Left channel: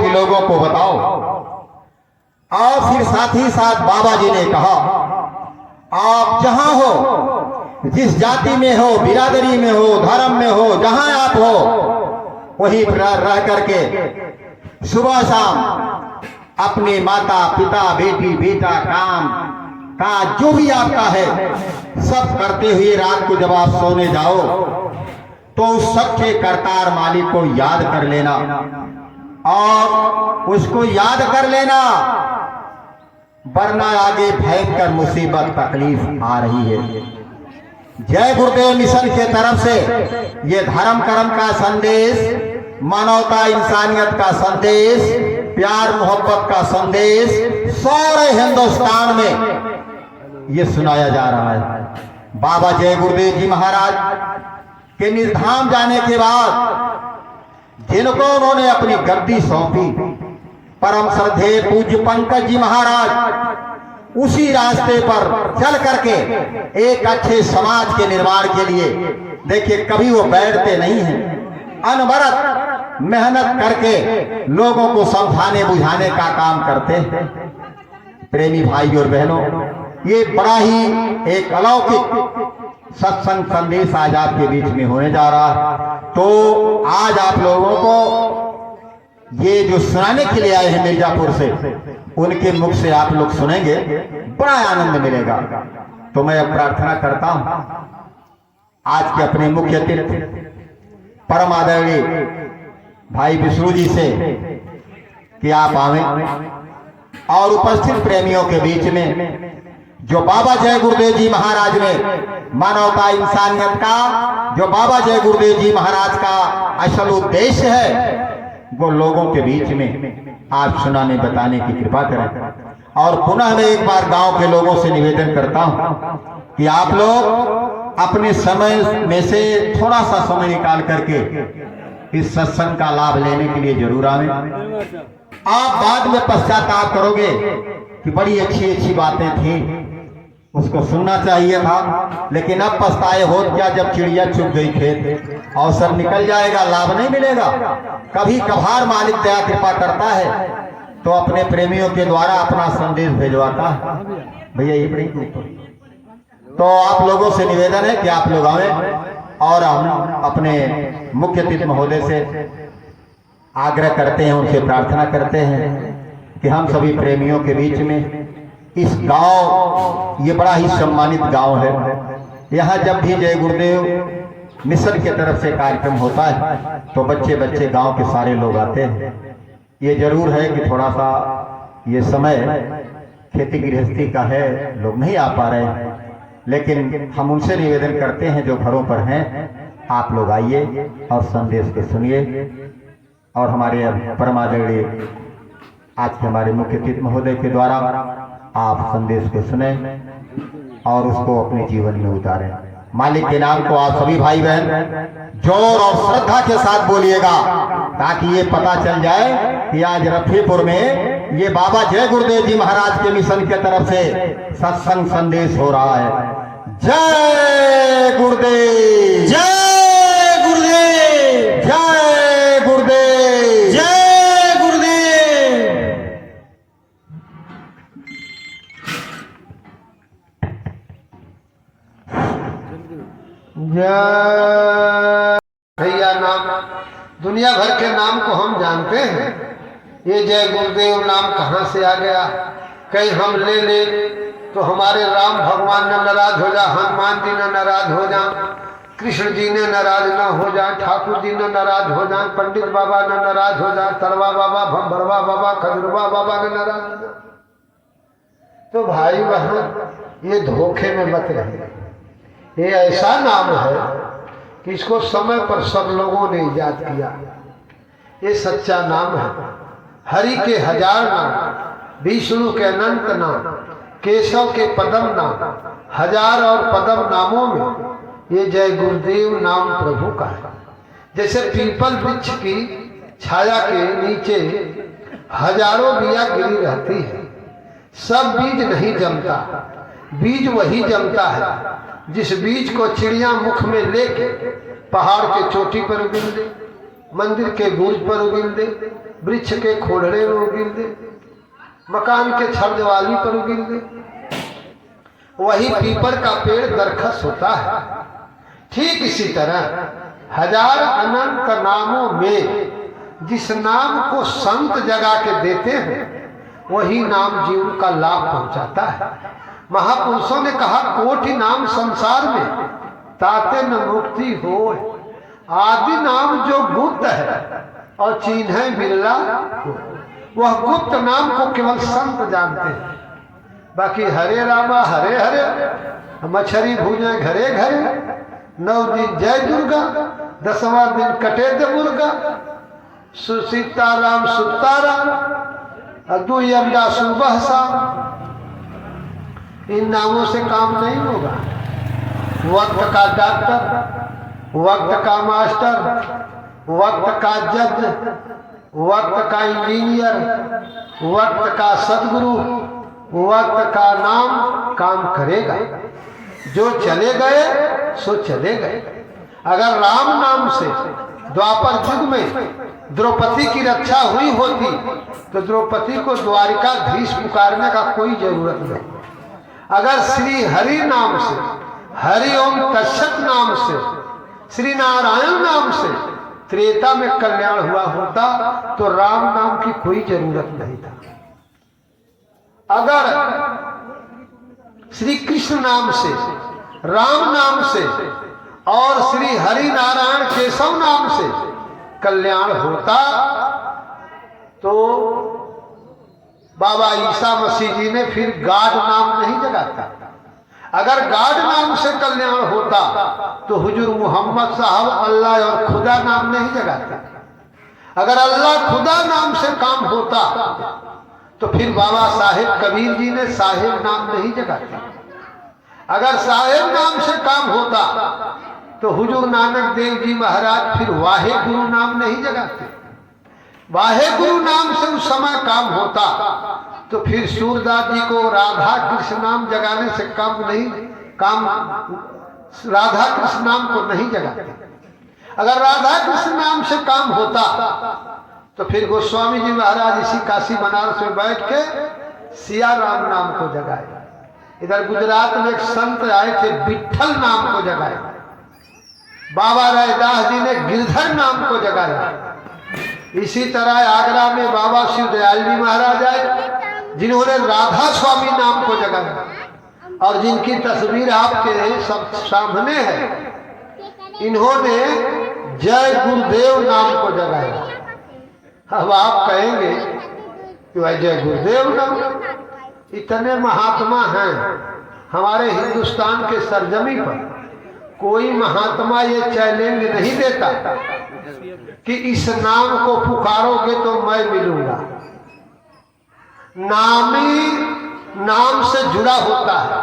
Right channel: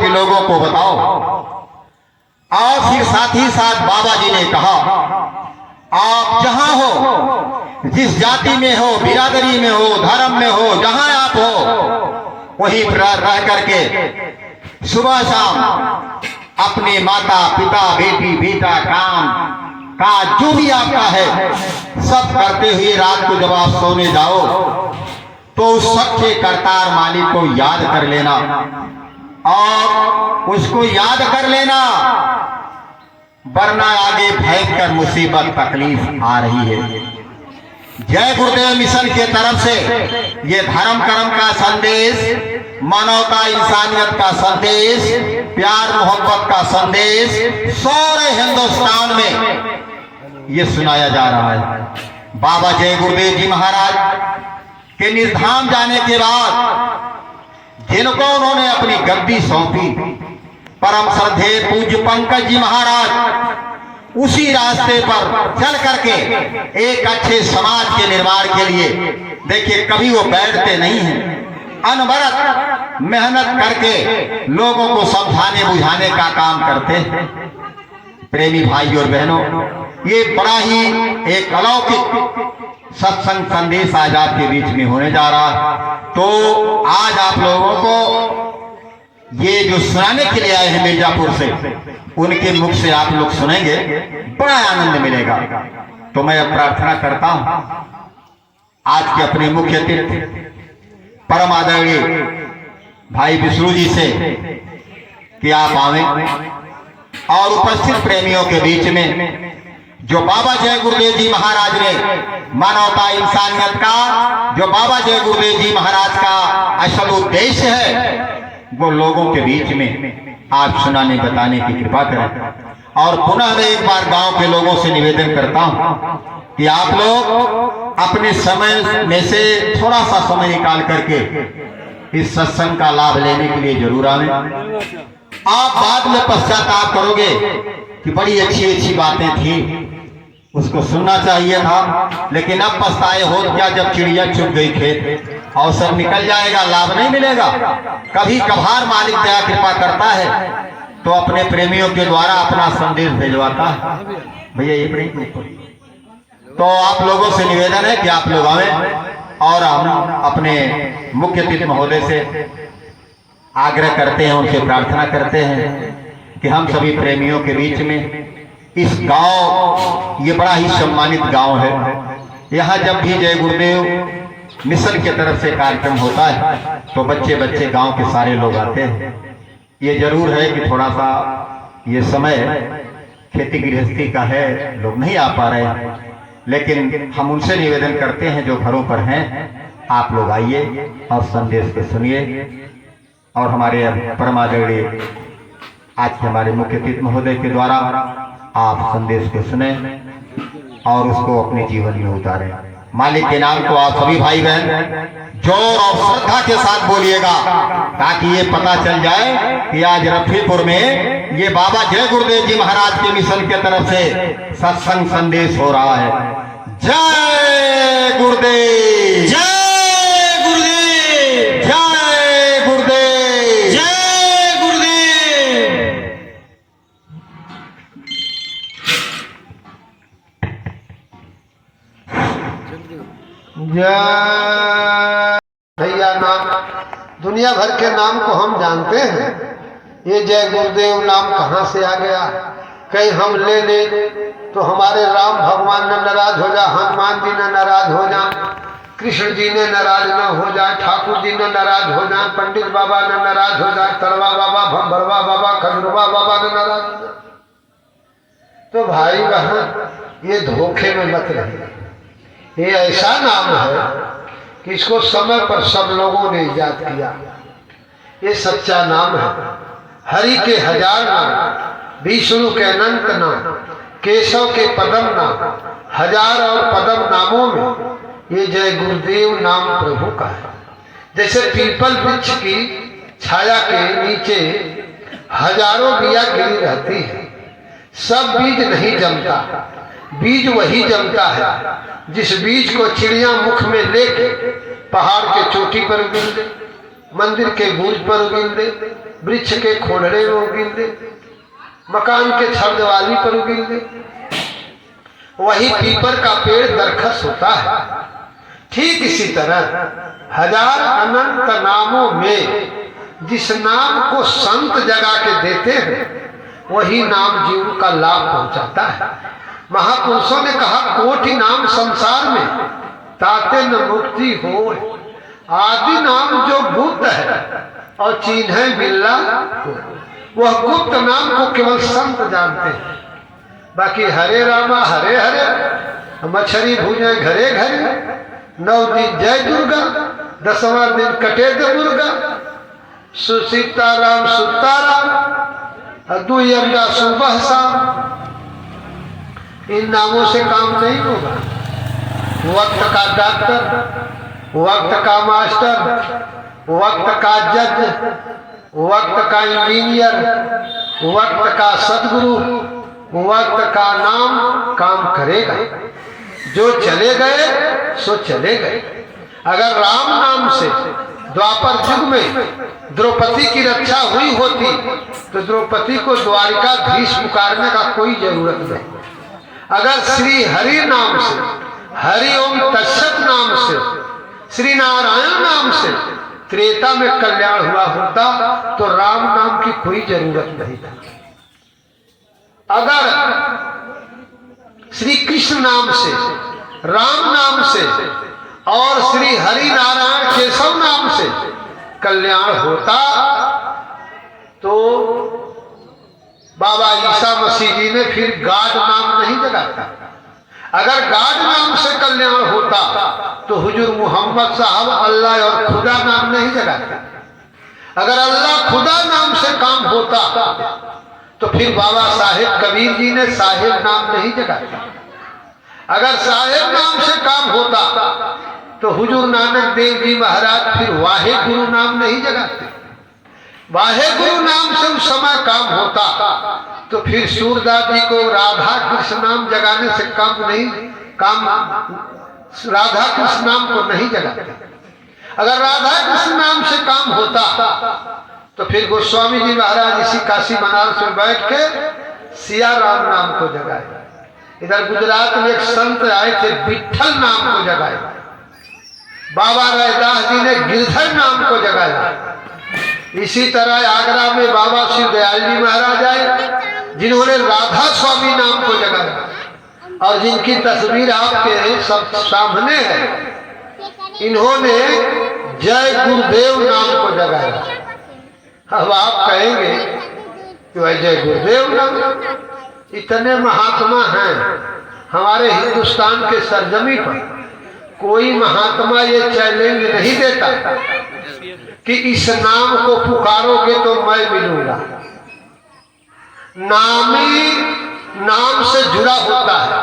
के लोगों को बताओ। और फिर साथ ही साथ बाबा जी ने कहा, आप जहां हो, जिस जाति में हो, बिरादरी में हो, धर्म में हो, जहां आप हो वहीं पर रह करके सुबह शाम अपने माता पिता बेटी बेटा काम काज जो भी आपका है सब करते हुए रात को जब आप सोने जाओ तो उस सच्चे करतार मालिक को याद कर लेना और उसको याद कर लेना, वरना आगे भयंकर मुसीबत तकलीफ आ रही है। जय गुरुदेव मिशन के तरफ से ये धर्म कर्म का संदेश, मानवता इंसानियत का संदेश, प्यार मोहब्बत का संदेश सारे हिंदुस्तान में ये सुनाया जा रहा है। बाबा जय गुरुदेव जी महाराज के निर्धाम जाने के बाद जिनको उन्होंने अपनी गद्दी सौंपी, परम श्रद्धेय पूज्य पंकज जी महाराज उसी रास्ते पर चल करके एक अच्छे समाज के निर्माण के लिए, देखिए कभी वो बैठते नहीं हैं, अनवरत मेहनत करके लोगों को समझाने बुझाने का काम करते हैं। प्रेमी भाई और बहनों, ये बड़ा ही एक अलौकिक सत्संग संदेश आज आपके बीच में होने जा रहा है। तो आज आप लोगों को ये जो सुनाने के लिए आए हैं मिर्जापुर से, उनके मुख से आप लोग सुनेंगे, बड़ा आनंद मिलेगा। तो मैं अब प्रार्थना करता हूं आज के अपने मुख्य अतिथि परम आदरणीय भाई विष्णु जी से कि आप आवें और उपस्थित प्रेमियों के बीच में जो बाबा जय गुरुदेव जी महाराज ने मानवता इंसानियत का, जो बाबा जय गुरुदेव जी महाराज का असल उद्देश्य है, वो लोगों के बीच में आप सुनाने बताने की कृपा करें। और पुनः मैं एक बार गांव के लोगों से निवेदन करता हूं कि आप लोग अपने समय में से थोड़ा सा समय निकाल करके इस सत्संग का लाभ लेने के लिए जरूर आवें। आप बाद में पश्चाताप करोगे कि बड़ी अच्छी अच्छी बातें थी, उसको सुनना चाहिए था, लेकिन अब पछताए हो क्या जब चिड़िया चुग गई खेत, अवसर निकल जाएगा, लाभ नहीं मिलेगा। कभी कभार मालिक दया कृपा करता है तो अपने प्रेमियों के द्वारा अपना संदेश भेजवाता है। भैया ये बड़ी, तो आप लोगों से निवेदन है कि आप लोग आवें और हम अपने मुख्य अतिथि महोदय से आग्रह करते हैं, उनसे प्रार्थना करते हैं कि हम सभी प्रेमियों के बीच में इस गांव, ये बड़ा ही सम्मानित गांव है, यहाँ जब भी जय गुरुदेव मिशन की तरफ से कार्यक्रम होता है तो बच्चे बच्चे गांव के सारे लोग आते हैं। ये जरूर है कि थोड़ा सा ये समय खेती गृहस्थी का है, लोग नहीं आ पा रहे हैं, लेकिन हम उनसे निवेदन करते हैं जो घरों पर हैं, आप लोग आइए और संदेश को सुनिए। और हमारे परम आदरणीय आज के हमारे मुख्य अतिथि महोदय के द्वारा आप संदेश को सुने और उसको अपने जीवन में उतारें। मालिक के नाम को आप सभी भाई बहन जोर और श्रद्धा के साथ बोलिएगा ताकि ये पता चल जाए कि आज रफीपुर में ये बाबा जय गुरुदेव जी महाराज के मिशन के तरफ से सत्संग संदेश हो रहा है। जय गुरुदेव, जय गुरुदेव, जय गुरुदेव, जय गुरुदेव। जय भैया, नाम दुनिया भर के नाम को हम जानते हैं, ये जय गुरुदेव नाम कहाँ से आ गया? कहीं हम ले ले तो हमारे राम भगवान न नाराज हो जा, हनुमान जी न नाराज हो जा, कृष्ण जी ने नाराज न हो जाए, ठाकुर जी न नाराज हो जाए, पंडित बाबा न नाराज हो जाए, तरवा बाबा, भंभरवा बाबा, खजुरवा बाबा न नाराज हो जाए। तो भाई बहन, ये धोखे में मत रहिए। ये ऐसा नाम है कि इसको समय पर सब लोगों ने ईजाद किया। ये सच्चा नाम है। हरि के हजार नाम, विष्णु के अनंत नाम, केशव के पदम नाम, हजार और पदम नामों में ये जय गुरुदेव नाम प्रभु का है। जैसे पीपल वृक्ष की छाया के नीचे हजारों बिया गिरी रहती है, सब बीज नहीं जमता, बीज वही जमता है जिस बीज को चिड़िया मुख में लेके पहाड़ के चोटी पर उगिल दे, मंदिर के गुंज पर उगिल दे, वृक्ष के खोड़े में उगिल दे, मकान के छड़ दिवाली पर उगिल दे। वही पीपर का पेड़ दरखस होता है। ठीक इसी तरह हजार अनंत नामों में जिस नाम को संत जगा के देते हैं वही नाम जीव का लाभ पहुंचाता है। महापुरुषों ने कहा कोटि नाम संसार में ताते न मुक्ति हो, आदि नाम जो गुप्त है और चिन्ह मिलना हो, वह गुप्त नाम को केवल संत जानते हैं। बाकी हरे रामा हरे हरे, मछली भूजे घरे घरे, 9 दिन जय दुर्गा, 10वां दिन कटे दे मुर्गा, सीताराम सुताराम, 2 अंडा सुबह शाम। इन नामों से काम नहीं होगा। वक्त का डॉक्टर, वक्त का मास्टर, वक्त का जज, वक्त का इंजीनियर, वक्त का सदगुरु, वक्त का नाम काम करेगा। जो चले गए सो चले गए। अगर राम नाम से द्वापर युग में द्रौपदी की रक्षा हुई होती तो द्रौपदी को द्वारिकाधीश पुकारने का कोई जरूरत नहीं। अगर श्री हरि नाम से, हरि ओम तत्सत नाम से, श्री नारायण नाम से त्रेता में कल्याण हुआ होता तो राम नाम की कोई जरूरत नहीं था। अगर श्री कृष्ण नाम से, राम नाम से और श्री हरि नारायण केशव नाम से कल्याण होता तो बाबा ईसा मसीह जी ने फिर गाड नाम नहीं जगाता। अगर गाड नाम से कल्याण होता तो हुजूर मोहम्मद साहब अल्लाह और खुदा नाम नहीं जगाते। अगर अल्लाह खुदा नाम से काम होता तो फिर बाबा साहेब कबीर जी ने साहेब नाम नहीं जगाते। अगर साहेब नाम से काम होता तो हुजूर नानक देव जी महाराज फिर वाहे गुरु नाम नहीं जगाते। वाहे गुरु नाम से उस समय काम होता तो फिर सूरदास जी को राधा कृष्ण नाम जगाने से काम राधा कृष्ण नाम को नहीं जगाते। अगर राधा कृष्ण नाम से काम होता तो फिर गोस्वामी जी महाराज इसी काशी बनारस में बैठ के सिया राम नाम को जगाए। इधर गुजरात में एक संत आए थे, विठल नाम को जगाए। बाबा रैदास जी ने गिरधर नाम को जगाया। इसी तरह आगरा में बाबा श्री दयाल जी महाराज आए जिन्होंने राधा स्वामी नाम को जगाया और जिनकी तस्वीर आपके सब सामने है। इन्होंने जय गुरुदेव नाम को जगाया। अब आप कहेंगे कि वह जय गुरुदेव नाम, इतने महात्मा हैं हमारे हिंदुस्तान के सरजमी पर। कोई महात्मा ये चैलेंज नहीं देता कि इस नाम को पुकारोगे तो मैं मिलूंगा। नामी नाम से जुड़ा होता है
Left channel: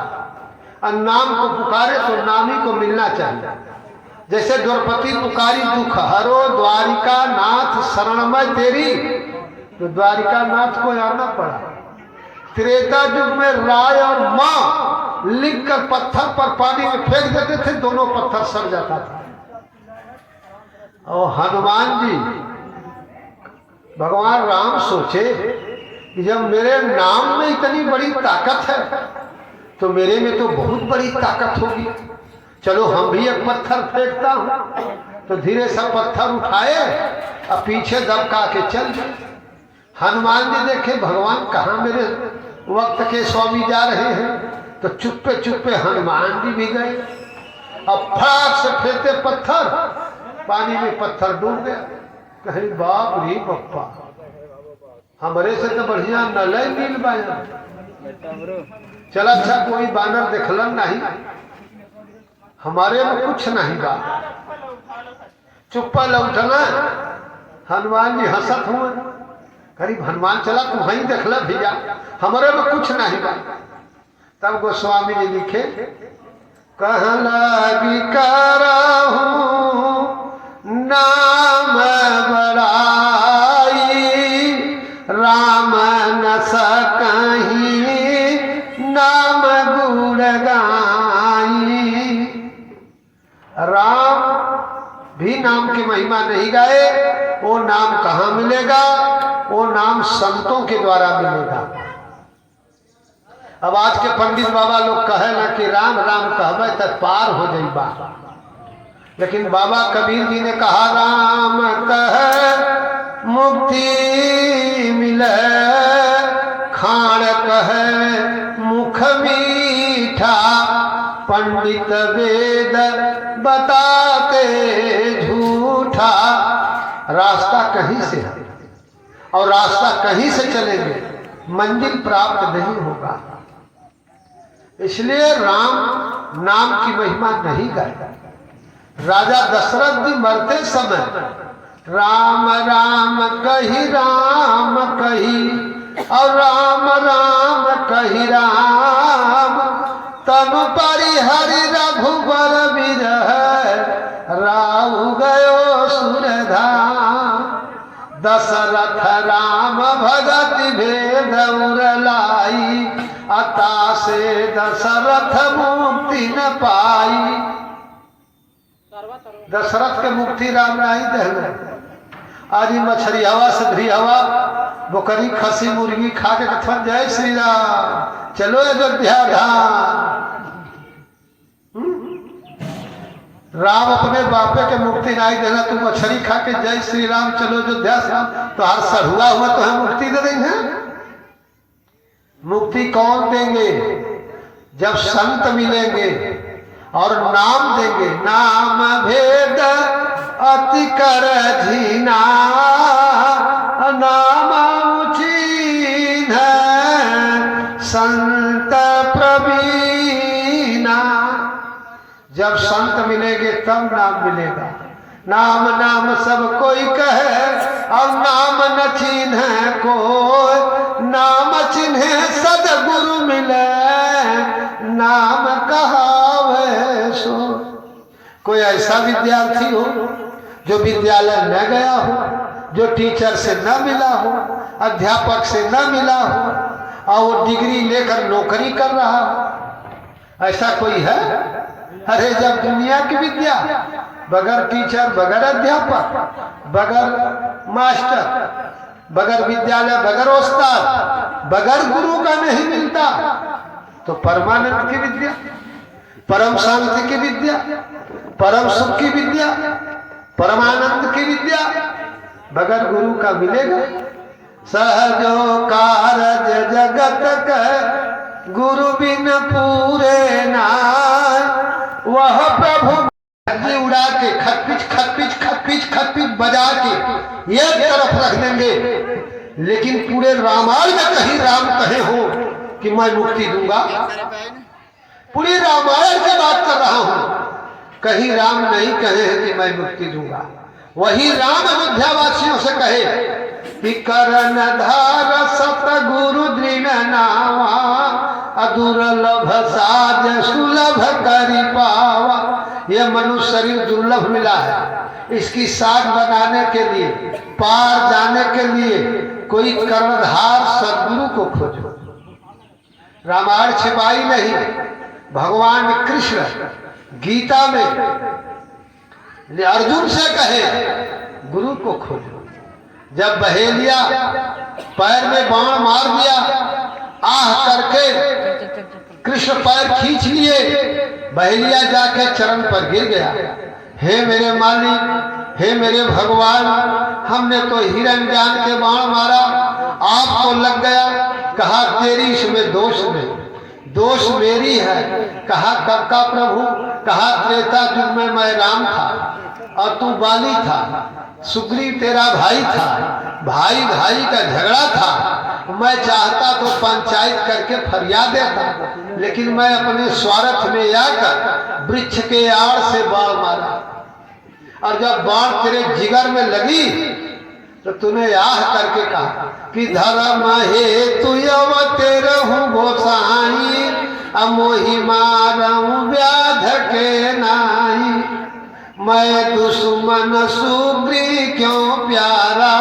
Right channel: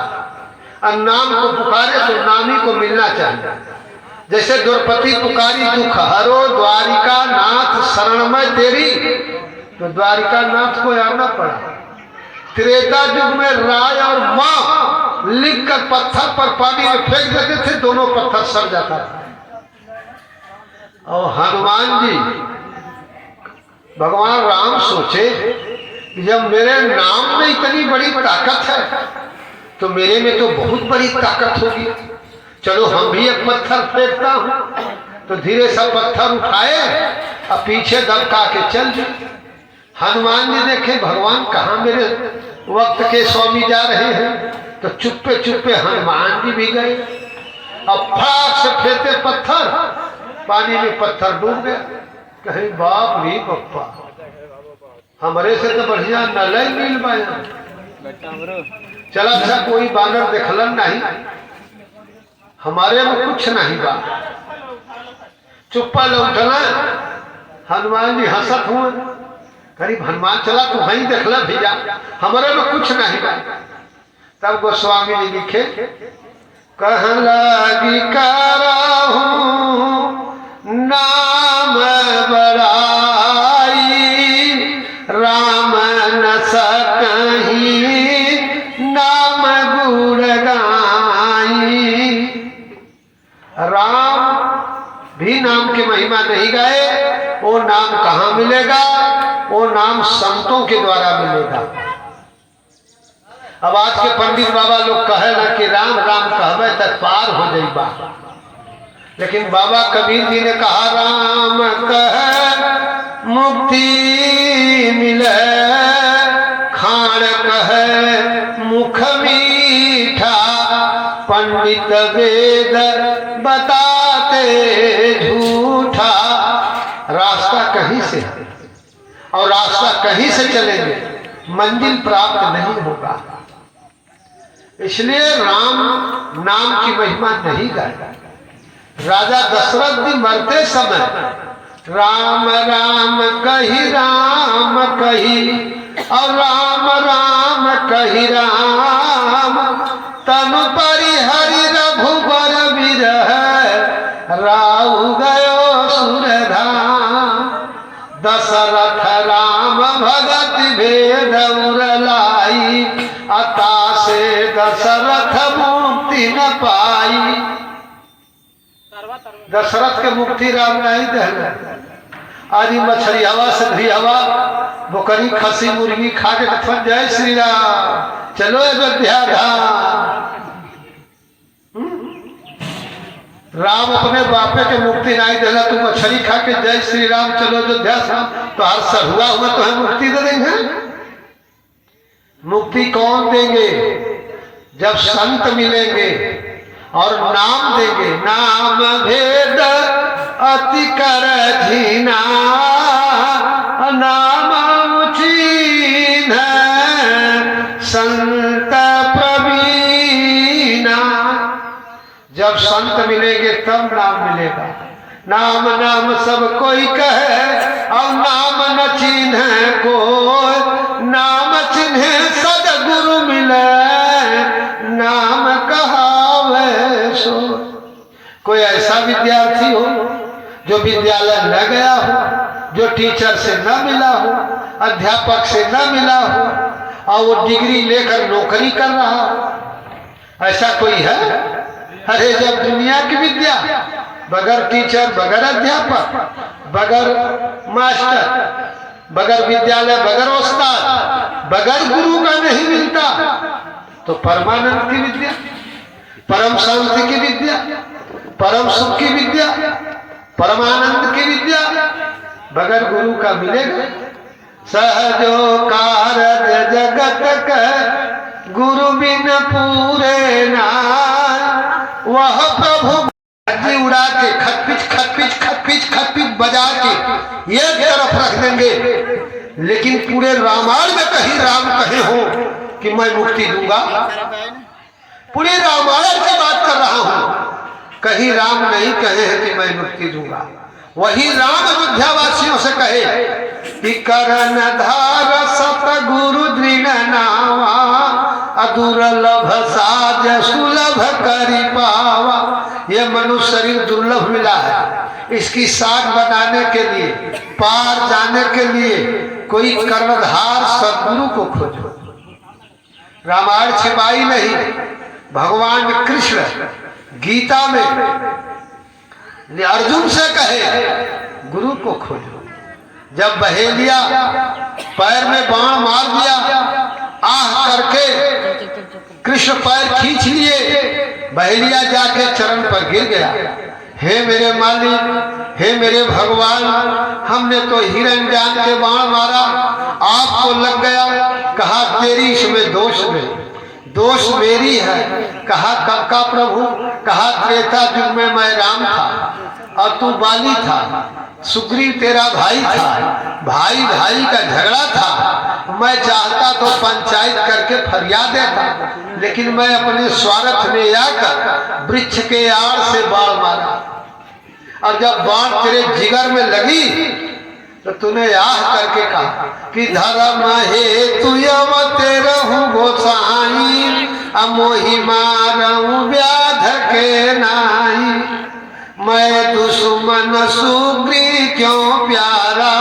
और नाम को पुकारे तो नामी को मिलना चाहिए। जैसे द्रौपदी पुकारी दुख हरो द्वारिका नाथ शरणमय तेरी, तो द्वारिका नाथ को आना पड़ा। त्रेता युग में राय और मां लिखकर पत्थर पर पानी में फेंक देते थे, दोनों पत्थर सड़ जाता था। और हनुमान जी भगवान राम सोचे कि जब मेरे नाम में इतनी बड़ी ताकत है तो मेरे में तो बहुत बड़ी ताकत होगी, चलो हम भी एक पत्थर फेंकता हूं। तो धीरे सा पत्थर उठाए और पीछे दबका के चल दिए। हनुमान जी देखे भगवान कहाँ मेरे वक्त के स्वामी जा रहे हैं, तो चुप्पे चुप्पे हनुमान जी भी गए और फटाक से फेंके पत्थर, पानी में पत्थर डूब गया। कहीं बाप रे पप्पा, हमारे से तो बढ़िया नलई मिल पाया। चला अच्छा कोई बानर देखलन नहीं, हमारे में कुछ नहीं बा, चुप्पा लौटना। हनुमान जी हंसत हुए, करीब हनुमान चला तू वहीं देखला भैया, हमारे में कुछ नहीं बा। तब गोस्वामी जी लिखे, कह लगी करहूं नाम बड़ाई, राम न सकहीं नाम गुण गाई। राम भी नाम की महिमा नहीं गाए, वो नाम कहाँ मिलेगा? वो नाम संतों के द्वारा मिलेगा। अब आज के पंडित बाबा लोग कहे ना कि राम राम कहबे तक पार हो जाइबा, लेकिन बाबा कबीर जी ने कहा राम कह मुक्ति मिले, खाण कह मुख मीठा, पंडित वेद बताते झूठा। रास्ता कहीं से है और रास्ता कहीं से चलेंगे, मंजिल प्राप्त नहीं होगा। इसलिए राम नाम की महिमा नहीं गाया। राजा दशरथ जी मरते समय राम राम कही और राम राम कही राम, तनु परिहरि रघुबर बिरह, राउ गयो सुरधाम। दशरथ राम भगत भेद उरलाई, अता से दशरथ मुक्ति न पाई। दशरथ के मुक्ति राम नहीं दे। आज मछली हवा सधरी हवा बोकरी खसी मुर्गी खा के फट जाए श्री राम चलो अयोध्या धाम। राम अपने बापे के मुक्ति नहीं देगा, तू मछली खा के जय श्री राम चलो अयोध्या धाम, तो हर सरुआ हुआ तो है मुक्ति दे देंगे। मुक्ति कौन देंगे? जब संत मिलेंगे और नाम देंगे। नाम भेद अति कर झीना, नाम उचीन संत प्रवीणा। जब संत मिलेंगे तब नाम मिलेगा। नाम नाम सब कोई कहे और नाम न चिन्ह को, नाम चिन्ह सदगुरु मिले, नाम कहावे सो। कोई ऐसा विद्यार्थी हो जो विद्यालय न गया हो, जो टीचर से न मिला हो, अध्यापक से न मिला हो और वो डिग्री लेकर नौकरी कर रहा हो, ऐसा कोई है? अरे जब दुनिया की विद्या बगैर टीचर, बगैर अध्यापक, बगैर मास्टर, बगैर विद्यालय, बगैर उस्ताद, बगैर गुरु का नहीं मिलता, तो परमानंद की विद्या, परम शांति की विद्या, परम सुख की विद्या, परमानंद की विद्या बगैर गुरु का मिलेगा? सहजो कारज जगत का गुरु बिन पूरे ना, वह प्रभु उड़ा के खतपिच बजा के एक तरफ रख देंगे, लेकिन पूरे रामायण में कहीं राम कहे हो कि मैं मुक्ति दूंगा? पूरी रामायण की बात कर रहा हूं, कहीं राम नहीं कहे हैं कि मैं मुक्ति दूंगा। वही राम अयोध्यावासियों से कहे कि करण धार सतगुरु दृढ़ नावा, अदुर्लभ साज सुलभ करी पावा। ये मनुष्य शरीर दुर्लभ मिला है, इसकी साग बनाने के लिए, पार जाने के लिए कोई कर्णधार सदगुरु को खोजो। रामायण छिपाई नहीं। भगवान कृष्ण गीता में अर्जुन से कहे गुरु को खोजो। जब बहेलिया पैर में बाण मार दिया, आह करके कृष्ण पैर खींच लिए, बहेलिया जाके चरण पर गिर गया। हे मेरे मालिक, हे मेरे भगवान, हमने तो हिरण जान के बाण मारा, आपको लग गया। कहा तेरी इसमें दोष नहीं, दोष मेरी है। कहा कब का प्रभु? कहा त्रेता युग में मैं राम था और तू बाली था, सुग्रीव तेरा भाई था, भाई भाई का झगड़ा था। मैं चाहता तो पंचायत करके फरियाद देता, लेकिन मैं अपने स्वार्थ में आकर वृक्ष के आड़ से बाण मारा, और जब बाण तेरे जिगर में लगी तो तूने आह करके कहा कि धर्म हेतु अवते रहूं गोसाई, अमोहि मारऊं व्याध के नाई। मैं दुश्मन सुग्रीव क्यों प्यारा,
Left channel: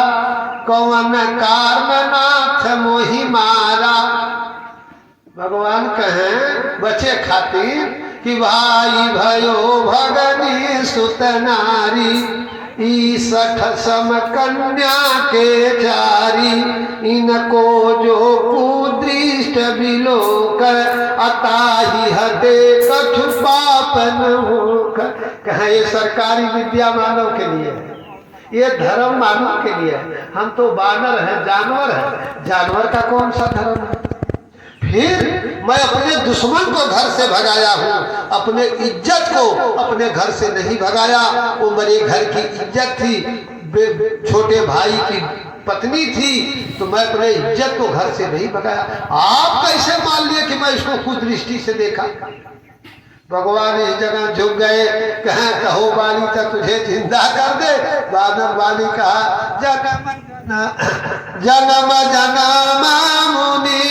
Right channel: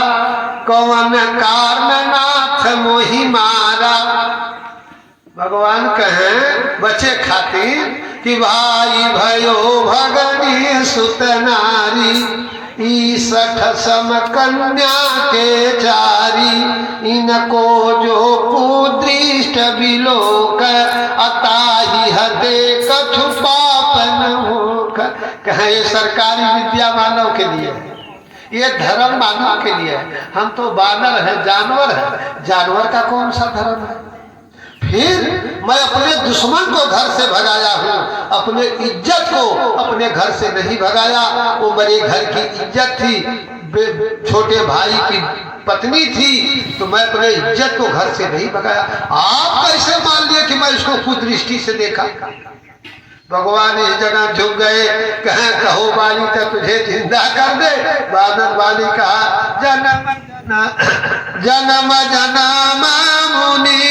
कौन कारण नाथ मोहि मारा। भगवान कहें बचे खातिर कि भाई भयो भगनी सुत नारी, ईसठ सम कन्या के चारी, इनको जो कुदृष्ट विलोक, अताही हते कछु पापन होक। कहें ये सरकारी विद्या मानव के लिए है, ये धर्म मानव के लिए है। हम तो बानर है, जानवर है, जानवर का कौन सा धर्म है? फिर मैं अपने दुश्मन को घर से भगाया हूँ, अपने इज्जत को अपने घर से नहीं भगाया। वो मेरे घर की इज्जत थी, छोटे भाई की पत्नी थी, तो मैं अपने इज्जत को घर से नहीं भगाया। आप कैसे मान लिए कि मैं इसको कुदृष्टि से देखा? भगवान इस जगह झुक गए, कहें कहो बाली तो तुझे जिंदा कर दे। बादल बाली कहा जन्म जन्म जन्म मुनि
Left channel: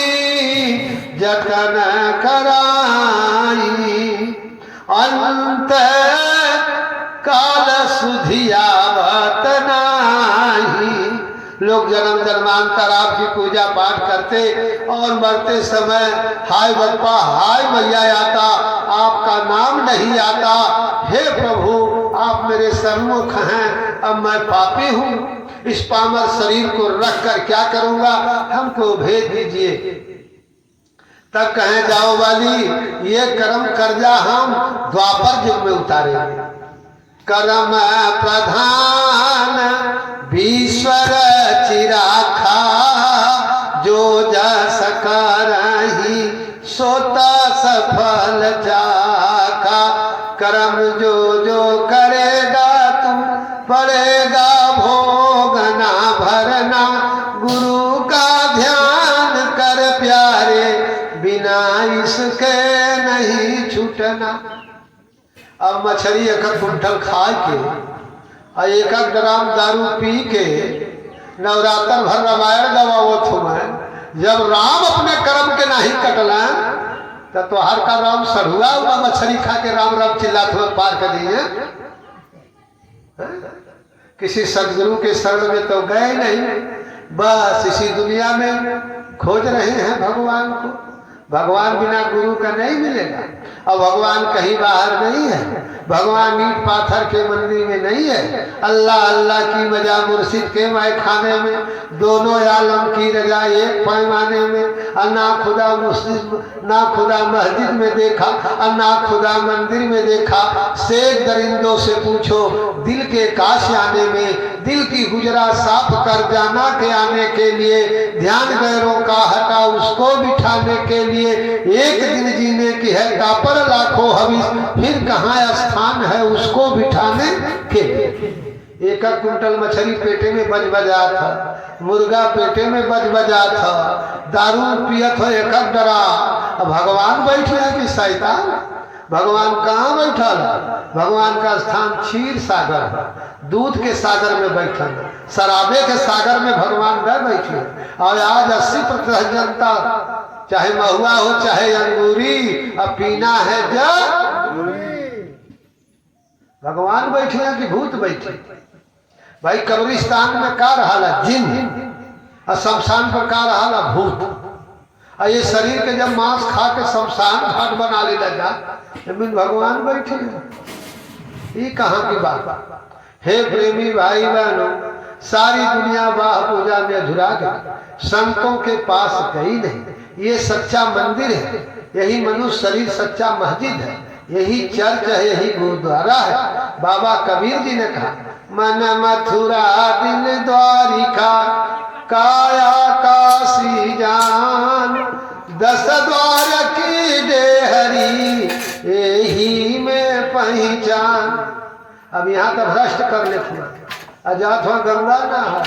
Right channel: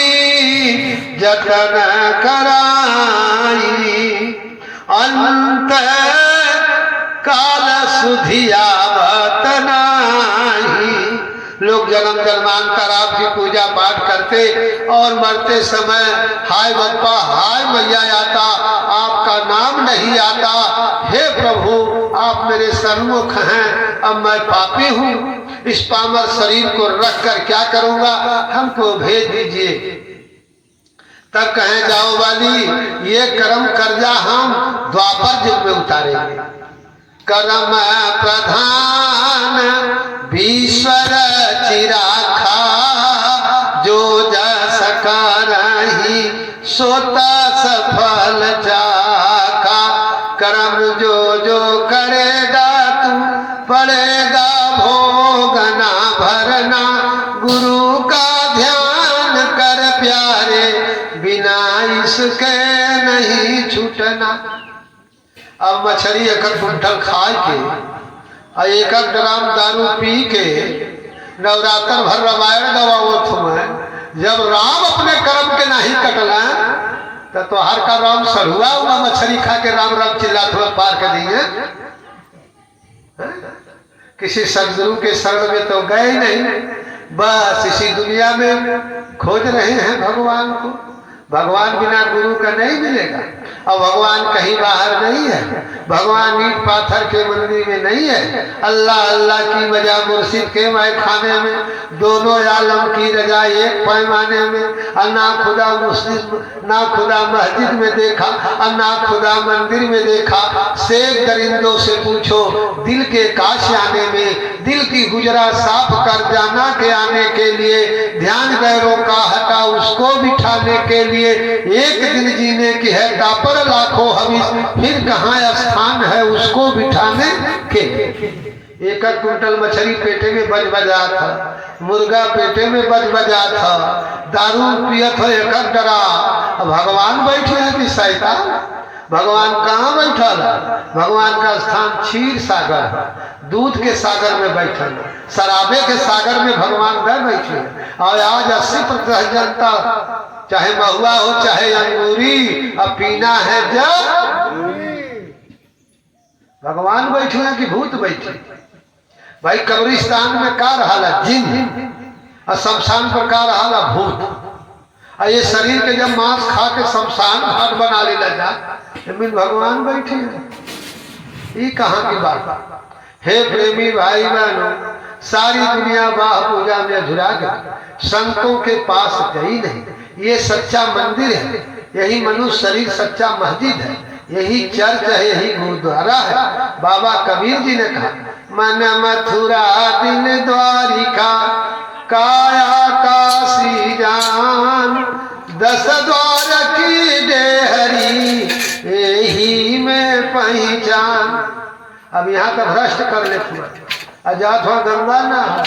जतन कराई, अंत काल सुधियावत नाही। लोग जन्म जन्मांतर आपकी पूजा पाठ करते और मरते समय हाय बप्पा हाय मैया आता, आपका नाम नहीं आता। हे प्रभु आप मेरे सन्मुख हैं, अब मैं पापी हूँ, इस पामर शरीर को रख कर क्या करूँगा, हमको भेज दीजिए। तब कहें जाओ वाली ये कर्म कर्जा हम द्वापर युग में उतारेंगे। कर्म प्रधान भीश्वर चिराखा, जो जस करहि सोत सफल चाखा। कर्म जो जो करेगा तू पड़ेगा भोगना भरना, गुरु का ध्यान कर प्यारे बिना इसके नहीं छूटना। अब मछली एक कुंठल खा के और एक ग्राम दारू पी के नवरात्र भर रामायण गवाओ तुम्हें, जब राम अपने कर्म के नहीं कटला तो हर का राम सरुआ हुआ मछली खा के राम राम चिल्लाते हुए पार कर दिए। किसी सदगुरु के शरण में तो गए नहीं, बस इसी दुनिया में खोज रहे हैं भगवान को। भगवान बिना गुरु का नहीं मिलेगा। और भगवान कहीं बाहर नहीं है, भगवान ईंट पाथर के मंदिर में नहीं है। अल्लाह अल्लाह की वजह मुर्शिद के माय खाने में, दोनों आलम की रजा एक पैमाने में। ना खुदा मुस्लिम ना खुदा मस्जिद में देखा और ना खुदा मंदिर में देखा। शेख दरिंदों से पूछो दिल के काश आने में, दिल की गुजरा साफ कर जाना के आने के लिए, ध्यान गैरों का हटा उसको बिठाने के लिए। एक दिन जीने की है कापर लाखों हवीस, फिर कहाँ स्थान है उसको बिठाने के। एक कुंटल मछली पेटे में बज बजा था, मुर्गा पेटे में बज बजा था, दारू पियत हो एक डरा। भगवान बैठे हैं कि शैतान? भगवान कहाँ बैठा है? भगवान का स्थान क्षीर सागर, दूध के सागर में बैठे, शराबे के सागर में भगवान न बैठे। और आज 80% जनता चाहे महुआ हो चाहे अंगूरी, अब पीना है जब भगवान बैठे हैं कि भूत बैठे? भाई कब्रिस्तान में का रहा जिन और शमशान पर का रहा भूत। और ये शरीर के जब मांस खा के शमशान घाट बना ले जा, भगवान बैठे हैं। ये कहाँ की बात? हे प्रेमी भाई बहनों, सारी दुनिया वाह पूजा में अधूरा गई, संतों के पास गई नहीं। ये सच्चा मंदिर है, यही मनुष्य शरीर सच्चा मस्जिद है, यही चर्च है, यही गुरुद्वारा है। बाबा कबीर जी ने कहा मन मथुरा दिल द्वारिका, काया काशी जान, 10 द्वार की डेहरी यही में पहचान। अब यहाँ का भ्रष्ट कर ले आजाद हुआ गंगा ना है।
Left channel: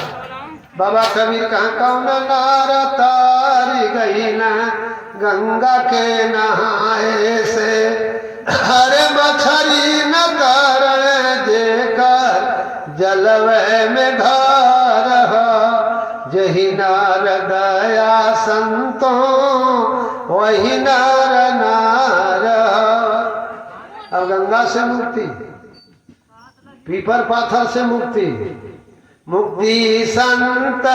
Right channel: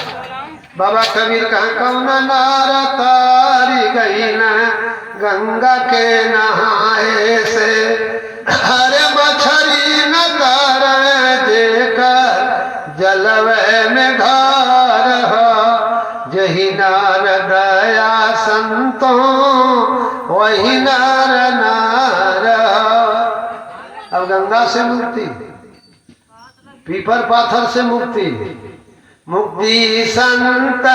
बाबा कबीर कहाँ कौन नार तारी गई ना गंगा के नहाए से, हरे मछली न तारे देकर जलवे में घर हो, जही नार दया संतों वही नार नार। अब गंगा से मुक्ति, पीपर पाथर से मुक्ति, मुक्ति संत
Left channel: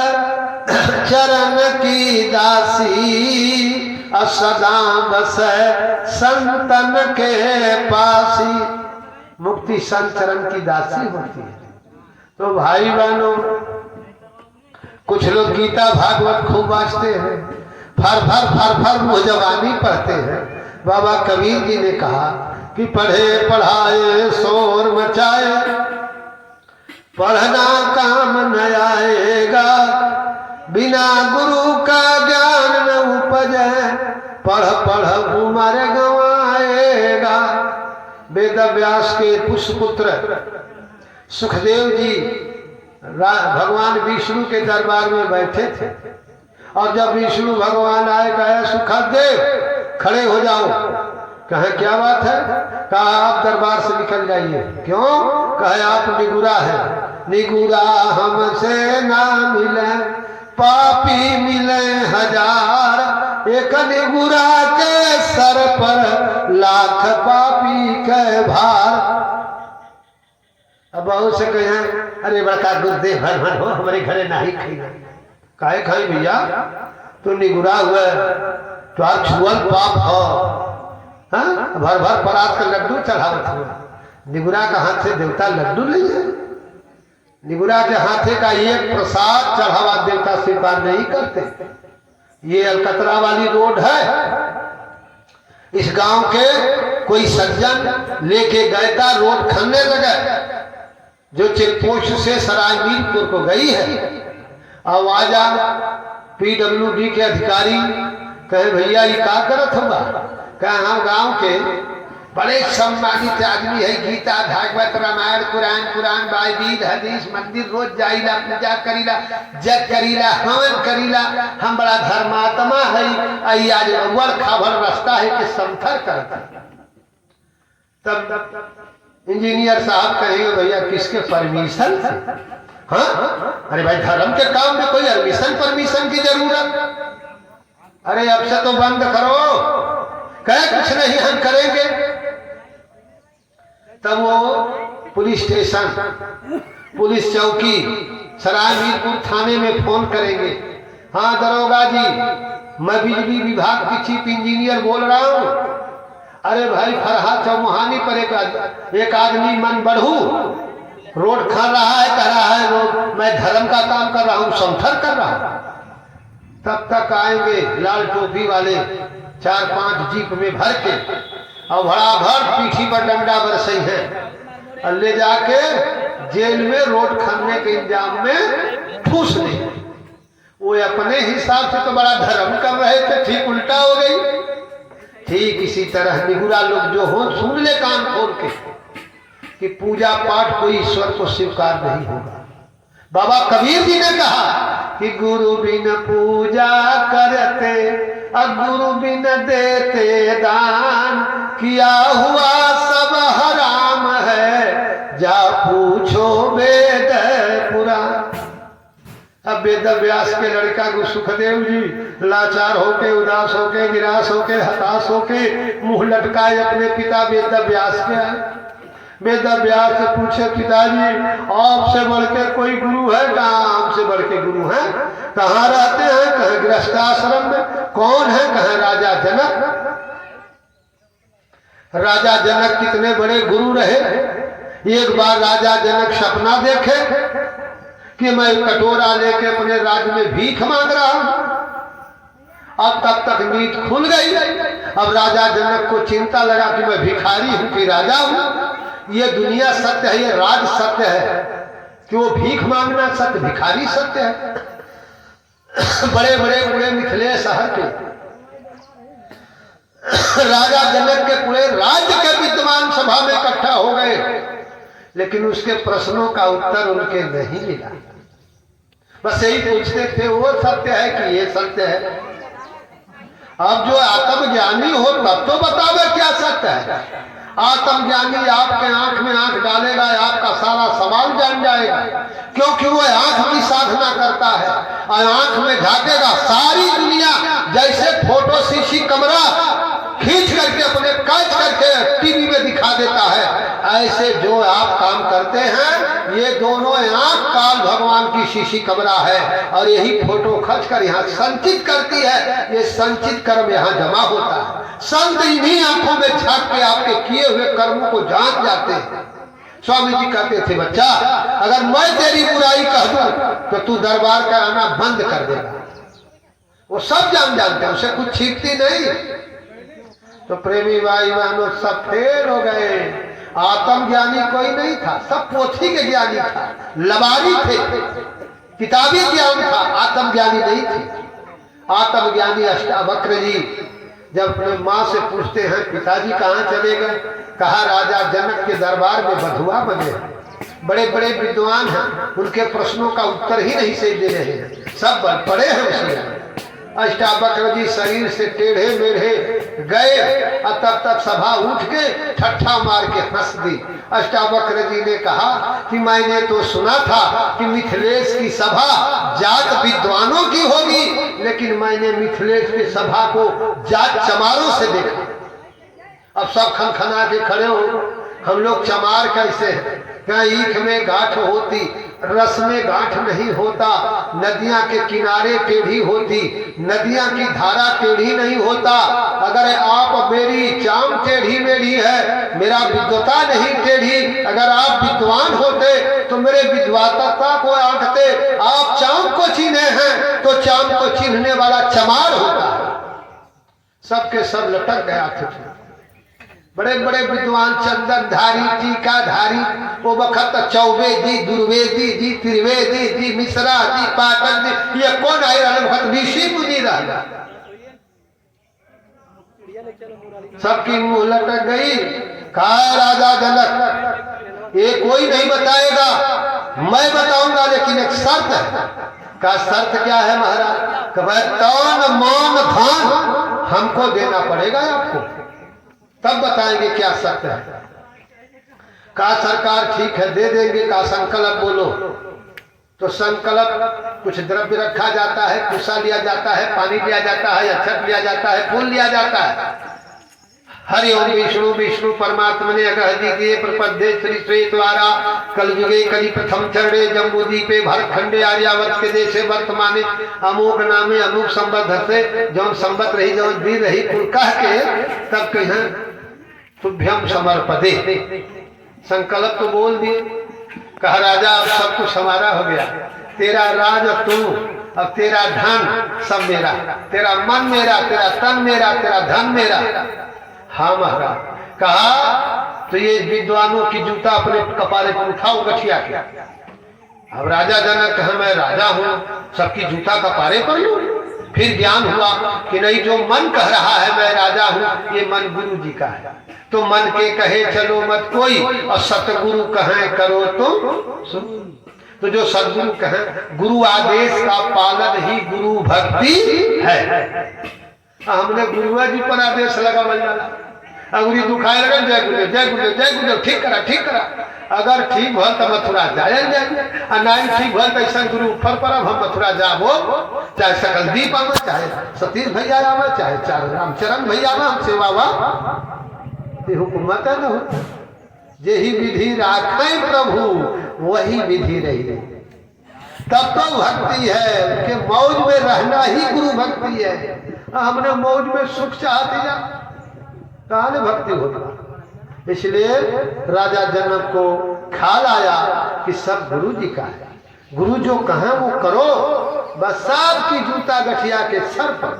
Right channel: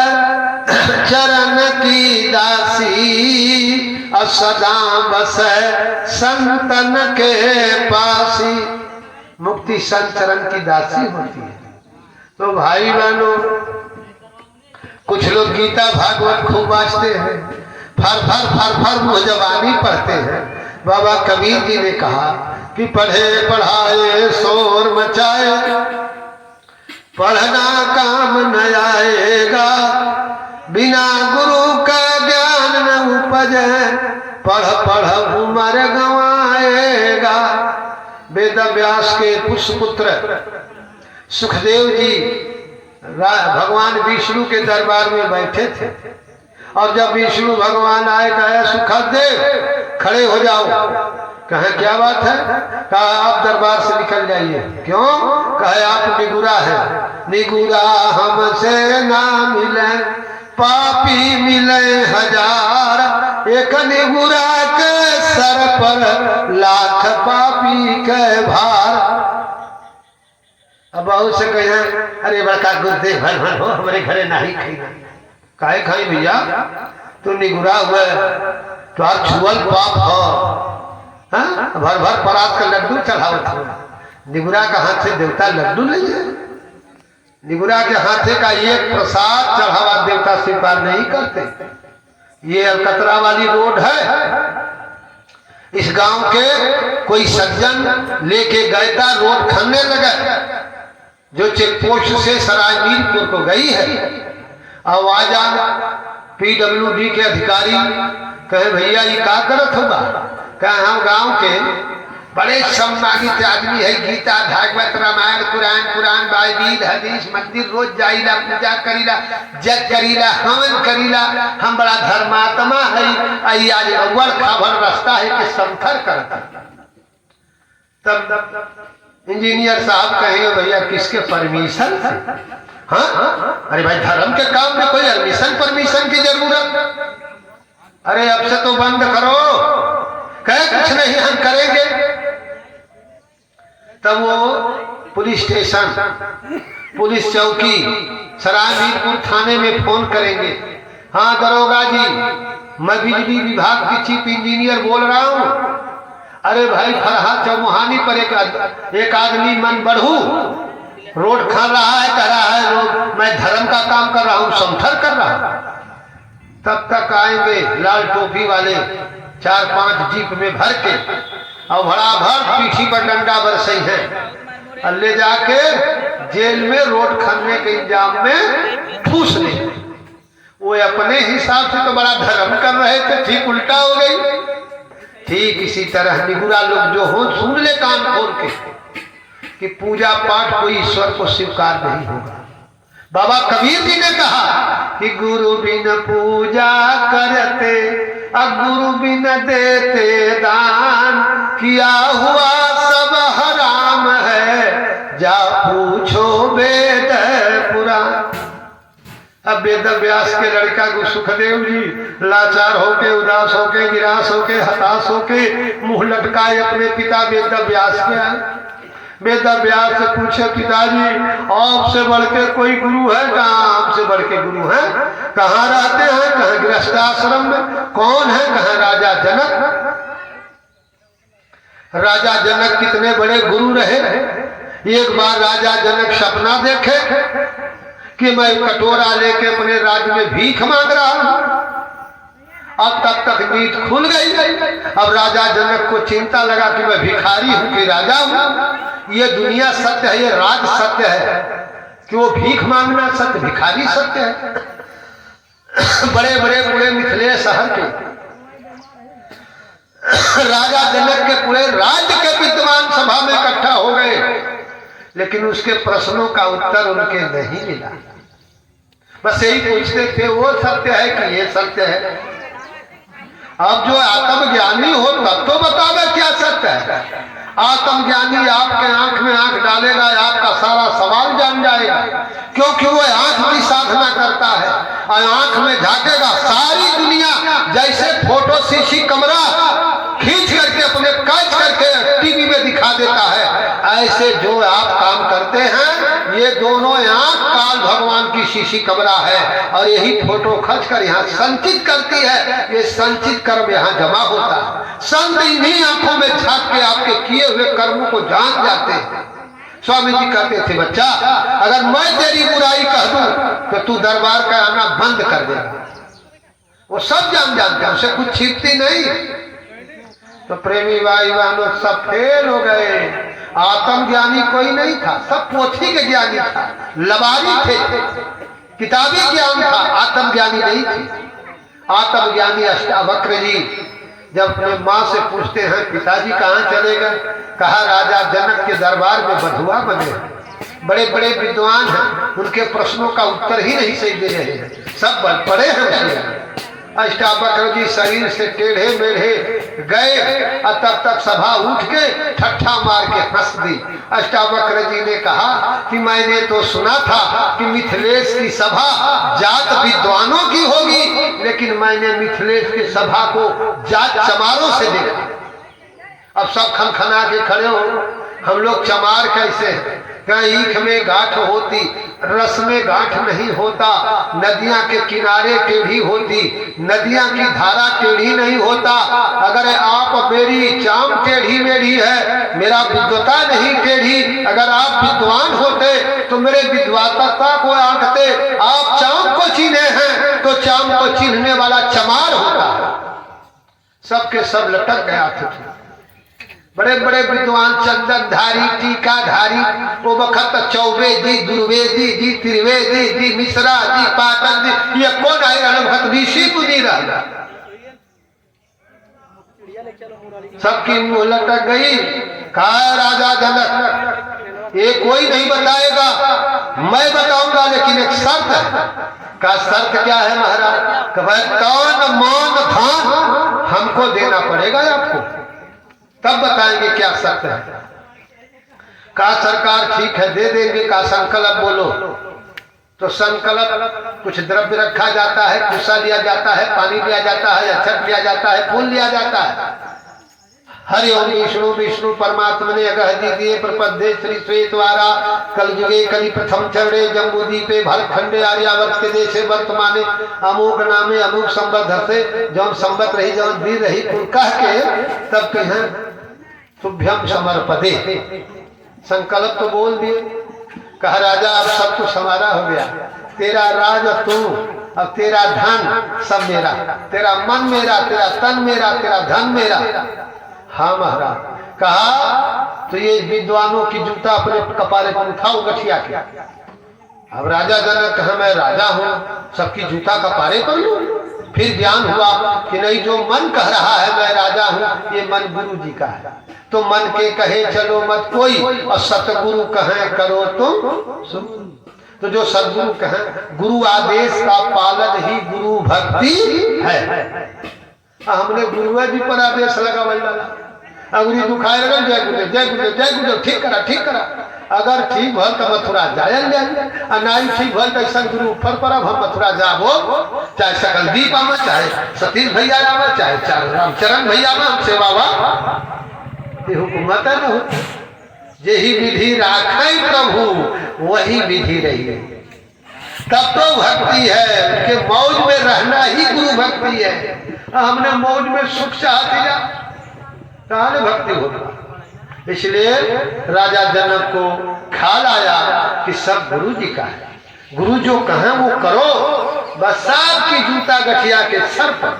चरण की दासी, अब सदा बस संतन के पासी। मुक्ति संत चरण की दासी होती है। तो भाई बहनों, कुछ लोग गीता भागवत खूब वाँचते हैं, फर मुँह जबानी पढ़ते हैं। बाबा कबीर जी ने कहा कि पढ़े पढ़ाए शोर मचाए, पढ़ना काम न आएगा, बिना गुरु का ज्ञान न उपजे, पढ़ पढ़ उम्र गंवाएगा। वेद व्यास के पुष्यपुत्र सुखदेव जी भगवान विष्णु के दरबार में बैठे थे, और जब विष्णु भगवान आए कहा सुखदेव खड़े हो जाओ। कहे क्या बात है? कहा आप दरबार से निकल जाइए। क्यों? कहे आप निगुरा है, निगुरा हमसे ना मिले, पापी मिले हजार, एक निगुरा के सर पर लाख पापी के भार। अब बहुत से कहे अरे बड़का गुरुदेव भर भर हो, हमारे घरे नहीं खाई। काहे खाई भैया? तू निगुरा हुआ तो छुअल पाप हो, भर भर परात का लड्डू चढ़ाओ था। निगुरा का हाथ से देवता लड्डू नहीं है। निगुरा के हाथे का ये प्रसाद चढ़ावा देवता स्वीकार नहीं करते। ये अलकतरा वाली रोड है, इस गांव के कोई सज्जन लेके गए था, रोड खनने लगे जो चेक पोस्ट से सराय मीरपुर को गई है। आवाजा PWD के अधिकारी कहे भैया ये क्या करत होगा? कहे हम गांव के बड़े सम्मानित आदमी है, गीता भागवत रामायण पुराण बाइबिल हदीस मंदिर रोज जाइला, पूजा करीला, जग करीला, हवन करीला, हम बड़ा धर्मात्मा है। आज अव्वल खाभर रास्ता है कि समथर करता। तब इंजीनियर साहब कहेंगे भैया किसके परमिशन? हाँ अरे भाई धर्म के काम में कोई परमिशन की जरूरत? अरे अब से तो बंद करो। कहे कुछ नहीं हम करेंगे। तब वो पुलिस स्टेशन, पुलिस चौकी, सराय मीरपुर थाने में फोन करेंगे। हाँ दरोगा जी, मैं बिजली विभाग की चीफ इंजीनियर बोल रहा हूँ। अरे भाई फरहा चौमुहानी पर एक आदमी मन बढ़ू रोड खा रहा है, कह रहा है लोग मैं धर्म का काम कर रहा हूँ, समथर कर रहा हूँ। तब तक आएंगे लाल टोपी वाले 4-5 जीप में भर के, और भड़ा भर पीठी पर डंडा बरसई है, और ले जाके जेल में रोड खनने के इंजाम में ठूस ले। वो अपने हिसाब से तो बड़ा धर्म कर रहे थे, ठीक उल्टा हो गई। ठीक इसी तरह निगुरा लोग जो हो सुन ले कान खोल के कि पूजा पाठ कोई ईश्वर को स्वीकार नहीं होगा। बाबा कबीर जी ने कहा कि गुरु बिन पूजा करते, गुरु बिन देते दान, किया हुआ सब हराम है, जा पूछो वेद पुराण। अब वेद व्यास के लड़का को सुखदेव जी लाचार होके, उदास होके, निराश होके, हताश होके मुंह लटकाए अपने पिता वेद व्यास के आए। वेद व्यास से पूछे पिताजी आपसे बढ़ के कोई गुरु है? कहाँ आपसे बढ़ के गुरु है? कहाँ रहते हैं? कहाँ गृहस्थ आश्रम में। कौन है? कहाँ राजा जनक। राजा जनक कितने बड़े गुरु रहे। एक बार राजा जनक सपना देखे कि मैं कटोरा लेके अपने राज्य में भीख मांग रहा हूं। अब तक नींद खुल गई। अब राजा जनक को चिंता लगा कि मैं भिखारी हूं कि राजा हूं। ये दुनिया सत्य है, ये राज सत्य है कि वो भीख मांगना सत्य, भिखारी सत्य है। बड़े बड़े पूरे मिथिलेश शहर के राजा जनक के पूरे राज्य के विद्वान सभा में इकट्ठा हो गए, लेकिन उसके प्रश्नों का उत्तर उनके नहीं मिला। बस यही पूछते थे वो सत्य है कि ये सत्य है। अब जो आत्मज्ञानी हो तब तो बतावे क्या सत्य है। आत्मज्ञानी आपके आंख में आंख डालेगा, आपका सारा सवाल जान जाएगा, क्योंकि वो आंख की साधना करता है और आंख में झांकेगा सारी दुनिया। जैसे फोटो शीशी कमरा खींच करके अपने कैच करके टीवी में दिखा देता है, ऐसे जो आप काम करते हैं ये दोनों आंख काल भगवान की शीशी कमरा है, और यही फोटो खींच कर यहाँ संचित करती है। ये संचित कर्म यहाँ जमा होता है। संत इन्हीं आंखों में झांक के आपके किए हुए कर्मों को जान जाते हैं। स्वामी जी कहते थे, बच्चा अगर मैं तेरी बुराई कह दूं तो तू दरबार का आना बंद कर देगा। वो सब जानते हैं, उसे कुछ छिपती नहीं। तो प्रेमी भाई बहनों सब फेल हो गए। आत्मज्ञानी कोई नहीं था, सब पोथी के ज्ञानी था, लबारी थे, किताबी ज्ञान था, आत्मज्ञानी नहीं थे। आत्मज्ञानी अष्टावक्र जी जब अपने माँ से पूछते हैं, पिताजी कहाँ चले गए? कहा राजा जनक के दरबार में बधुआ बने, बड़े बड़े विद्वान हैं, उनके प्रश्नों का उत्तर ही नहीं सही दे रहे हैं, सब बल पड़े हैं उसमें। अष्टावक्र जी शरीर से टेढ़े मेढ़े गए और तब तक सभा उठ के ठट्ठा मार के हंस दी। अष्टावक्र जी ने कहा कि मैंने तो सुना था कि मिथिलेश की सभा जात विद्वानों की होगी, लेकिन मैंने मिथिलेश की सभा को जात चमारों से देखा। अब सब खनखना के खड़े हो, हम लोग चमार कैसे हैं? कहीं ईख में गांठ होती, रस में गांठ नहीं होता, नदियां के किनारे टेढ़ी होती, नदियां की धारा टेढ़ी नहीं होता। अगर आप मेरी चाम टेढ़ी मेढ़ी है, मेरा विद्वता नहीं टेढ़ी, अगर आप विद्वान होते तो मेरे विद्वता को आंकते। आप चाम को चिन्हे हैं तो चाम को चिन्हने वाला चमार होता है। सबके सब लटक गया थे। बड़े बड़े विद्वान चंदनधारी, टीकाधारी, वो वक्त चौबेदी, दुर्वेदी जी, त्रिवेदी जी, मिश्रा जी, पाठक जी, ये कौन है? ऋषि मुनि रहा। सबकी मुंह लटक गई। कहा राजा जनक, ये कोई नहीं बताएगा, मैं बताऊंगा, लेकिन एक शर्त है। का शर्त क्या है महाराज? तन मान धन हमको देना पड़ेगा आपको, तब बताएंगे क्या शर्त है। का सरकार ठीक है दे देंगे। का संकल्प बोलो। तो संकल्प कुछ द्रव्य रखा जाता है, कुशा लिया जाता है, पानी लिया जाता है, अक्षत लिया जाता है, फूल लिया जाता है। हरि ओम विष्णु विष्णु परमात्मने अगहदीये प्रपद्ये श्री श्वेतवारा कलयुगे कलि प्रथम चरणे जम्बूदीपे भरतखंडे आर्यावर्त के देशे वर्तमाने अमोघ नामे अमोघ संबत से जौन संबत रही जौन दी रही कुल कह के तब कहें तुभ्यम समर्पदे। संकल्प तो बोल दिए। कहा राजा अब सब कुछ हमारा हो गया, तेरा राज और तू, अब तेरा धन सब मेरा, तेरा मन मेरा, तेरा तन मेरा, तेरा धन मेरा। हाँ महाराज। कहा तो ये विद्वानों की जूता अपने कपारे पर उठाओ गठिया के। अब राजा जनक कहा मैं राजा हूँ, सबकी जूता कपारे पर लूं। फिर ज्ञान हुआ कि नहीं, जो मन कह रहा है मैं राजा हूँ, ये मन गुरु जी का है। तो मन के कहे चलो मत कोई, और सतगुरु कहे करो तुम। तो जो सदगुरु कहे, गुरु आदेश का पालन ही गुरु भक्ति है। हमने गुरुआ जी पर आदेश लगा वाला अंगुरी दुखाए लगे, जय गुरुदेव जय गुरुदेव जय गुरुदेव, ठीक करा ठीक करा। अगर ठीक भल तो मथुरा जायल जाए, और नहीं ठीक भल तो ऐसा गुरु ऊपर पर अब हम मथुरा जाबो, चाहे सकल दीप आवा, चाहे सतीश भैया आवा, चाहे चार रामचरण भैया आवा, हम सेवावा हुकूमत न हो। यही विधि राखे प्रभु वही विधि रही। तब तो भक्ति है, उनके मौज में रहना ही गुरु भक्ति है। हमने मौज में सुख चाहते जा, कहां भक्ति होगा। इसलिए राजा जनक को ख्याल आया कि सब गुरु जी का है, गुरु जो कहें वो करो। बस साहब की जूता गठिया के सर पर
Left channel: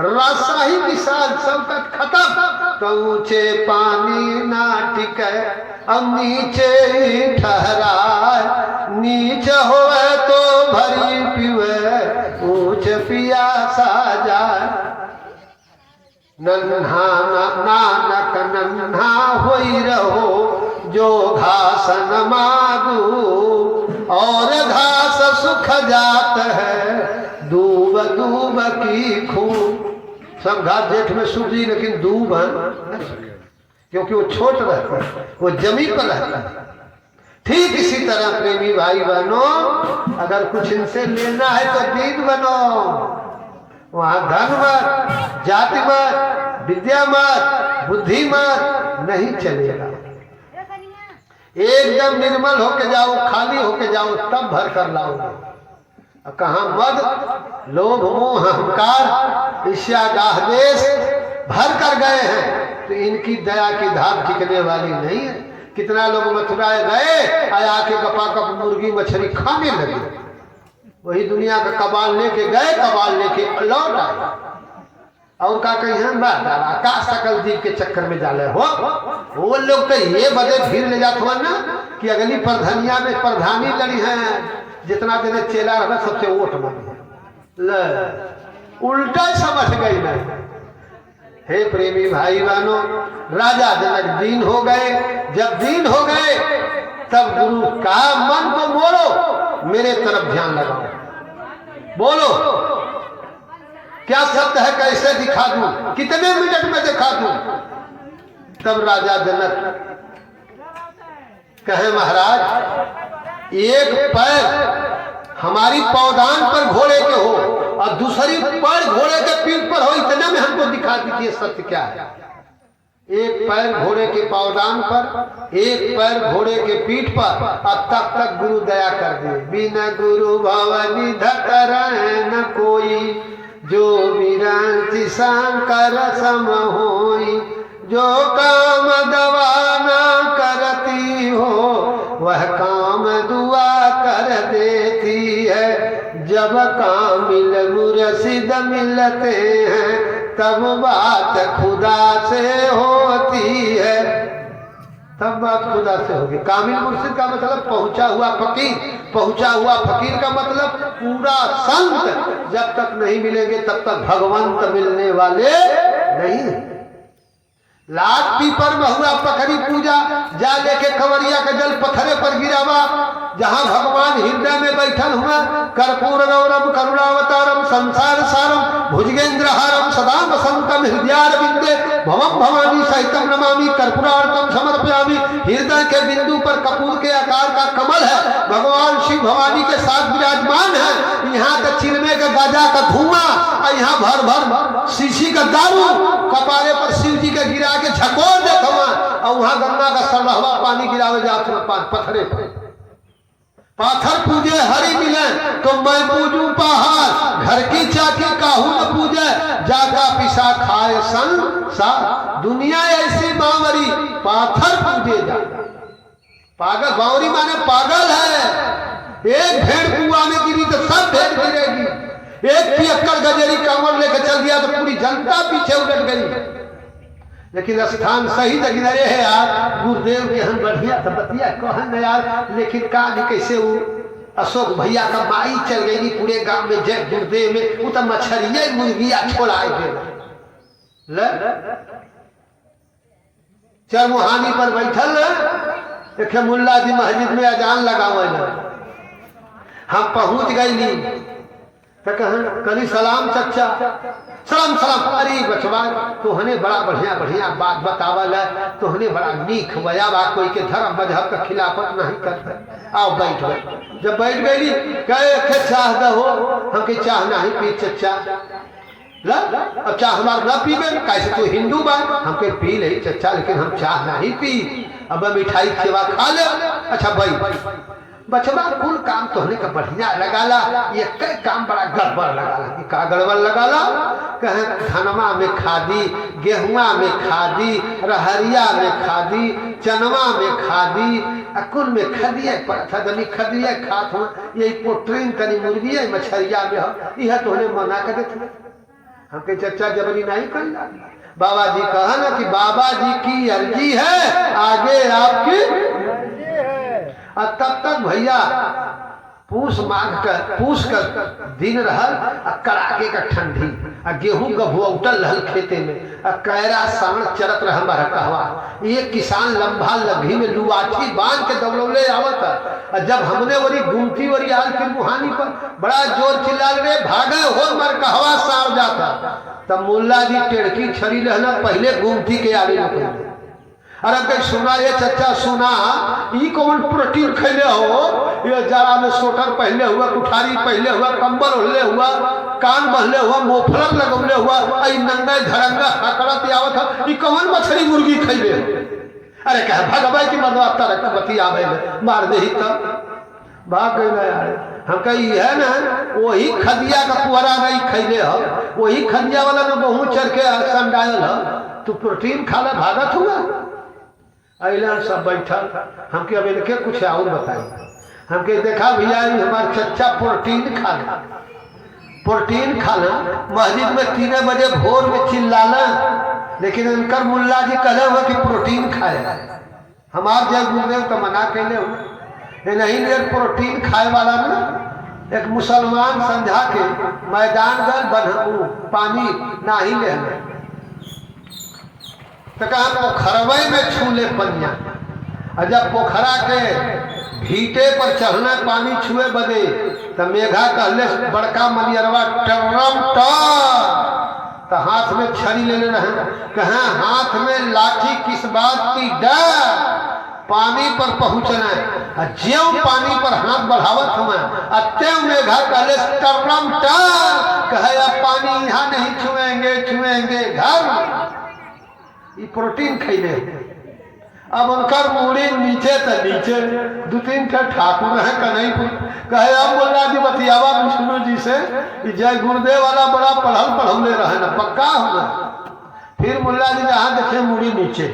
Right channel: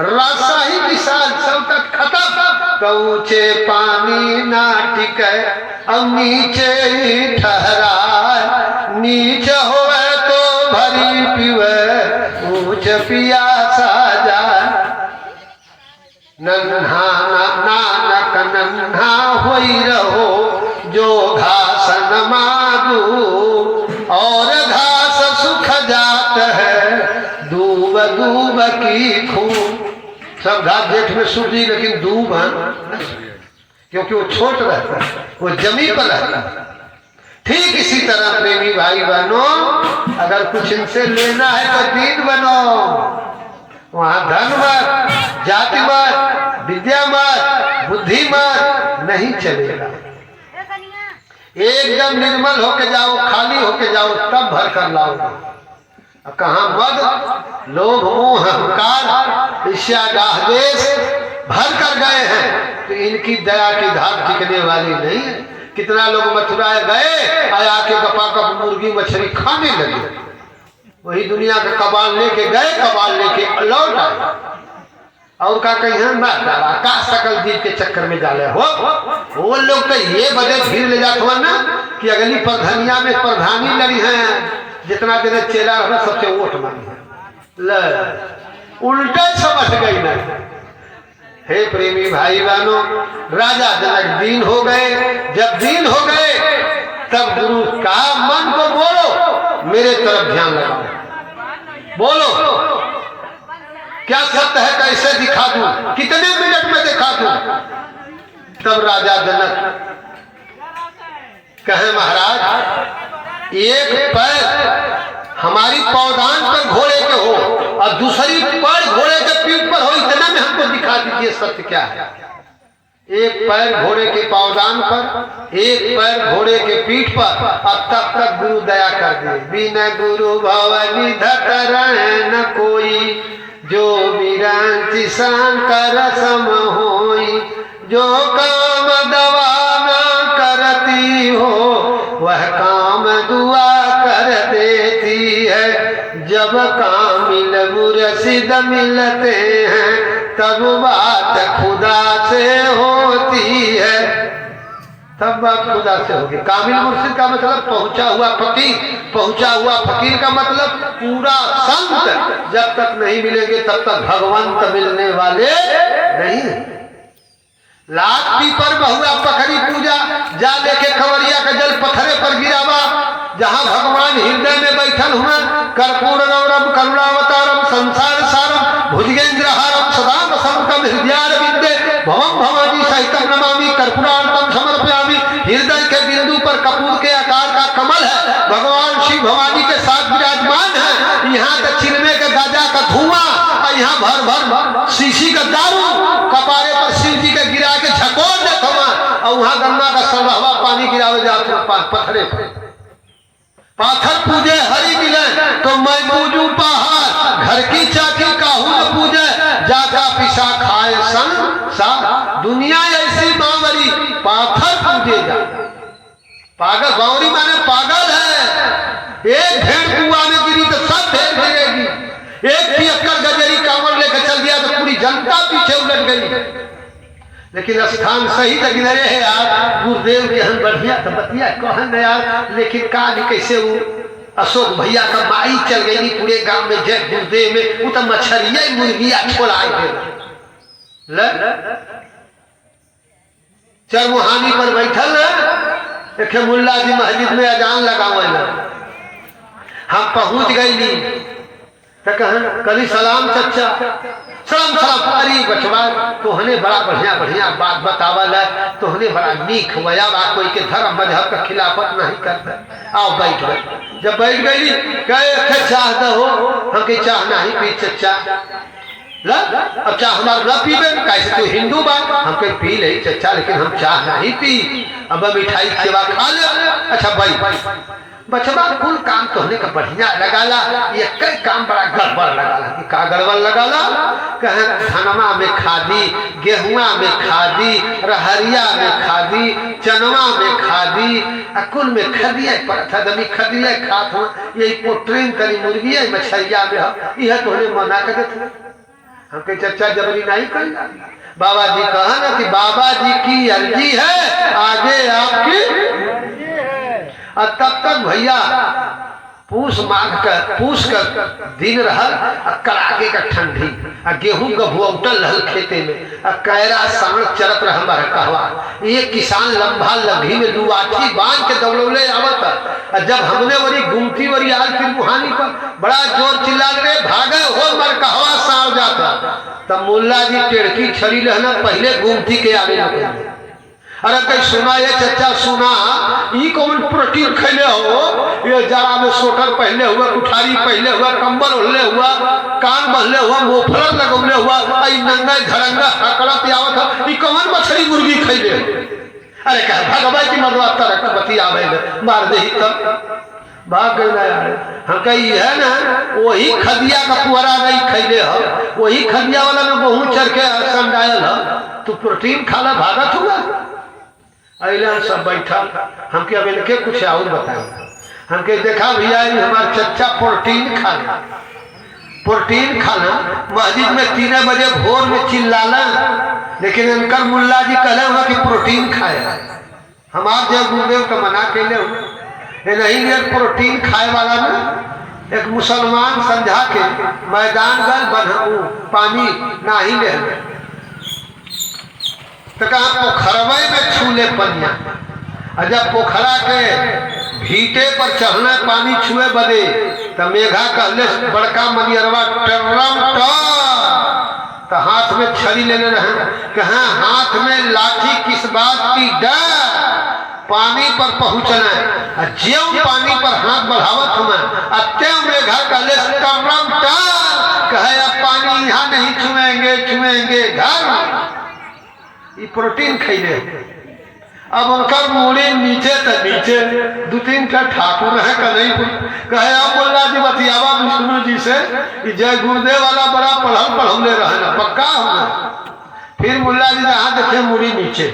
रास्ता ही विशाल सब तक खत्म। ऊंचे पानी ना टिके अब नीचे ही ठहरा, नीचे होवे तो भरी पीवे ऊंच पियासा जाए। नन्हा नानक नन्हा होई रहो जो घास न मादू, और घास सुख जात है दूब दूब की खून। सब घास जेठ में सूख गई, लेकिन दूब है क्योंकि वो छोट रहता है, वो जमी पर रहता है। ठीक इसी तरह प्रेमी भाई बहनों, अगर कुछ इनसे लेना है तो दीन बनो। वहां धन मत, जाति मत, विद्या मत, बुद्धि मत, नहीं चलेगा। एकदम निर्मल होके जाओ, खाली होके जाओ, तब भर कर लाओगे। कहाँ मद, लोभ, मोह, अहंकार, ईर्ष्या, दाह, द्वेष भर कर गए हैं, तो इनकी दया की धार टिकने वाली नहीं है। कितना लोग मथुरा गए आया के गपागप मुर्गी मछली खाने लगे। वही दुनिया का कबाल लेके गए, कबाल लेके लौट आए। और का कहीं का सकल जीव के चक्कर में डाले हो। वो लोग तो ये बड़े भीड़ ले जाते हो ना कि अगली प्रधानिया में प्रधानी लड़ी है, जितना दिन चेला हो सबसे वोट मांगे। उल्टा समझ गई ना। हे प्रेमी भाई बहनों, राजा जनक दीन हो गए। जब दीन हो गए तब गुरु का मन को बोलो, मेरे तरफ ध्यान लगाओ, बोलो क्या सत्य है, कैसे दिखा दूं, कितने मिनट में दिखा दूं। तब राजा जनक कहे महाराज एक पैर हमारी पौदान पर घोड़े के हो और दूसरी पैर घोड़े के पीठ पर हो, इतना में हमको दिखा दीजिए सत्य क्या है। एक पैर घोड़े के पौदान पर, एक पैर घोड़े के पीठ पर। अब तब तक गुरु दया कर दे। बिना गुरु भवनि धतर न कोई, जो विरंचि शंकर सम होई। जो काम दवा न करती हो वह काम दुआ कर देती है। जब कामिल मुर्शिद मिलते हैं तब बात खुदा से होती है। तब बात खुदा से होगी। कामिल मुर्शिद का मतलब पहुंचा हुआ फकीर, पहुंचा हुआ फकीर का मतलब पूरा संत। जब तक नहीं मिलेंगे तब तक भगवंत मिलने वाले नहीं। लाख पीपर बहुआ पखरी पूजा, जा लेके खवरिया का जल पत्थरे पर गिरावा। जहाँ भगवान हृदय में बैठल हुआ, कर्पूर गौरम करुणावतारम संसार सारम भुजगेंद्रहारम सदा वसंतम हृदयारविंदे भवम भवानी सहितम नमामि कर्पूरार्तम समर्पयामि। हृदय के बिंदु पर कपूर के आकार का कमल है, भगवान शिव भवानी के साथ विराजमान है। यहाँ दक्षिण में के गाजा का धुआं और यहाँ भर भर शीशी का दारू कपारे पर शिव जी के गिरा के झकोर देता हुआ, और वहाँ गंगा का सरहवा पानी गिरावे जाते पत्थरे पर। पाथर पूजे हरि मिले तो मैं पूजू पहाड़, घर की चाकी काहू न पूजे जाका पिसा खाए संग सा। दुनिया ऐसी बावरी पाथर पूजे जा। पागल बावरी माने पागल है। एक भेड़ कुआं में गिरी तो सब भेड़ गिरेगी। एक पियक्कर गजरी कांवर लेकर चल दिया तो पूरी जनता पीछे उलट गई। लेकिन स्थान सही जगह रहे है यार। गुरुदेव के हम बढ़िया तो बतिया कहन यार, लेकिन का भी कैसे वो अशोक भैया का माई चल गई पूरे गांव में जय गुरुदेव में। वो तो मछरिया मुर्गिया छोड़ाए गए। चरमुहानी पर बैठल एक मुल्ला जी मस्जिद में अजान लगावल। हम पहुंच गई तो कहन कभी सलाम चचा, सलाम सलाम। अरे बचवा तोहने बड़ा बढ़िया बढ़िया बात बतावल है, तोहने बड़ा नीक हुआ बा, कोई के धर्म मजहब का खिलाफत नहीं करता। आओ बैठ गए। जब बैठ गई कहे चाह दो, हम के चाह नहीं पी चचा। अब चाह हमारा न पीबे, कैसे तू हिंदू बा, हम के पी ले चचा, लेकिन हम चाह नहीं पी। अब मिठाई सेवा खा ले। अच्छा भाई बचवा कुल काम तोहने का बढ़िया लगाला, ये कई काम बड़ा गड़बड़ लगाला। का गड़बड़ लगाला? कहे धनमा में खादी, गेहुआ में खादी, रहरिया में खादी, चनवा में खादी, कुल में खदिया पड़ता खदिया खात हो। यही पोट्रीन करी मुर्गी है मछरिया में यह तोहने मना कर देते। हमके चर्चा जबरी नहीं करी। बाबा जी कहा ना कि बाबा जी की अर्जी है, आगे आपकी। और तब तक भैया पूछ कर दिन रहल, कड़ाके का ठंडी, गेहूं गभुआउटल रहल खेते में, कैरा सांड चलत रहल बड़ा कहवा। एक किसान लंबा लभी में लुआठी बांध के दौड़ौले आवत। जब हमने वरी गुमती वरी आज फिर मुहानी पर बड़ा जोर चिल्ला रहे भागे हो मर कहवा सांड जाता। तब मुल्ला जी टेड़की छड़ी रहना पहले गुमती के आगे लगे। अरे कहीं सुना ये चचा सुना, ई कौन प्रोटीन खैले हो? ये जाड़ा में स्वेटर पहले हुआ, कुठारी पहले हुआ, कंबल ओढ़ले हुआ, कान बहले हुआ, मोफलर लगौले हुआ, आई नंगा धरंगा हकड़त आवत है। ई कौन मछली मुर्गी खैले? अरे कह भगवान की मरवा तरक बती आवे मार दे तब भाग गए। हम कही है ना वही खदिया का पुअरा नहीं खैले है, वही खदिया वाला में बहुत चढ़ के संडायल है। तू प्रोटीन खाना भागत हुआ। अला सब बैठल हमके अब इनके कुछ और बताए। हमके देखा भैया हमारा चच्चा प्रोटीन खाना मस्जिद में 3 बजे भोर में चिल्लाना, लेकिन इनकर मुल्ला जी कहले हुआ कि प्रोटीन खाए। हमार जब गुरुदेव का मना के ले नहीं ये प्रोटीन खाए वाला ना एक मुसलमान समझा के मैदान गए बन्हू पानी ना ही ले तो कहा पोखरवे में छूले पनिया। और जब पोखरा के भीटे पर चढ़ना पानी छुए बदे तो मेघा कहले बड़का मनियरवा टर्रम तो हाथ में छड़ी लेने रहे। कहा हाथ में लाठी किस बात की डर, पानी पर पहुंचना है। ज्यों पानी पर हाथ बढ़ावत होना अत्य मेघा कहले टर्रम कहे अब पानी यहाँ नहीं छुएंगे घर। ये प्रोटीन खैले अब उनकर मुड़ी नीचे तो नीचे 2-3 ठाकुर है कहीं कहे अब मुल्ला जी बतियावा विष्णु जी से जय गुरुदेव वाला बड़ा पढ़ौले रहे ना पक्का होना। फिर मुल्ला जी जहाँ देखे मुड़ी नीचे,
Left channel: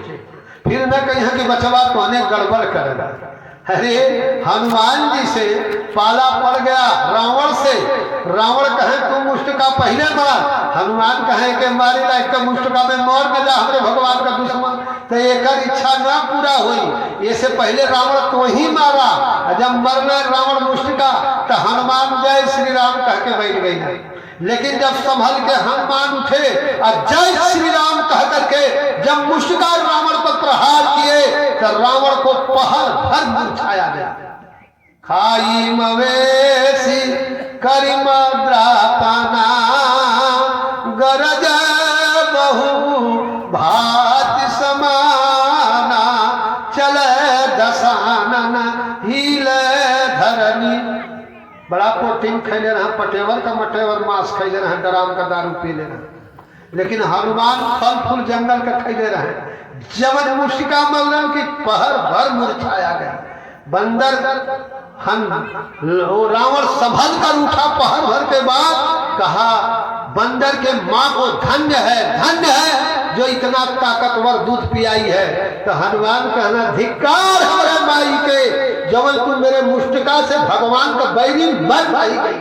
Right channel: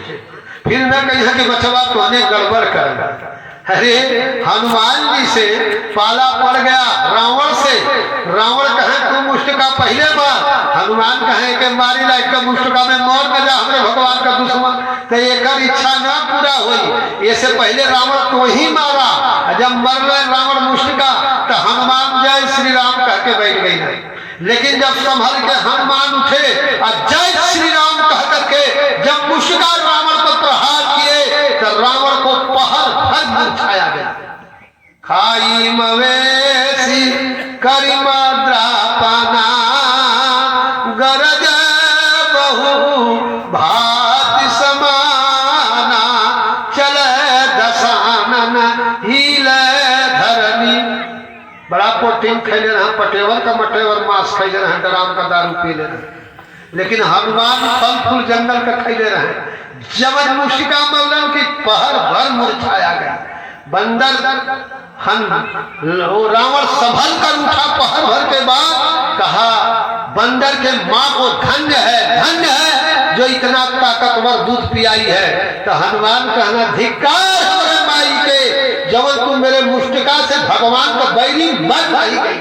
फिर न कहीं कि बचवा तोने गड़बड़ करेगा। अरे हनुमान जी से पाला पड़ गया रावण से। रावण कहे तू मुष्टिका पहले मार, हनुमान कहे कि मारी लाइक का मुष्टिका में मोर न जा हमारे भगवान का दुश्मन। तो एक इच्छा ना पूरा हुई, इससे पहले रावण तो ही मारा। जब मर गए रावण मुष्टिका तो हनुमान जय श्री राम कह के बैठ गई। लेकिन जब संभल के हनुमान उठे और जय श्री राम कह करके जब मुष्टिका रावण पर प्रहार किए तो रावण को पहर भर मुरझाया गया। खाई मवेशी करिमद्रापना गरज बहु भात समाना चल दसानन हिले धरनी। बड़ा प्रोटीन खैले रहा, पटेवर का मटेवर मांस खैले रहे, डराम का दारू पी ले रहे। लेकिन हनुमान फल फूल जंगल का खैले रहे। जब मुष्टिका मल्लन की पहर भर मुरझाया गया। बंदर रावण संभल कर उठा पहर भर के बाद कहा बंदर के माँ को धन्य है जो इतना ताकतवर दूध पियाई है। तो हनुमान कहना धिक्कार हमारे माई के जब तू मेरे मुष्टिका से भगवान का बैरी मत भाई गई।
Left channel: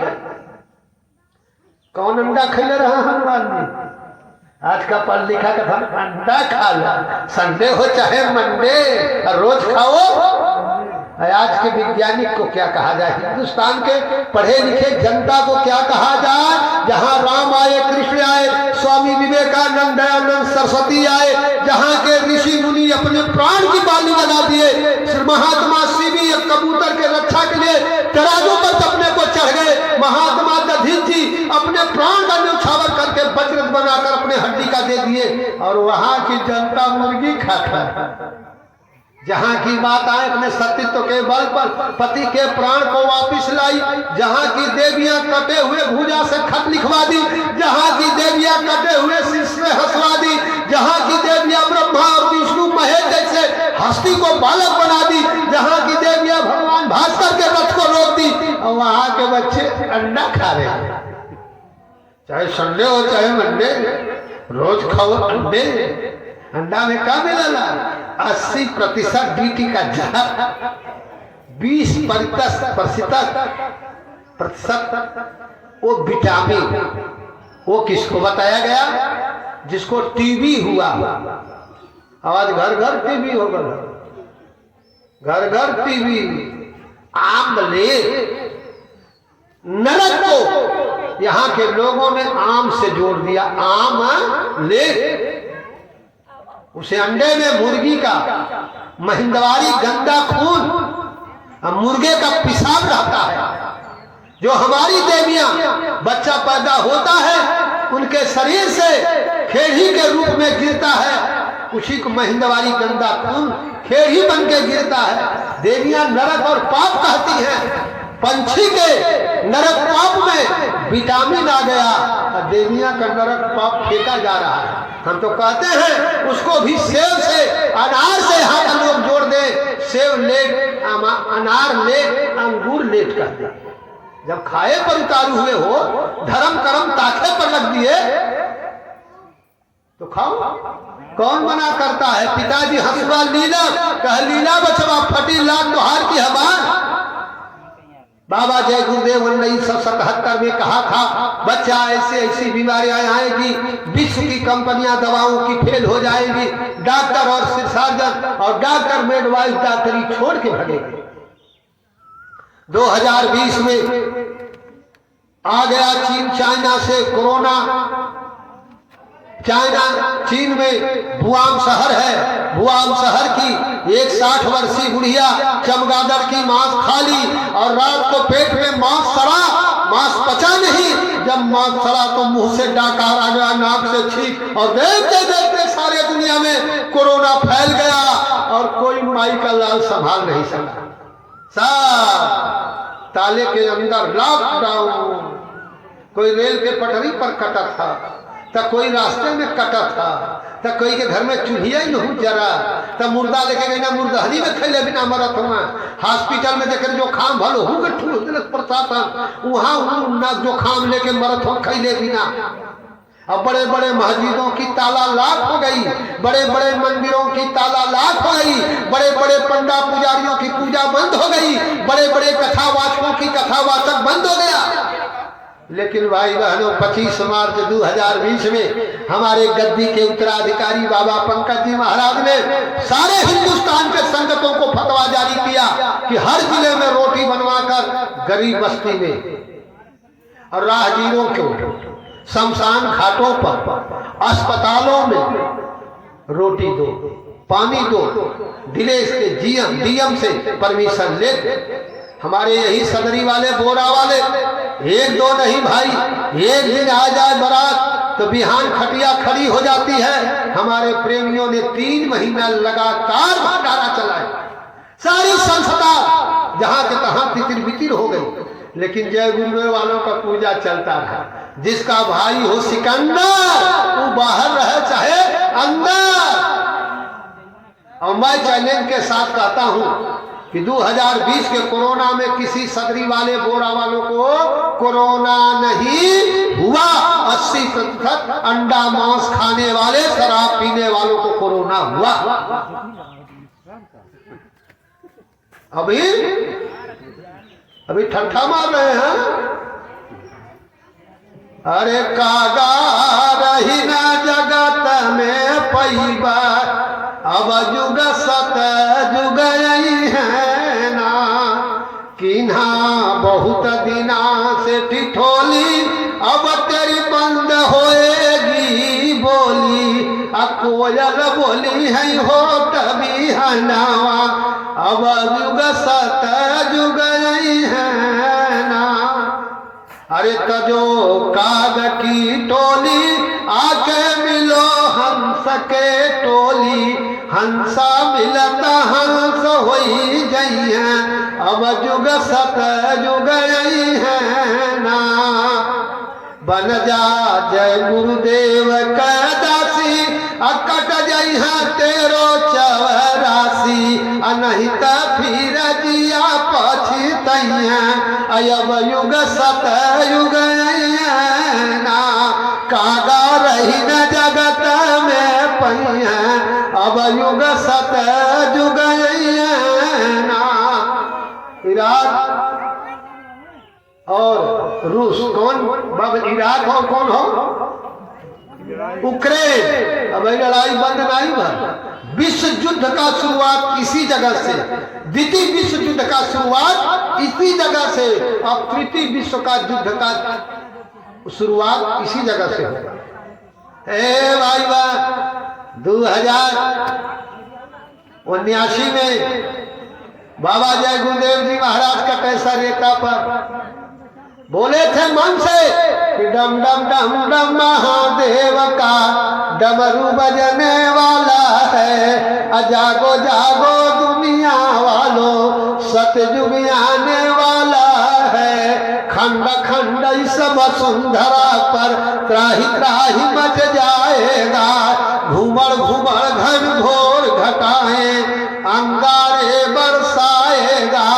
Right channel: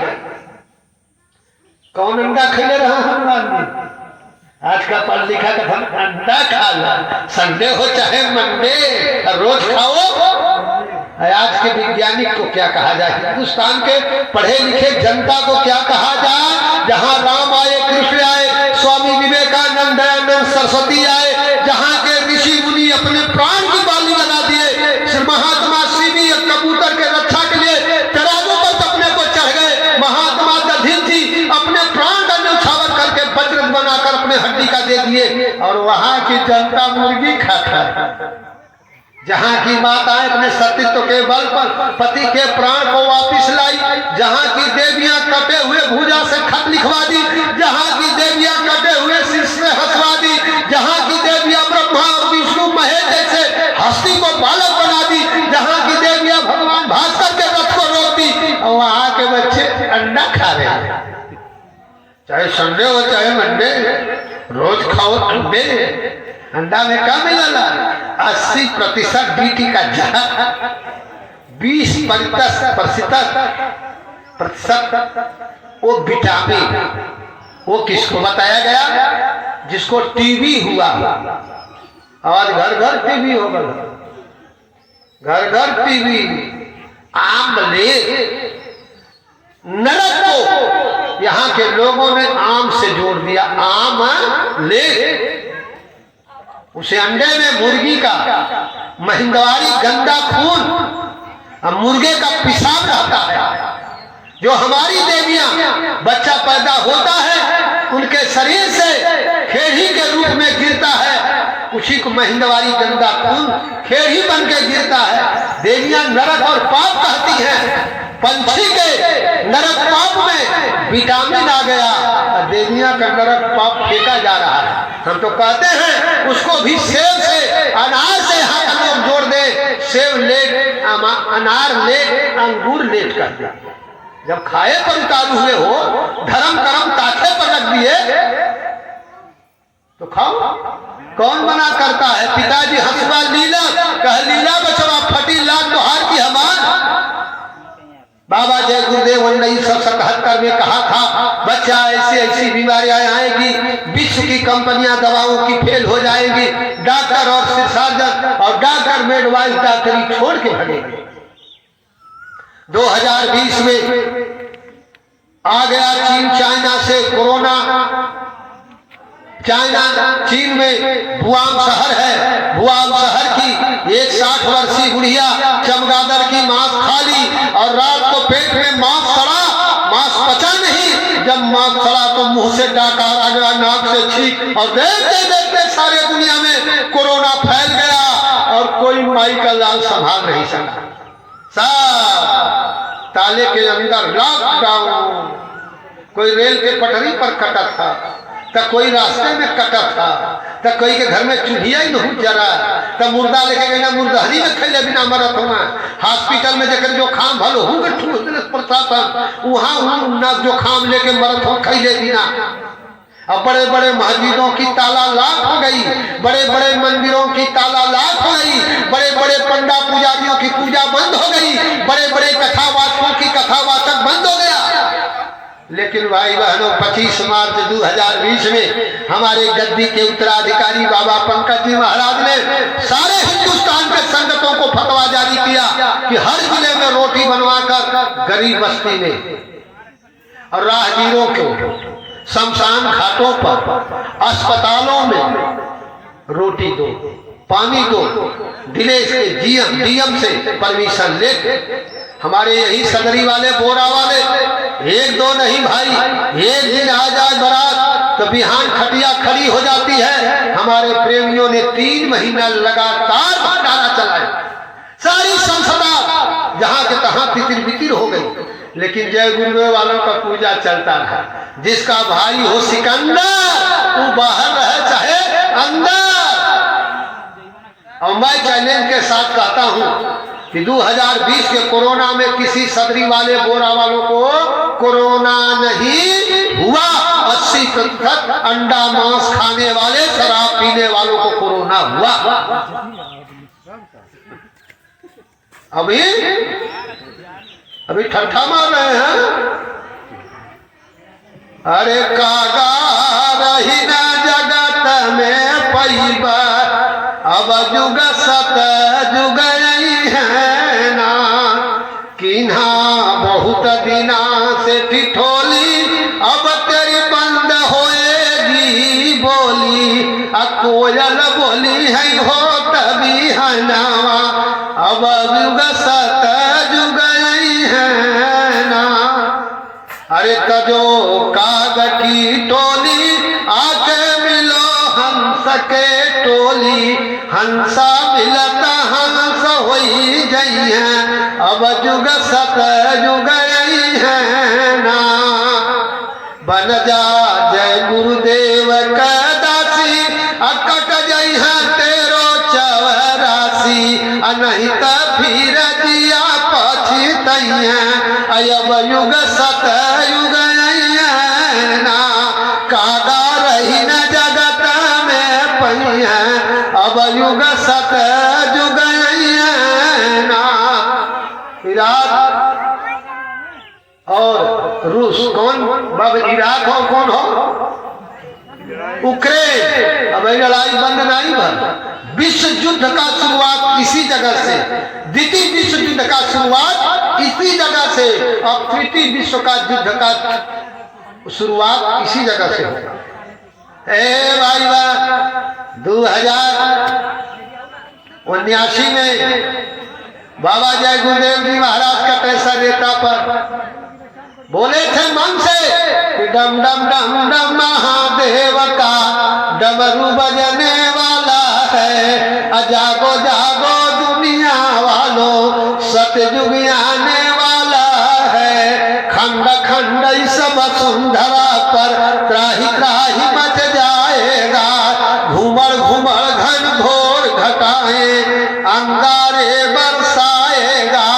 कौन अंडा खैले रहा हनुमान जी? आज का पढ़ लिखा का धन अंडा खा ला, संडे हो चाहे मंडे रोज खाओ। आज के वैज्ञानिक को क्या कहा जाए, हिंदुस्तान के पढ़े लिखे जनता को क्या कहा जाए? जहाँ राम आए, कृष्ण आए, स्वामी विवेकानंद, दयानंद सरस्वती आए, जहाँ के ऋषि मुनि अपने प्राण की बाली लगा दिए। महात्मा श्री भी कबूतर के रक्षा के लिए तराजू पर अपने को चढ़ गए। महात्मा दधिन जी अपने प्राण का न्यौछावर करके वज्र बनाकर अपने हड्डी का दे दिए। और वहाँ की जनता मुर्गी खाता। जहाँ की माताएं अपने सतीत्व के बल पर पति के प्राण को वापिस लाई, जहाँ की देवियां कटे हुए भुजा से खत लिखवा दी, जहाँ की देवियां कटे हुए शीश से हंसवा दी, जहाँ की देवियां ब्रह्मा और विष्णु महेश जैसे हस्ती को बालक बना दी, जहाँ की देवियां भगवान भास्कर के रथ को रोकती, और वहाँ के बच्चे अंडा खा रहे हैं। चाहे संडे हो चाहे मंडे रोज खाओ अंडे। अंडा में क्या मिला? 80% बीटी का जहर, 20% वो विटामिन। वो किसको बताया गया? जिसको टीबी हुआ। आज घर घर टीबी हो गया, घर घर टीबी। आमले नरक को यहाँ के लोगों ने आम से जोड़ दिया। आम ले उसे अंडे में मुर्गी का महिंदवारी गंदा खून, मुर्गे का पेशाब रहता है। जो हमारी देवियां बच्चा पैदा होता है उनके शरीर से खेड़ी के रूप में गिरता है, उसी को महिंदवारी गंदा खून खेड़ी बन के गिरता है। देवियां नरक और पाप कहती हैं। पंछी के नरक पाप में विटामिन आ गया, देवियां का नरक पाप फेंका जा रहा है। हम तो कहते हैं उसको भी सेब से अनार से हाथ लोग जोड़ दे। सेब लेट, अनार लेट, अंगूर लेट कर दिया। जब खाए पर उतारू हुए हो, धर्म कर्म ताखे पर रख दिए, तो खाओ, कौन मना करता है। पिताजी हंसवा लीला कह लीला बचवा फटी लाख तोहार की हमार। बाबा जय गुरुदेव 1977 में कहा था बच्चा ऐसी ऐसी बीमारियां आएगी, विश्व की कंपनियां दवाओं की फेल हो जाएंगी, डॉक्टर और सर्जन और डॉक्टर मिडवाइफ डॉक्टरी छोड़ के भगेंगे। 2020 में आ गया चीन चाइना से कोरोना। चीन में वुहान शहर है, वुहान शहर की एक 60 वर्षीय बुढ़िया चमगादड़ की मांस खा ली और रात को पेट में मांस सड़ा, मांस पचा नहीं। जब मांस सड़ा तो मुंह से डाकार आ गया, नाक से छींक और देखते देखते सारे दुनिया में कोरोना फैल गया और कोई माई का लाल संभाल नहीं सका। सब ताले के अंदर लॉकडाउन। कोई रेल के पटरी पर कटा था, तो कोई रास्ते में कटा था, तो कोई के घर में चूल्हिया ही नहीं जरा, तो मुर्दा लेके गई ना मुर्दहरी में खेले बिना मरत होना। हॉस्पिटल में जकर जो खाम भलो हूँ प्रशासन वहाँ ना जो खाम लेके मरत हो खैले बिना। अब बड़े बड़े मस्जिदों की ताला लाख हो गई, बड़े बड़े मंदिरों की ताला लाख हो गई, बड़े बड़े पंडा पुजारियों की पूजा बंद हो गई, बड़े बड़े कथावाचकों की कथावाचक बंद हो गया। लेकिन भाई बहनों 25 मार्च 2020 में हमारे गद्दी के उत्तराधिकारी बाबा पंकज जी महाराज ने सारे हिंदुस्तान के संगतों को फतवा जारी किया कि हर जिले में रोटी बनवाकर गरीब बस्ती में और राहगीरों को शमशान घाटों पर अस्पतालों में रोटी दो, पानी दो। दिलेश के डीएम से परमिशन ले हमारे यही सदरी वाले बोरा वाले एक दो नहीं भाई, एक दिन आ जाए बारात तो बिहान खटिया खड़ी हो जाती है। हमारे प्रेमियों ने 3 महीना लगातार भंडारा चलाया, सारी संसदा जहां के तहां तितिर बितिर हो गई। लेकिन जय गुरुदेव वालों का पूजा चलता रहा। जिसका भाई हो सिकंदर वो बाहर रहे चाहे अंदर। और मैं चैलेंज के साथ कहता हूं कि 2020 के कोरोना में किसी सदरी वाले बोरा वालों को कोरोना नहीं हुआ। 80% अंडा मांस खाने वाले शराब पीने वालों को कोरोना हुआ। अभी ठट्ठा मार रहे हैं। अरे कागा रही ना जगत में पैबा, अब जुग सत जुग है ना। किन्हा बहुत दिना से ठिठोली, अब तेरी बंद होएगी बोली। कोयल बोली है हो तभी हनावा, अब जुग सत जुग है ना। अरे तजो काग की टोली आके मिलो हंस के टोली। हंसा मिलता हंस होई जई है, अब जुग सत जुग है ना। बन जा जय गुरुदेव का दासी, अकट जई है तेरो 84। नहीं तो फिर जिया पछितई है, अब युग सत युग ना। कागा रही न जगत में पई है, अब युग सत युग ना। इराक और रूस कौन बाब, इराक हो कौन हो यूक्रेन। अब लड़ाई बंद नहीं भर। विश्व युद्ध का शुरुआत इसी जगह से, द्वितीय विश्व युद्ध का शुरुआत इसी जगह से, और तृतीय विश्व का युद्ध का शुरुआत इसी जगह से होगा। ए भाई बा 2079 में बाबा जय गुरुदेव जी महाराज का पैसा नेता पर बोले थे मन से, डम डम डम डम महादेव का डमरू बजने वाला है। जागो जागो दुनिया वालों, सतयुग आने वाला है। खंड खंड सब सुंदरा पर त्राही त्राही मच जाएगा। घूमर घूमर घन घोर घटाए अंगारे बरसाएगा।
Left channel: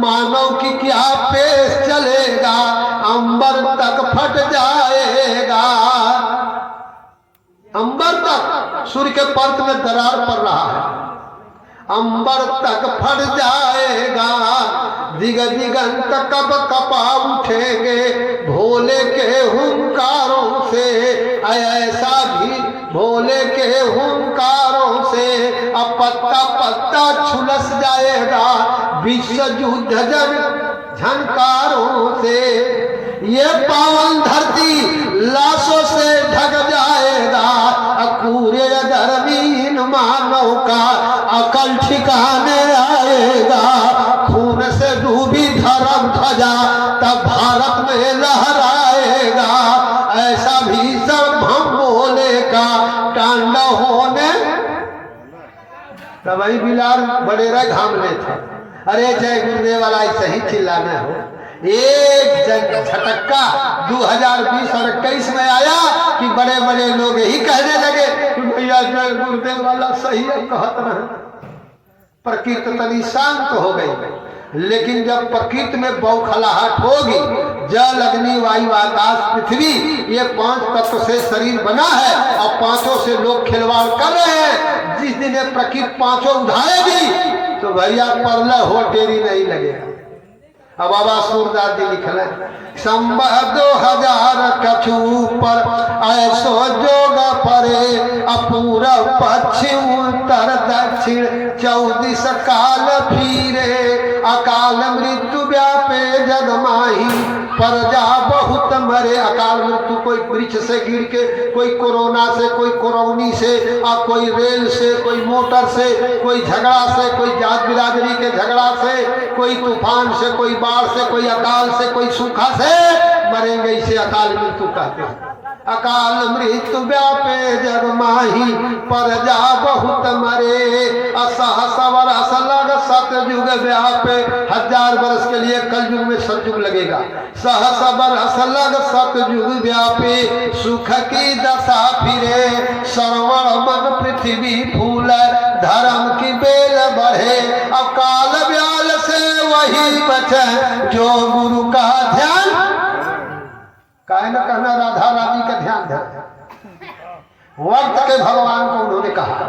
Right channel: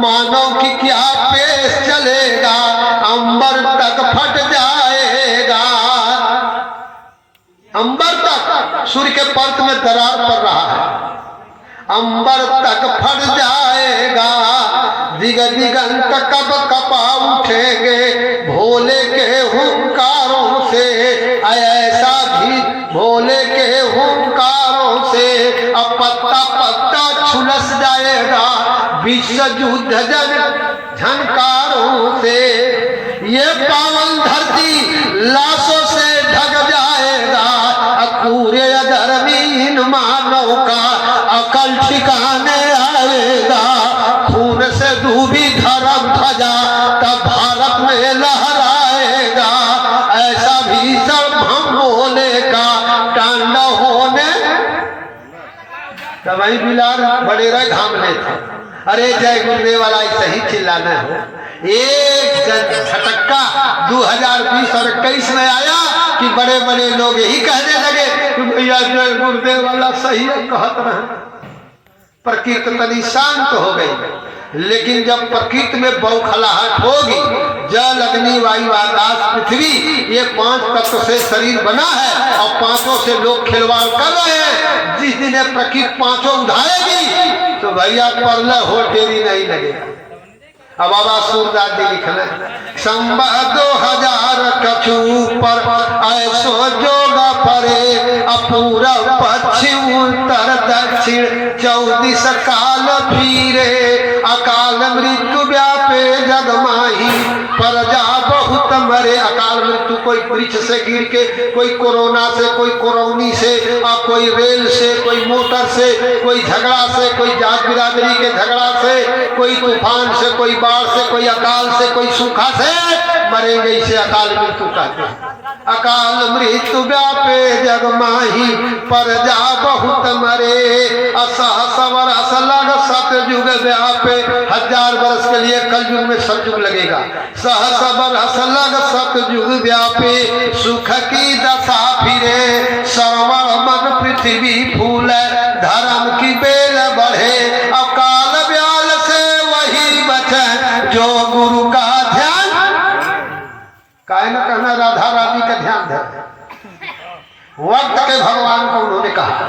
मानव की क्या पेश चलेगा, अंबर तक फट जाएगा। अंबर तक सूर्य के पर्त में दरार पड़ रहा है, अंबर तक फट जाएगा, दिग दिगंत कब कपा उठेंगे भोले के हुंकारों से, ऐसा भी भोले के हुंकारों से अब पत्ता पत्ता झुलस जाएगा विश्व युद्ध झनकारों से, ये पावन धरती लाशों से ढक जाएगा, पूरे धर्मीन मानव का अकल ठिकाने आएगा, खून से डूबी धर्म ध्वजा तब भारत में लहराएगा, ऐसा भी सब हम भोले का तांडव होने। तो वही बिलाल बड़ेरा घामने था। अरे जय गुरुदेव वाला ऐसे ही चिल्लाना हो। एक झटक्का 2020 और 21 में आया कि बड़े बड़े लोग यही कहने लगे कि भैया जय गुरुदेव वाला सही है कहत रहे। प्रकृति तनी शांत हो गई, लेकिन जब प्रकृति में बौखलाहट होगी, जल अग्नि वायु आकाश पृथ्वी ये 5 तत्व से शरीर बना है और 5 से लोग खिलवाड़ कर रहे हैं। जिस दिन प्रकृति 5 उठाएगी तो भैया परला हो देरी नहीं लगेगा। अब बाबा सूरदास जी लिखल संबा 2000 कछु पर ऐसो जोग परे, अपूरब पश्चिम उत्तर दक्षिण 14 काल फिरे, अकाल मृत्यु व्यापे जग माही प्रजा बहुत मरे। अकाल मृत्यु कोई वृक्ष से गिर के, कोई कोरोना से, कोई कोरोनी से, और कोई रेल से, कोई मोटर से, कोई झगड़ा से, कोई जात बिरादरी के झगड़ा से, कोई तूफान से, कोई बाढ़ से, कोई अकाल से, कोई सूखा से मरेंगे। इसे अकाल मृत्यु कहते हैं। अकाल मृत्यु व्यापे जग माही प्रजा बहुत मरे, असहस वर्ष लग सतयुग व्यापे। 1000 वर्ष के लिए कलयुग में सतयुग लगेगा। सहस वर्ष लग सतयुग व्यापे, सुख की दशा फिरे, श्रवण मन पृथ्वी फूल, धर्म की बेल बढ़े, अकाल व्याल से वही बचे जो गुरु का ध्यान। काहे न कहना राधा रानी का ध्यान धर। वक्त के भगवान को उन्होंने कहा,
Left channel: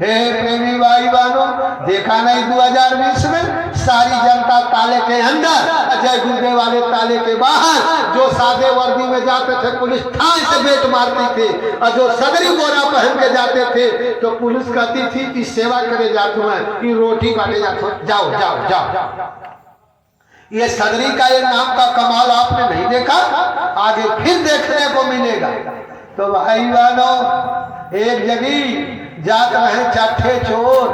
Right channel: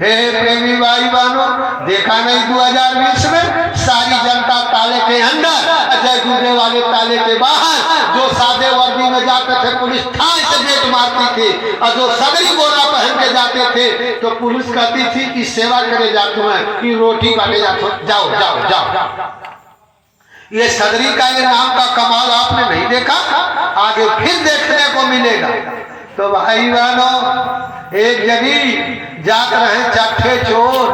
हे प्रेमी भाई बहनों, देखा नहीं 2020 में सारी जनता ताले के अंदर, जय गुरुदेव वाले ताले के बाहर। जो सादे वर्दी में जाते थे पुलिस ठान से बेट मारती थी, और जो सगरी बोरा पहन के जाते थे तो पुलिस कहती थी कि सेवा करे जाते हैं, कि रोटी बांटे जाते, जाओ जाओ जाओ। ये सदरी का ये नाम का कमाल आपने नहीं देखा, आगे फिर देखने को मिलेगा। तो भाई बहनों, एक जगह जात रहे चट्ठे चोर,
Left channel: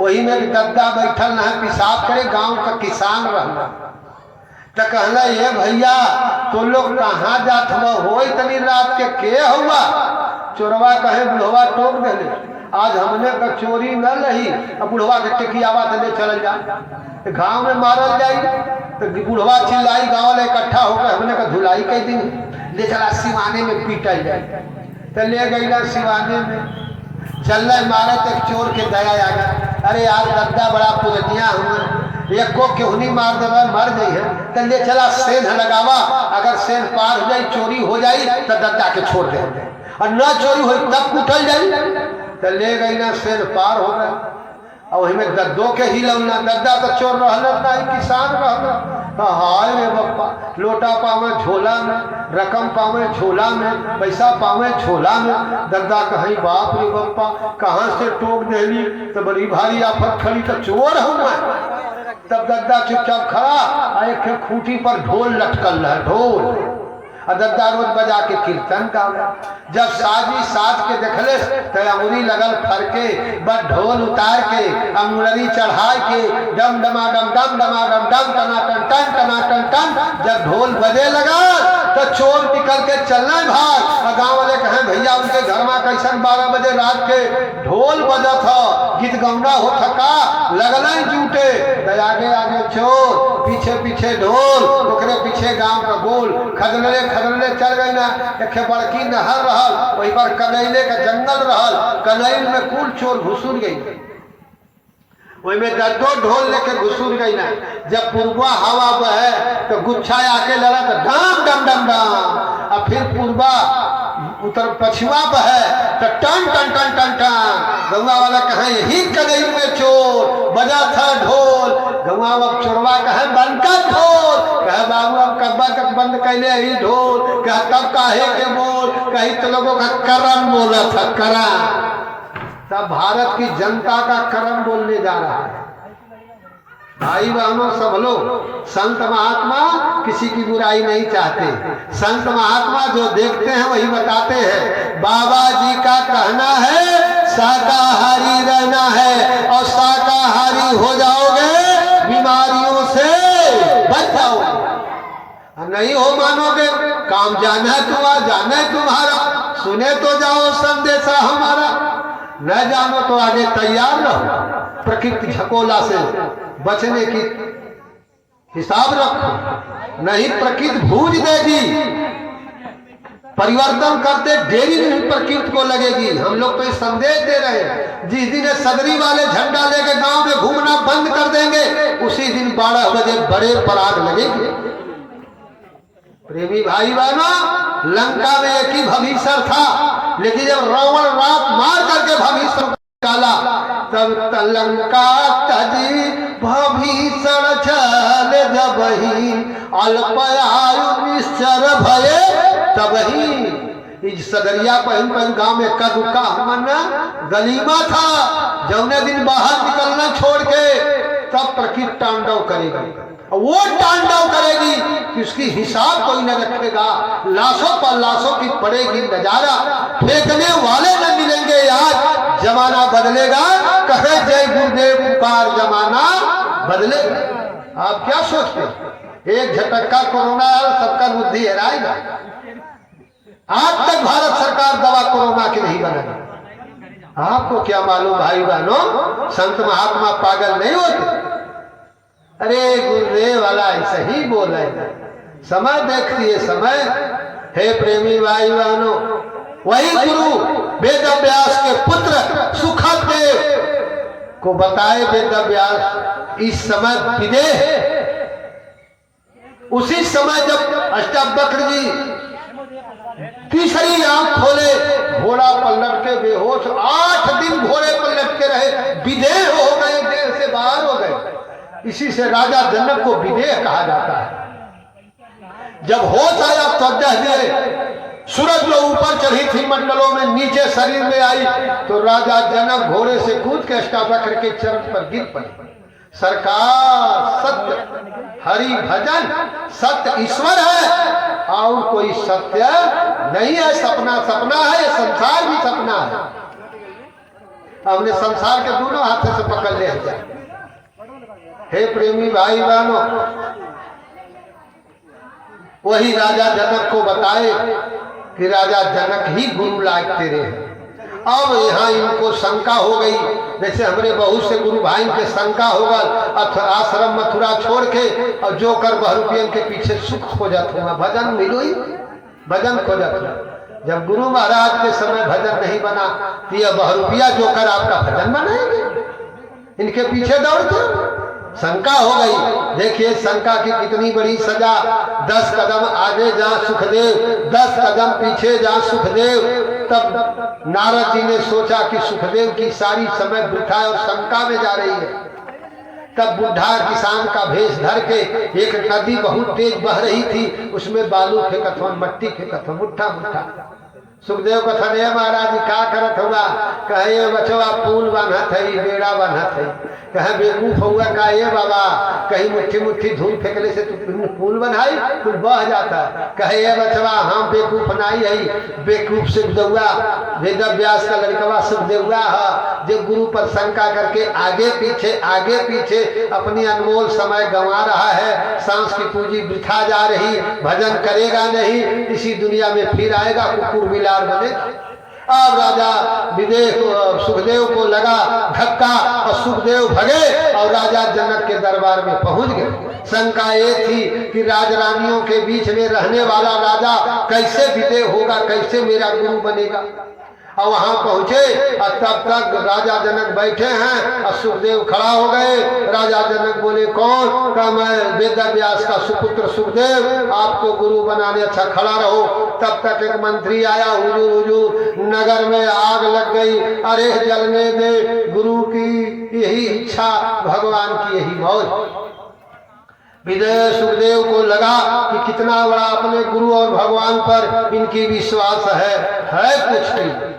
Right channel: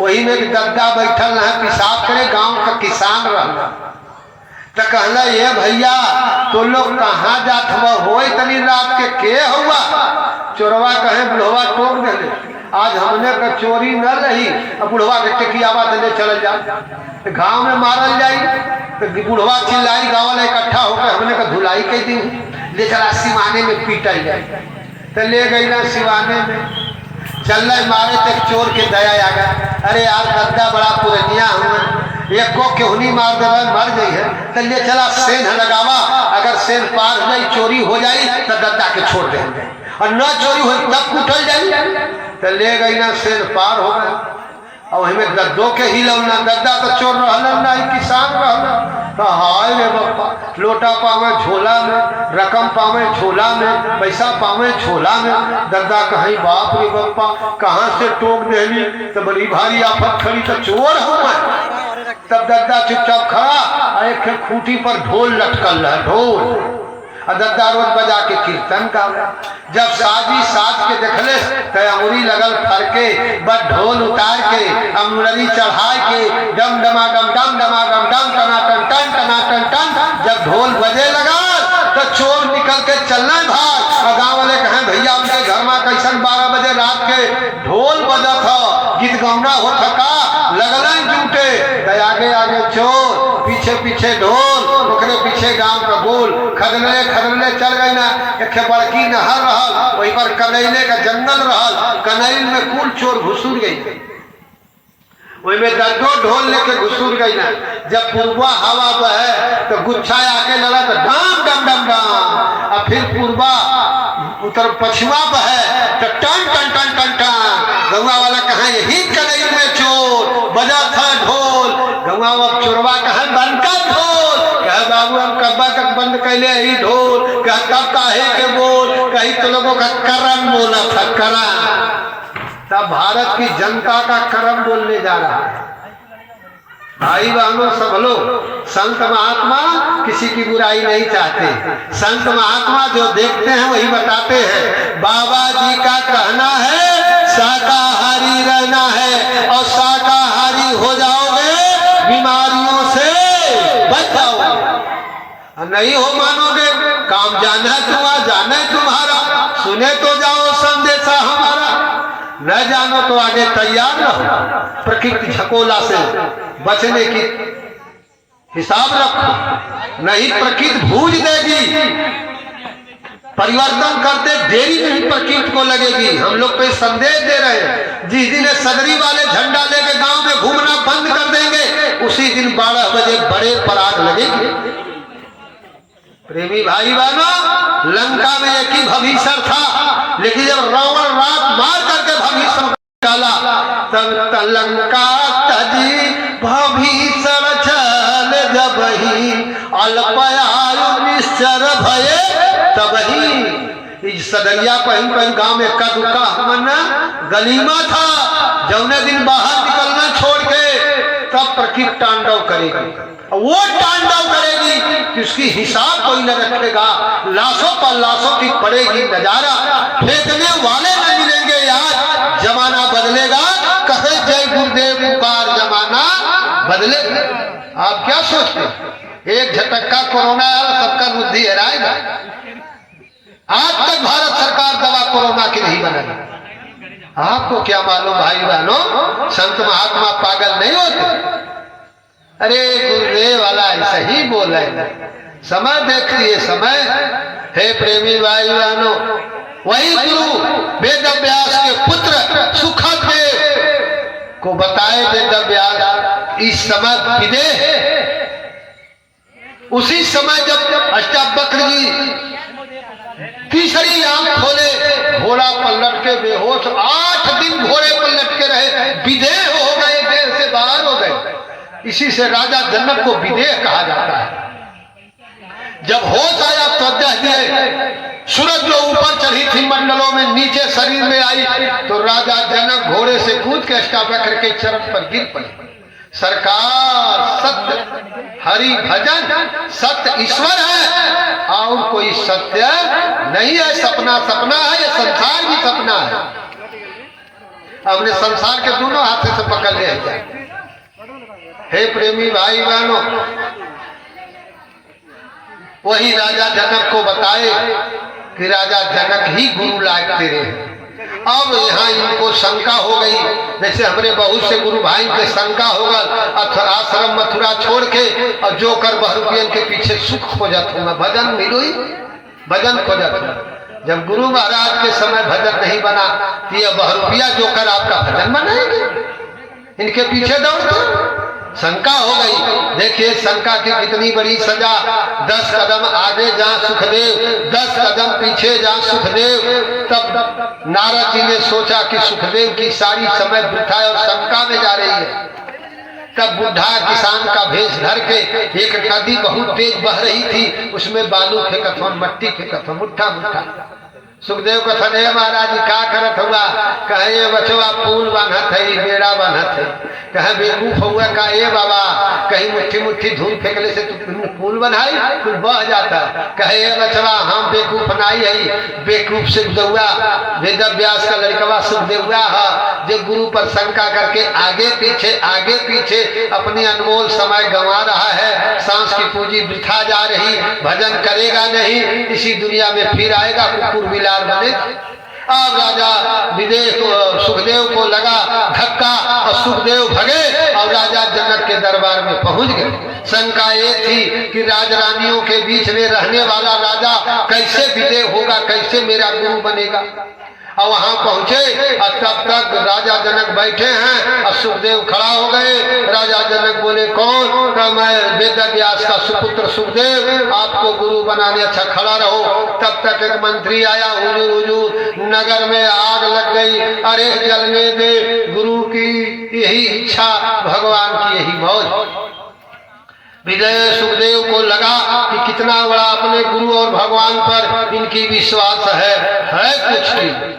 वही में गद्दा बैठल रहे, पिसाब करे, गांव का किसान रहा। तो कहला ये भैया तो लोग कहाँ जात हो इतनी रात के हुआ? चोरवा कहे बुढ़वा टोक दे, आज हमने का चोरी न रही, अब बुढ़वा के टिकियावा देने चल जा, गांव में मारल जाई। तो बुढ़वा चिल्लाई, गाँव में इकट्ठा होकर हमने का धुलाई कह दी, ले चला सिवाने में पीटल जाए। तो ले गई ना सिवाने में, चल मारे तो चोर के दया आ गया। अरे यार गद्दा बड़ा पुरनिया हूँ, एक को केहनी मार दे मर गई है, तो ले चला सेन लगावा, अगर सेन पार हो जाए चोरी हो जाए तो गद्दा के छोड़ दे, और न चोरी हो तब कुटल जाए। तो ले गई ना सेन पार हो गया, और वही में गद्दों के ही लौना, गद्दा तो चोर रहलन ना, किसान रहलन। तो हाय रे बप्पा, लोटा पावे झोला में, रकम पावे झोला में, पैसा पावे झोला में। गद्दा कहीं बाप रे बप्पा कहाँ से टोक देली, तो बड़ी भारी आफत खड़ी, तो चोर हूँ मैं। तब गद्दा चुपचाप खड़ा, एक खूंटी पर ढोल लटकल रहा, ढोल। गद्दा रोज बजा के कीर्तन का। जब साजी साज के देखले तो अंगुरी लगल फरके, बस ढोल उतार के अंगुरी चढ़ा के डम डमाडम डम डमाडम डम टनाटन टन टनाटन टन। जब ढोल बजे लगा तो चोर निकल के चलने भाग। गाँव वाले कहें भैया उनके घर में कैसन 12 बजे रात के ढोल बजत हो, गीत गौना हो थका, लगलन जूटे। तो आगे आगे चोर, पीछे पीछे ढोल, ओकरे पीछे गांव का गोल। खदले खदले चल गए ना, एक बड़की नहर रहल, वही पर कनैले का जंगल रहल, कनैल में कुल चोर घुसूर गई, वही में गद्दो ढोल लेके घुसूर गई ना। जब पूर्वा हवा बहे तो गुच्छा आके लड़ा तो डम डम डम डम, और फिर पूर्वा उतर पछुआ बहे तो टन टन टन टन टन गौवा वाला कहा यही कलई में चोर बजा था ढोल गौवा अब चोरवा कहा बंद कर ढोल कह बाबू अब कब्बा तक बंद कैले ही ढोल कह तब काहे के बोल कहीं तो लोगों का करम बोला था करम तब भारत की जनता का करम बोलने जा रहा है। भाई बहनों सब लोग संत महात्मा किसी की बुराई नहीं चाहते। संत महात्मा जो देखते हैं वही बताते हैं। बाबा जी का कहना है शाकाहारी रहना है और शाकाहारी हो जाओगे बीमारियों से बच जाओगे। नहीं हो मानोगे काम जाना है तुम्हारा जाना है तुम्हारा सुने तो जाओ संदेशा हमारा न जानो तो आगे तैयार रहो। प्रकृति झकोला से बचने की हिसाब रखो नहीं प्रकृति भूज देगी। परिवर्तन करते देरी में भी प्रकृति को लगेगी। हम लोग पे संदेश दे रहे हैं जिस दिन सदरी वाले झंडा लेके गांव में घूमना बंद कर देंगे उसी दिन 12 बजे बड़े पराग लगेंगे। प्रेमी भाई बहनों लंका में एक ही भविष्य था लेकिन जब रावण रात मार करके भविष्य निकाला तब लंका तजी भविष्य चल जब ही अल्पयायु निश्चर भये तब ही सदरिया पहन पहन गांव में का दुका मन गलीमा था। जौने दिन बाहर निकलना छोड़ के तब प्रकृति तांडव करेगी। वो तांडव करेगी कि उसकी हिसाब कोई न रखेगा। लाशों पर लाशों की पड़ेगी नजारा फेंकने वाले न मिलेंगे यार। जमाना बदलेगा कहे जय गुरुदेव पुकार जमाना बदले। आप क्या सोचते एक झटक्का कोरोना सबका बुद्धि हराएगा। आज तक भारत सरकार दवा कोरोना की नहीं बनाई। आपको क्या मालूम भाई बहनों संत महात्मा पागल नहीं होते। अरे गुरुदेव वाला ऐसा ही बोल रहे समय देखिए समय। हे प्रेमी भाई बहनों वही गुरु वेद व्यास के पुत्र सुखदेव को बताए वेद व्यास इस समय विदेह उसी समय जब अष्टावक्र जी तीसरी आंख खोले घोड़ा पलट के बेहोश 8 दिन घोड़े पर लटके रहे विदेह हो गए देह से बाहर हो गए। इसी से राजा जनक को विदेह कहा जाता है। जब होश आया त्वचा दिए सूरज जो ऊपर चढ़ी थी मंडलों में नीचे शरीर में आई तो राजा जनक घोड़े से कूद के अष्टावक्र के चरण पर गिर पड़े। सरकार सत्य हरि भजन सत्य ईश्वर है और कोई सत्य नहीं है। सपना सपना है ये संसार भी सपना है। हमने संसार के दोनों हाथों से पकड़ लिया जाए। हे प्रेमी भाई बहनों वही राजा जनक को बताए कि राजा जनक ही गुरु लायक तेरे हैं। अब यहाँ इनको शंका हो गई जैसे हमारे बहुत से गुरु भाई के शंका होगा आश्रम मथुरा छोड़ के और जो कर बहुरुपियन के पीछे सुख खोजत हुआ भजन मिलो ही भजन खोजत। जब गुरु महाराज के समय भजन नहीं बना तो यह बहुरुपिया जो कर आपका भजन बनाएंगे इनके पीछे दौड़ते। शंका हो गई। देखिए शंका की कितनी बड़ी सजा। 10 कदम आगे जहाँ सुखदेव 10 कदम पीछे जहाँ सुखदेव। तब नारद जी ने सोचा कि सुखदेव की सारी समय वृथा और शंका में जा रही है। तब बुढ़ा किसान का भेष धर के एक नदी बहुत तेज बह रही थी उसमें बालू फेंकत मट्टी फेंकत मुट्ठा मुट्ठा। सुखदेव कथन है महाराज जी क्या करत हुआ कहे बचवा पुल बनत है बेड़ा बनत है। कहे बेवकूफ हुआ का ये बाबा कहीं मुट्ठी मुट्ठी धूल फेंकले से तुम पुल बनाई कुल बह जाता। कहे ये बचवा हम बेवकूफ नहीं है बेवकूफ से दौआ वेद व्यास का लड़कवा सुखदेवा है जो गुरु पर शंका करके आगे पीछे अपनी अनमोल समय गंवा रहा है। सांस की पूंजी वृथा जा रही भजन करेगा नहीं इसी दुनिया में फिर आएगा कुकुर बिलार बने। अब राजा विदेह सुखदेव को लगा धक्का और सुखदेव भगे और राजा जनक के दरबार में पहुंच गए। शंका ये थी कि राजरानियों के बीच में रहने वाला राजा कैसे विदेह होगा कैसे मेरा गुरु बनेगा। और वहां पहुंचे और तब तक राजा जनक बैठे हैं और सुखदेव खड़ा हो गए। राजा जनक बोले कौन? कहा मैं वेद व्यास का सुपुत्र सुखदेव, आपको गुरु बनाने। अच्छा खड़ा रहो। तब तक एक मंत्री आया, हुजूर हुजूर नगर में आग लग गई, अरे जलने दे, गुरु की यही इच्छा, भगवान की यही मौज। विजय सुखदेव को लगा कि कितना बड़ा अपने गुरु और भगवान पर इनकी विश्वास है कुछ नहीं।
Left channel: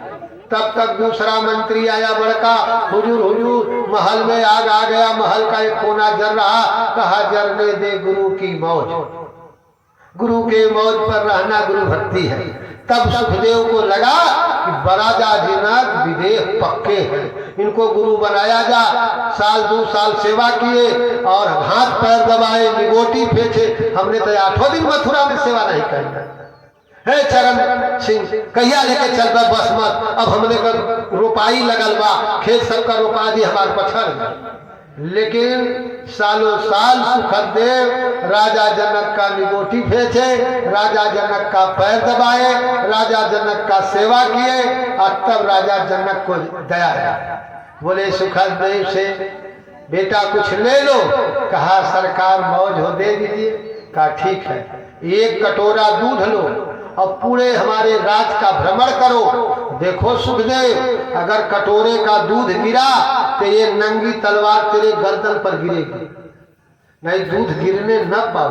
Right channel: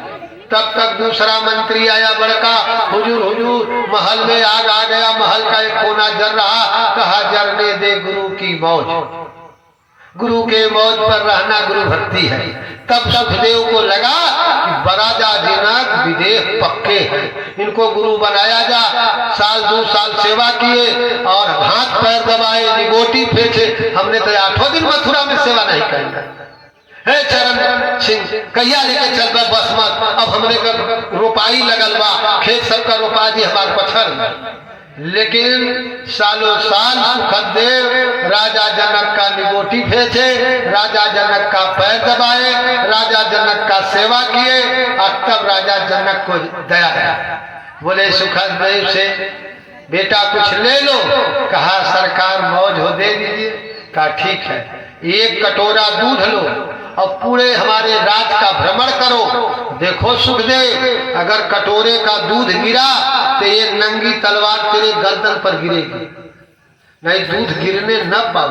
तब तक दूसरा मंत्री आया बड़का, हुजूर हुजूर महल में आग आ गया, महल का एक कोना जल रहा। कहा जलने दे, गुरु की मौज, गुरु के मौज पर रहना गुरु भक्ति है। तब सुखदेव को लगा कि राजा जनक विदेह पक्के हैं, इनको गुरु बनाया जा। साल 2 साल सेवा किए और हाथ पैर दबाए, निगोटी फेंचे। हमने तो 8 दिन मथुरा में सेवा नहीं करना है। चरण सिंह कहिया लेके चल बा बस मत, अब हमने का रोपाई लगल बा, खेत सबका रोपा दी हमारे पछड़। लेकिन सालों साल सुखदेव राजा जनक का निगोटी फेंचे, राजा जनक का पैर दबाए, राजा जनक का सेवा किए। और तब राजा जनक को दया आया, बोले सुखदेव से बेटा कुछ ले लो। कहा सरकार मौज हो दे दीजिए। कहा ठीक है, 1 कटोरा दूध लो और पूरे हमारे राज का भ्रमण करो। देखो सुखदेव, अगर कटोरे का दूध गिरा तो ये नंगी तलवार तेरे गर्दन पर गिरेगी, नहीं दूध गिरने न पाओ।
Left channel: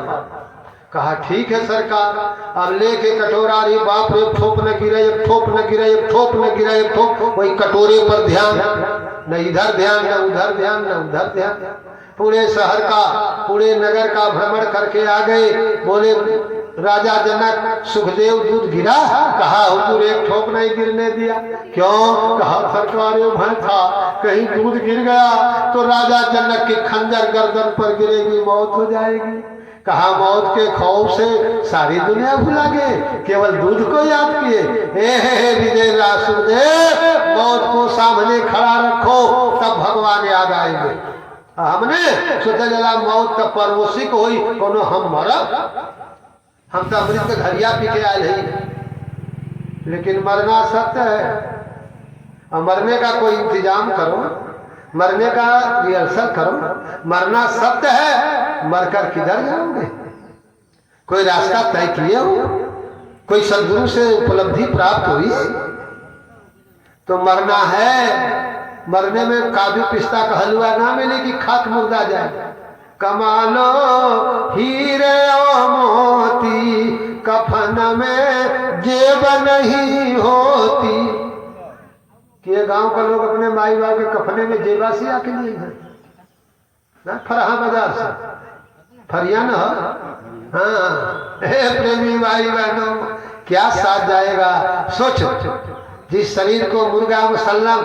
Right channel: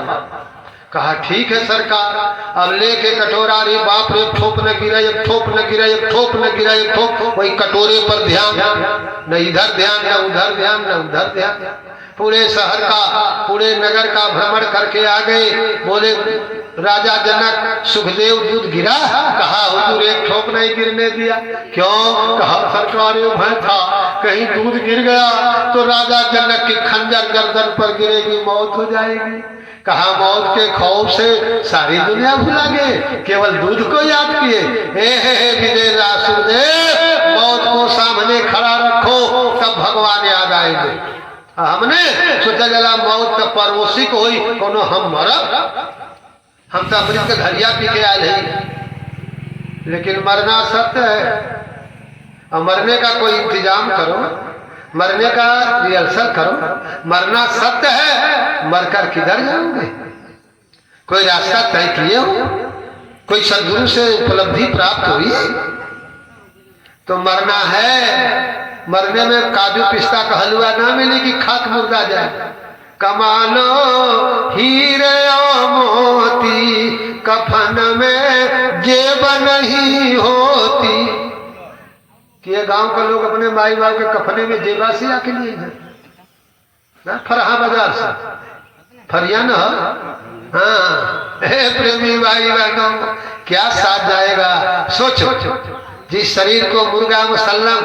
कहा ठीक है सरकार। अब लेके कटोरा, रे बाप रे, ठोप न गिरा, एक ठोप न गिरा, एक ठोप न गिरा, एक ठोप। वही कटोरे पर ध्यान, न इधर ध्यान, न उधर ध्यान, न उधर ध्यान। पूरे शहर का, पूरे नगर का भ्रमण करके आ गए। बोले राजा जनक सुखदेव दूध गिरा? कहा हुजूर 1 ठोप नहीं गिरने दिया। क्यों? कहा सरकार भय था कहीं दूध गिर गया तो राजा जनक की खंजर गर्दन पर गिरेगी, मौत हो जाएगी। कहा मौत के खौफ से सारी दुनिया भुला गए, केवल दूध को याद किए। हे विजय सुखदेव, मौत को सामने खड़ा रखो, तब भगवान याद आएंगे। हमने सोचा जला मौत का परोसी को हुई कोनो हम मरब, हम तो अमृत के घरिया पी के आए हैं। लेकिन मरना सत्य है, और मरने का कोई इंतजाम करो, मरने का रिहर्सल करो। मरना सत्य है, मरकर किधर जाओगे? कोई रास्ता तय किए हो? कोई सदगुरु से उपलब्धि प्राप्त हुई तो मरना है। मरने में काजू पिस्ता का हलवा ना मिले कि खाक मुर्दा जाए। कमालो हीरे और मोती, कफन में जेब नहीं होती। कि ये गांव के लोग अपने माई बाप के कफने में जेबा से आके लिए हैं, फरहा बाजार से फरिया न। हाँ हे प्रेमी भाई बहनों, क्या साथ जाएगा? सोचो, जिस शरीर को मुर्गा मुसल्लम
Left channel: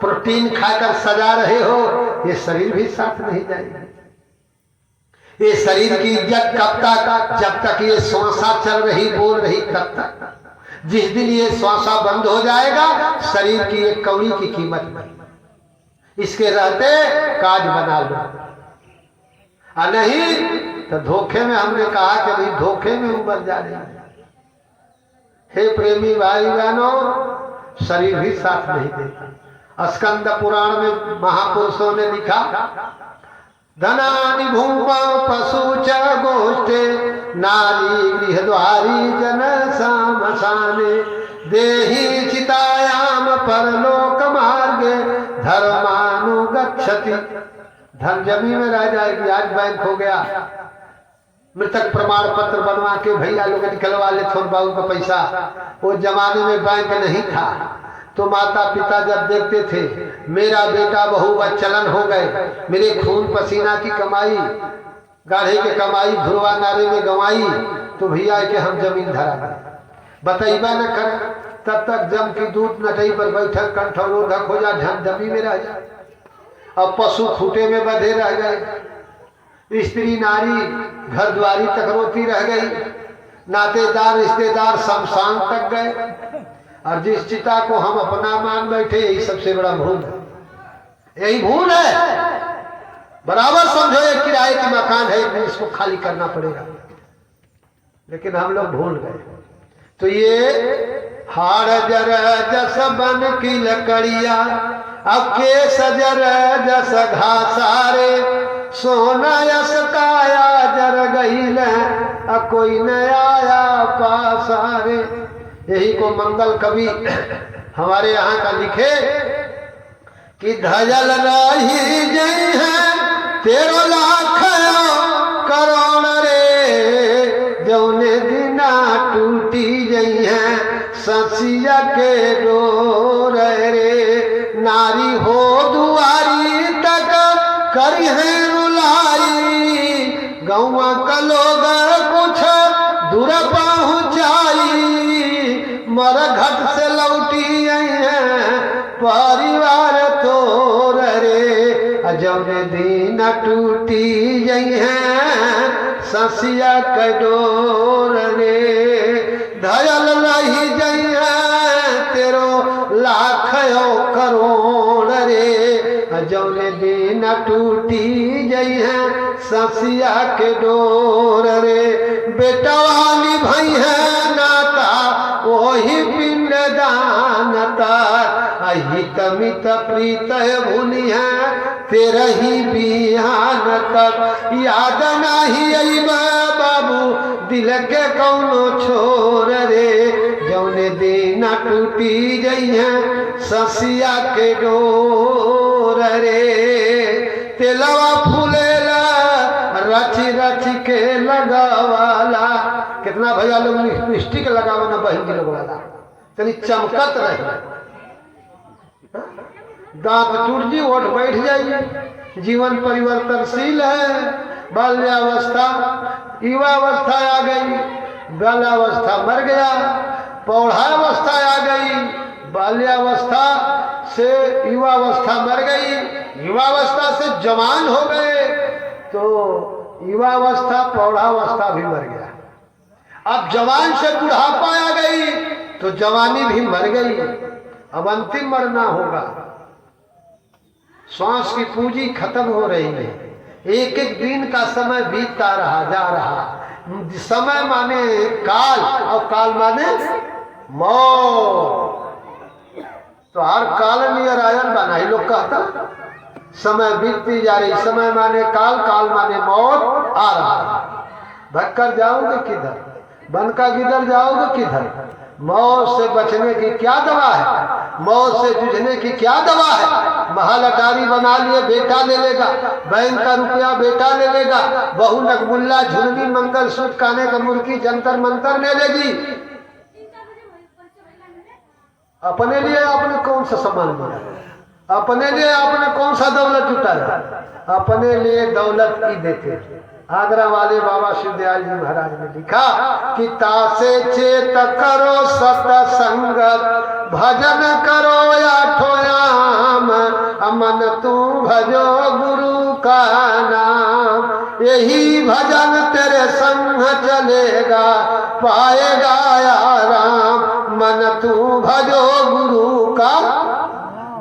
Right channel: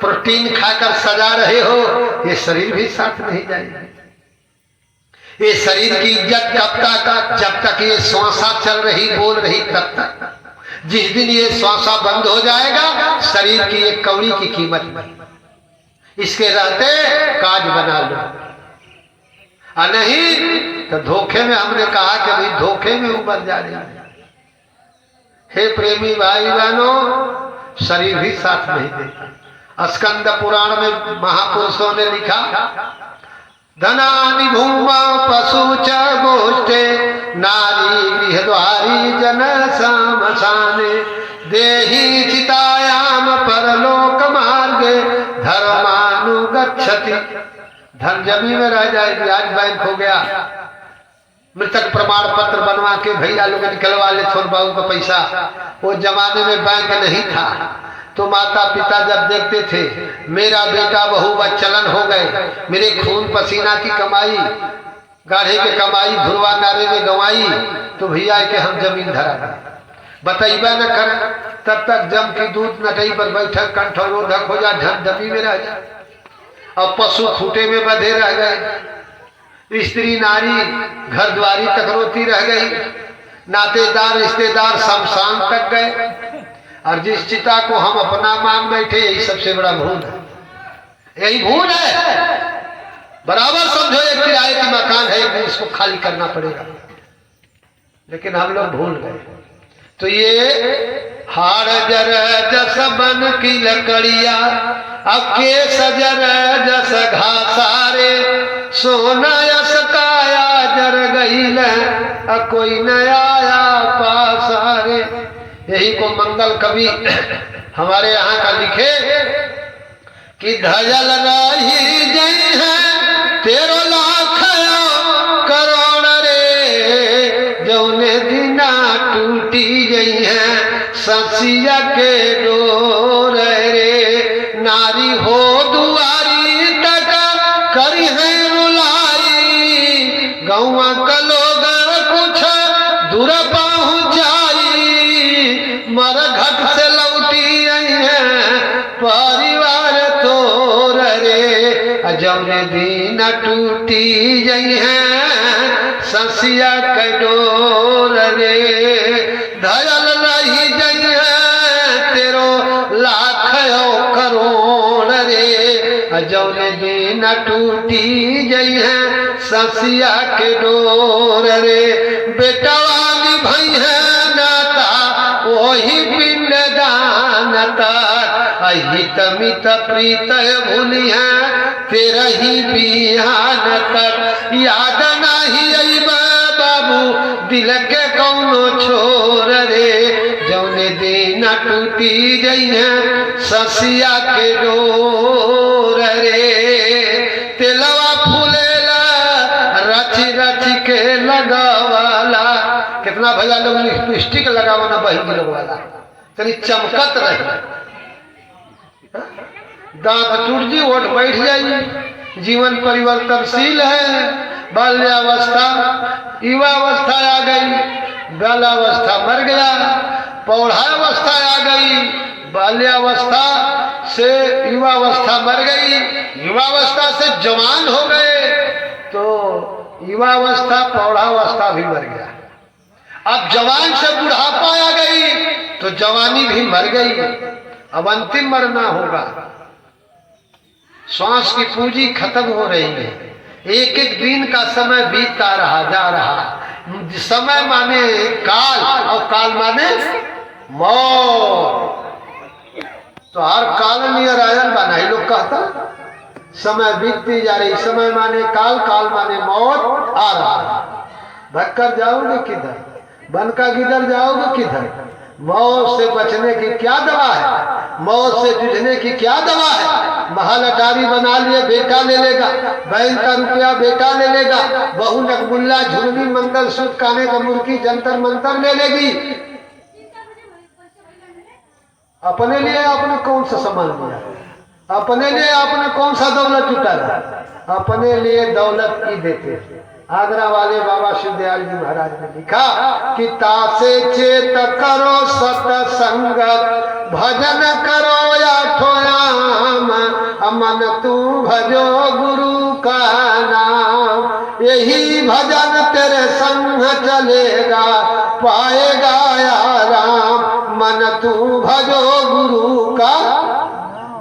प्रोटीन खाकर सजा रहे हो, ये शरीर भी साथ नहीं जाएगा। ये शरीर की इज्जत कब तक? जब तक ये श्वासा चल रही, बोल रही, तब तक। जिस दिन ये श्वासा बंद हो जाएगा, शरीर की एक कौड़ी की कीमत नहीं। इसके रहते काज बना लो, और नहीं तो धोखे में। हमने कहा कि भाई धोखे में उबर जा रही है। हे प्रेमी भाई बहनों, शरीर भी साथ नहीं देता। स्कंद पुराण में महापुरुषों ने लिखा, धनानि भूमा पशु च गोष्ठे, नारी गृहद्वारी जन सामसाने, देहि चितायाम परलोक मार्गे, धर्मानुगच्छति। धन जमीन में रह जाएगी। आज बैंक हो गया, मृतक प्रमाण पत्र बनवा के भैया लोग निकलवा ले छोड़ बाबू का पैसा। वो जमाने में बैंक नहीं था, तो माता पिता जब देखते थे मेरा बेटा बहू व चलन हो गए, मेरे खून पसीना की कमाई, गाढ़े के कमाई धुरवा नारे में गंवाई, तो भैया के हम जमीन धरा दें। बतैबा न कर, तब तक जम की दूध नटई पर बैठक कंठरोधक हो जा, धन दबी में रह जाए। और पशु खूटे में बंधे रह गए, स्त्री नारी घर द्वारी तक रोती रह गई, नातेदार रिश्तेदार शमशान तक गए। और जिस चिता को हम अपना मान बैठे, यही सबसे बड़ा भूल है। यही भूल है। बराबर समझो एक किराए की मकान है, इसको खाली करना पड़ेगा, लेकिन हम लोग भूल गए। तो ये हाड़ जर जस बन की लकड़िया अब के सजर जस घासारे सोना यस काया जर गईल कोई न आया पासारे। यही को मंगल कवि हमारे यहाँ का लिखे कि धजल रही जय है तेरो लाख करोड़ रे जौने दिना टूटी गई है ससिया के डोर रे नारी हो दुआरी तक करी है रुलाई गौवा का लोग कुछ दूर पहुँचाई मर घट से लौटी आई है परिवार तोर रे जौने दिन टूटी गई है ससिया के डोर रे धयल रही गई है तेरो लाख करोड़ रे जौने दिन टूटी गई है ससिया के डोर रे बेटा वाली भाई है नाता वही पिंड दान तार हित मित प्रीत भूली है तेरा ही बिहान तक याद नाही आई बाबू दिल के कौनो छोर रे जौने दिन टूटी गई है ससिया के डोर रे तेलवा फूलेला रची रची के लगावाला कितना भैया लोग लिपस्टिक लगावाना बहिन लोग वाला तनी चमकत रहे दांत टूट जी ओठ बैठ जाएगी जीवन परिवर्तनशील है बाल्यावस्था युवावस्था आ गई बाल्यावस्था मर गया पौढ़ावस्था आ गई बाल्यावस्था से युवावस्था मर गई युवावस्था से जवान हो गए तो युवावस्था पौढ़ावस्था भी मर गया अब जवान से बुढ़ापा आ गई तो जवानी भी मर गई अब अंतिम मरना होगा श्वास की पूंजी खत्म हो रही है एक एक दिन का समय बीतता रहा जा रहा समय माने काल और काल माने मौत तो हर काल नियर आयन बना ही लोग कहता समय बीतती जा रही समय माने काल काल माने मौत आ रहा भटकर जाओगे किधर बनकर किधर जाओगे किधर मौत से बचने की क्या दवा है मौत से जूझने की क्या दवा है महल अटारी बना लिए बेटा ले लेगा बैंक का रुपया बेटा ले लेगा बहू नकबुल्ला झुलनी मंगल सूत्र काने का मुर्गी जंतर मंतर ले लेगी अपने लिए आपने कौन सा सामान लिया अपने लिए आपने कौन सा दौलत जुटाया अपने लिए दौलत की देते आगरा वाले बाबा शिवदयाल जी महाराज ने लिखा कि तासे चेत करो सतसंगत भजन करो आठोयाम अमन तू भजो गुरु का नाम यही भजन तेरे संग चलेगा पाएगा आराम मन तू भजो गुरु का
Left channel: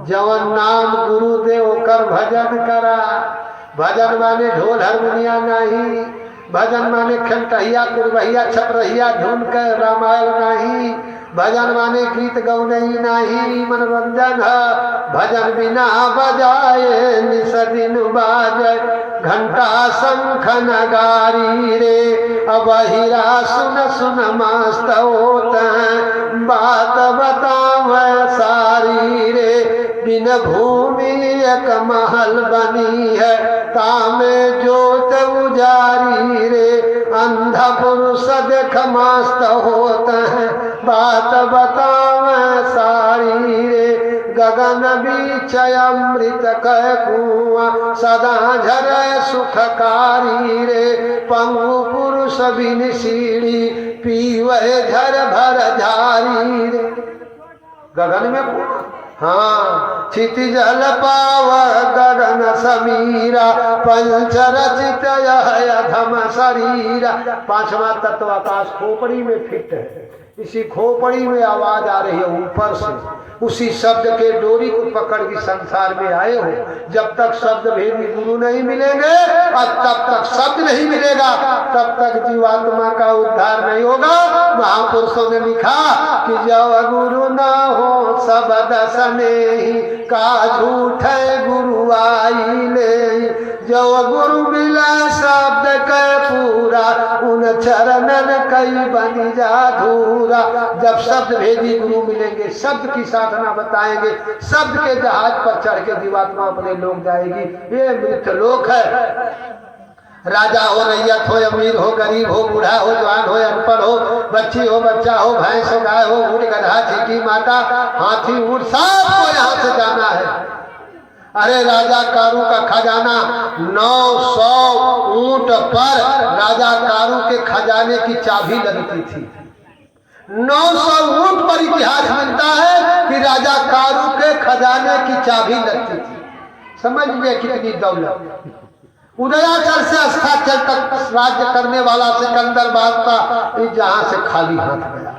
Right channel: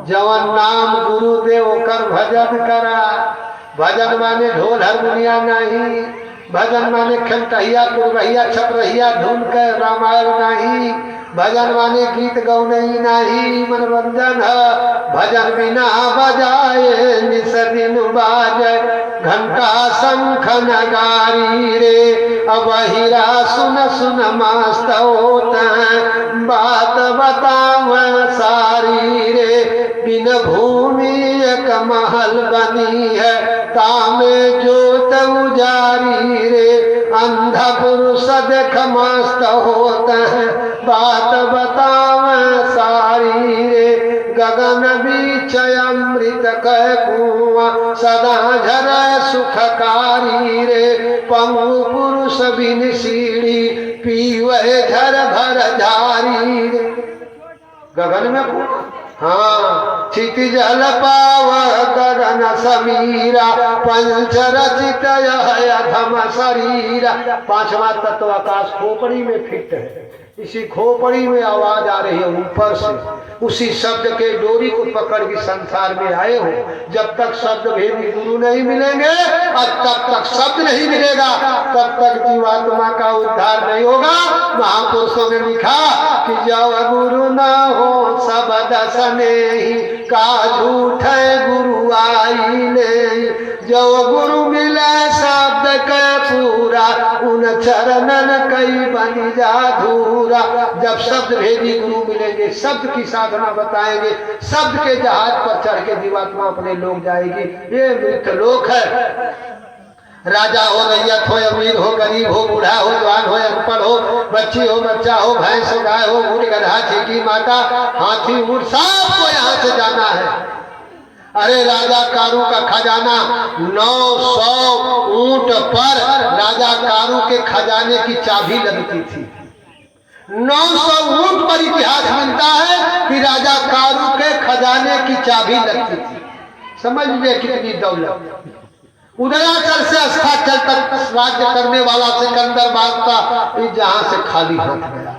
जवन नाम गुरुदेव कर भजन करा भजन माने ढोल हारमोनिया नहीं भजन माने खंटहिया कुरबहिया छपरहिया धुन के रामायण नहीं भजन माने गीत गौनई नहीं मनोरंजन है भजन बिना बजाए निस दिन बाजे घंटा शंख नगारी रे अब हीरा सुन सुन मस्त होते बात बताव सारी रे बिन भूमि एक महल बनी है तामे जोत उजारी रे अंधा पुरुष देख मस्त होता है बात बताव सारी रे गगन बीच अमृत कह कुआं सदा झरे सुखकारी रे पंगु पुरुष बिन सीढ़ी पीवे झर भर झारी रे गगन में कुआं हाँ क्षिति जल पाव गगन समीरा पंच रचित यह अधम शरीरा पांचवा तत्व आकाश खोपड़ी में फिट है इसी खोपड़ी में आवाज आ रही है ऊपर से, उसी शब्द के डोरी को पकड़ के संसार में आए हो। जब तक शब्द भेदी गुरु नहीं मिलेंगे और तब तक शब्द नहीं मिलेगा, तब तक जीवात्मा का उद्धार नहीं होगा। महापुरुषों ने लिखा कि जब गुरु न हो सब दसने ही का झूठ गुरु आई ले, जो गुरु मिला शब्द के पूरा उन चरणन कई बन जा धूरा। जब शब्द भेदी गुरु मिलेंगे, शब्द की साधना बताएंगे, शब्द के जहाज पर चढ़ के जीवात्मा अपने लोग जाएगी। ये मृत लोक है। राजा हो, रैयत हो, अमीर हो, गरीब हो, बूढ़ा हो, जवान हो, अनपढ़ हो, बच्ची हो, बच्चा हो, भैंस हो, गाय हो, ऊँट, गधा, चीटी, माता, हाथी, ऊँट, सबको यहाँ से जाना है। अरे राजा कारू का खजाना 900 ऊंट पर राजा कारू के खजाने की चाबी लगती थी। 900 ऊंट पर इतिहास मिलता है कि राजा कारू के खजाने की चाबी लगती थी। समझ लीजिए कितनी दौलत। उदयाचल से अस्ताचल तक राज्य करने वाला सिकंदर बादशाह जहां से खाली हाथ गया।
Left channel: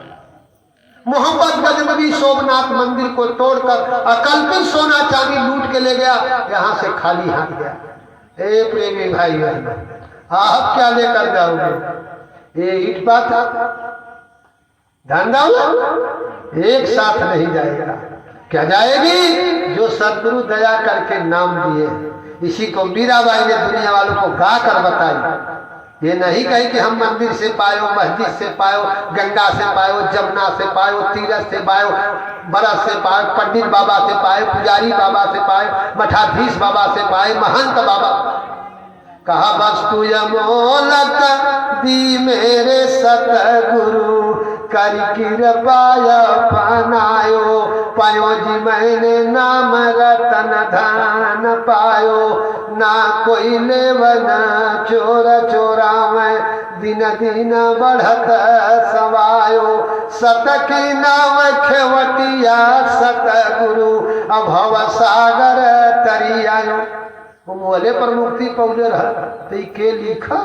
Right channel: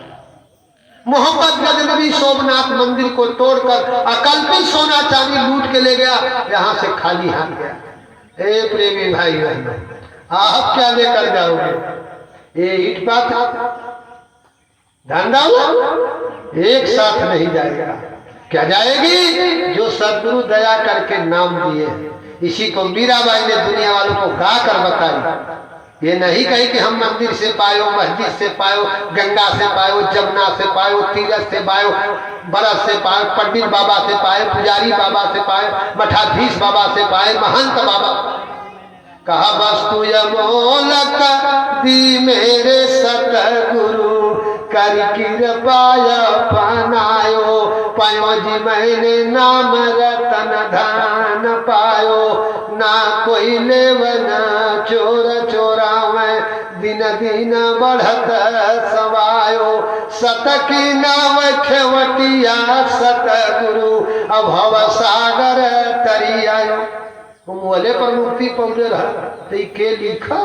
मोहम्मद गजनवी सोमनाथ मंदिर को तोड़कर अकल्पित सोना चांदी लूट के ले गया, यहाँ से खाली हाथ गया। हे प्रेमी भाई बहन, आप क्या लेकर जाओगे? ये ईट पाता धंधा एक साथ नहीं जाएगा। क्या जाएगी? जो सदगुरु दया करके नाम दिए। इसी को मीराबाई ने दुनिया वालों को गा कर बताई। ये नहीं कही कि हम मंदिर से पायो, मस्जिद से पायो, गंगा से पायो, जमुना से पायो, तीरथ से पायो, बरस से पायो, पंडित बाबा से पाए, पुजारी बाबा से पाए, मठाधीश बाबा से पाए, महंत बाबा। कहा वस्तु अमोलक दी मेरे सतगुरु कर कृपाया पनायो, पायो जी मैंने नाम रतन धन पायो, ना कोई लेवन चोर चोरावे, दिन दिन बढ़त सवायो, सत की नाव खेवटिया सतगुरु अभव सागर तरी आयो। मोले पर मुक्ति पौले रहा के लिखा,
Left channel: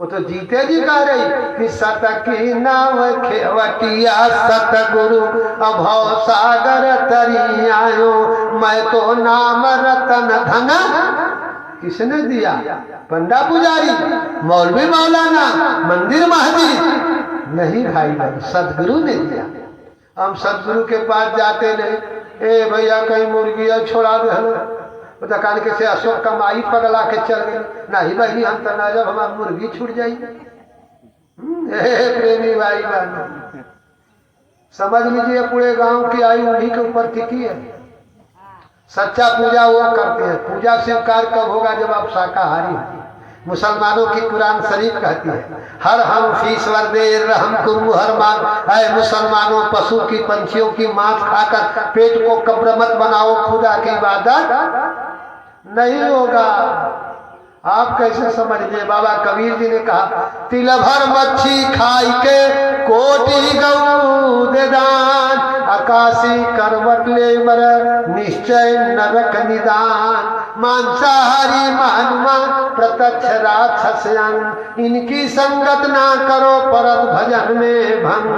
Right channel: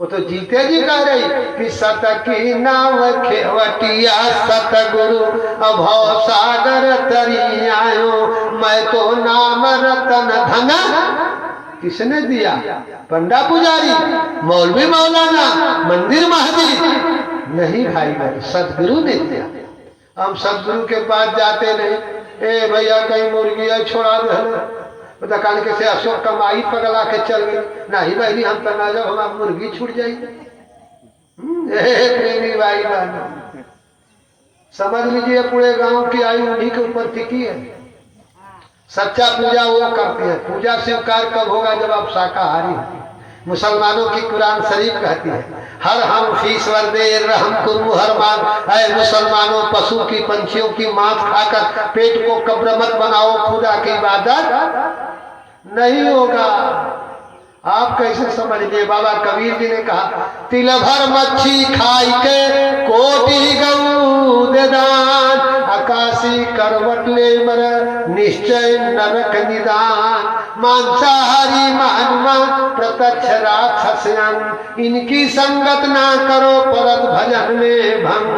वो तो जीते जी कह रही कि सत की नाव खेवटिया सतगुरु अभव सागर तरी आयो, मैं तो नाम रतन धन किसने दिया? पंडा पुजारी, मौलवी मौलाना, मंदिर महजिद नहीं भाई भाई, सदगुरु ने दिया। हम सदगुरु के पास जाते नहीं। ए भैया कहीं मुर्गिया छोड़ा दे, दुकान के से अशोक कमाई पगला के चल गई। नहीं बहनी हम तो ना, जब हमारी मुर्गी छूट जाई। प्रेमी भाई बहनों, समझ लीजिए पूरे गांव की आयु उन्हीं के ऊपर टिकी है। सच्चा पूजा वो करते हैं। पूजा स्वीकार कब होगा? जब आप शाकाहारी हो। मुसलमानों की कुरान शरीफ कहती है हर हम फीसवर दे रहम कुरु हर मान। है मुसलमानों, पशु की पंछियों की मांस खाकर पेट को कब्र मत बनाओ, खुदा की इबादत नहीं होगा। आप कैसे समझ लिए? बाबा कबीर जी ने कहा तिल भर मच्छी खाई के कोटि गऊ दे दान, आकाशी करवट ले मर निश्चय नरक निदान, मांसाहारी मानवा प्रत्यक्ष राक्षसन, इनकी संगत ना करो परत भजन में भंग,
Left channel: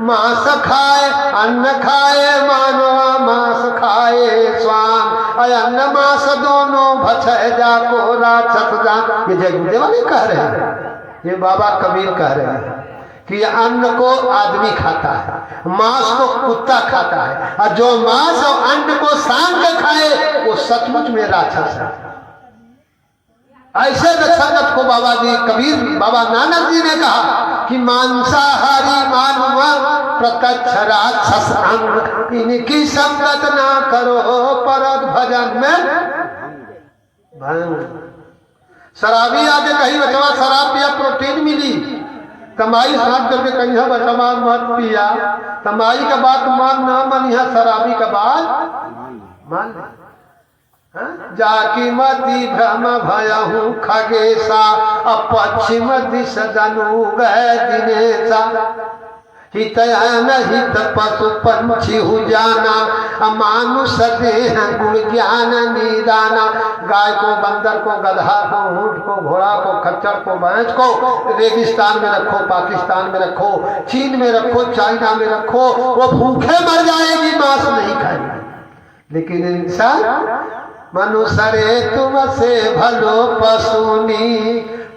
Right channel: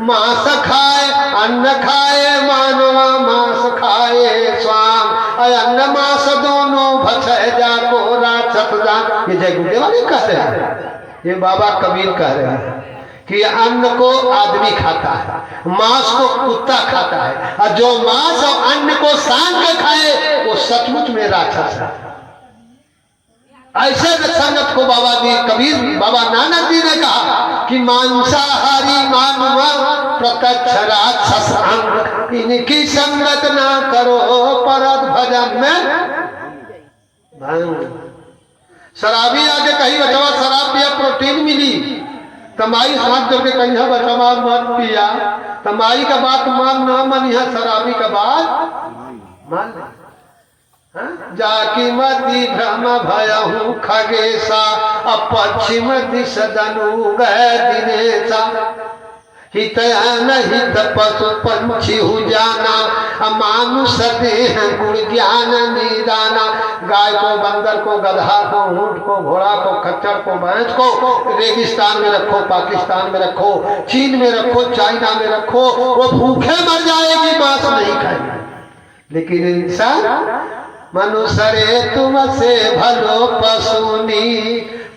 मांस खाए अन्न खाए मानवा मांस खाए स्वाम, अन्न मांस दोनों भक्षय जाको राक्षस जान। ये जय गुरुदेव ने कह रहे हैं, ये बाबा कबीर कह रहे हैं कि अन्न को आदमी खाता है, मांस को कुत्ता खाता है, और जो मांस और अन्न को सांग के खाए वो सचमुच में राक्षस है। ऐसे संगत को बाबा जी कबीर, बाबा नानक जी ने कहा कि मांसाहारी मानवा प्रत्यक्ष राक्षस अंग, इनकी संगत ना करो परत भजन में भंग। शराबी आगे कहीं बचवा शराब पिया प्रोटीन मिली, तमाई हाथ करके कहीं बचवा मत पिया, तमाई का बात मान न मन, यहाँ शराबी का बात मान। जाकी मति भ्रम भयहु खगेशा, अपश्चिम दिश दनु गए दिनेशा, हित अनहित पशु पंछी हु जाना, मानुष देह गुण ज्ञान निदाना। गाय को, बंदर को, गधा को, ऊंट को, घोड़ा को, खच्चर को, भैंस को रेगिस्तान में रखो, पाकिस्तान में रखो, चीन में रखो, चाइना में रखो, वो भूखे मर जाएगी, मांस नहीं खाएगी। लेकिन इंसान मनुष्य रे तुम से भलो पशुनी,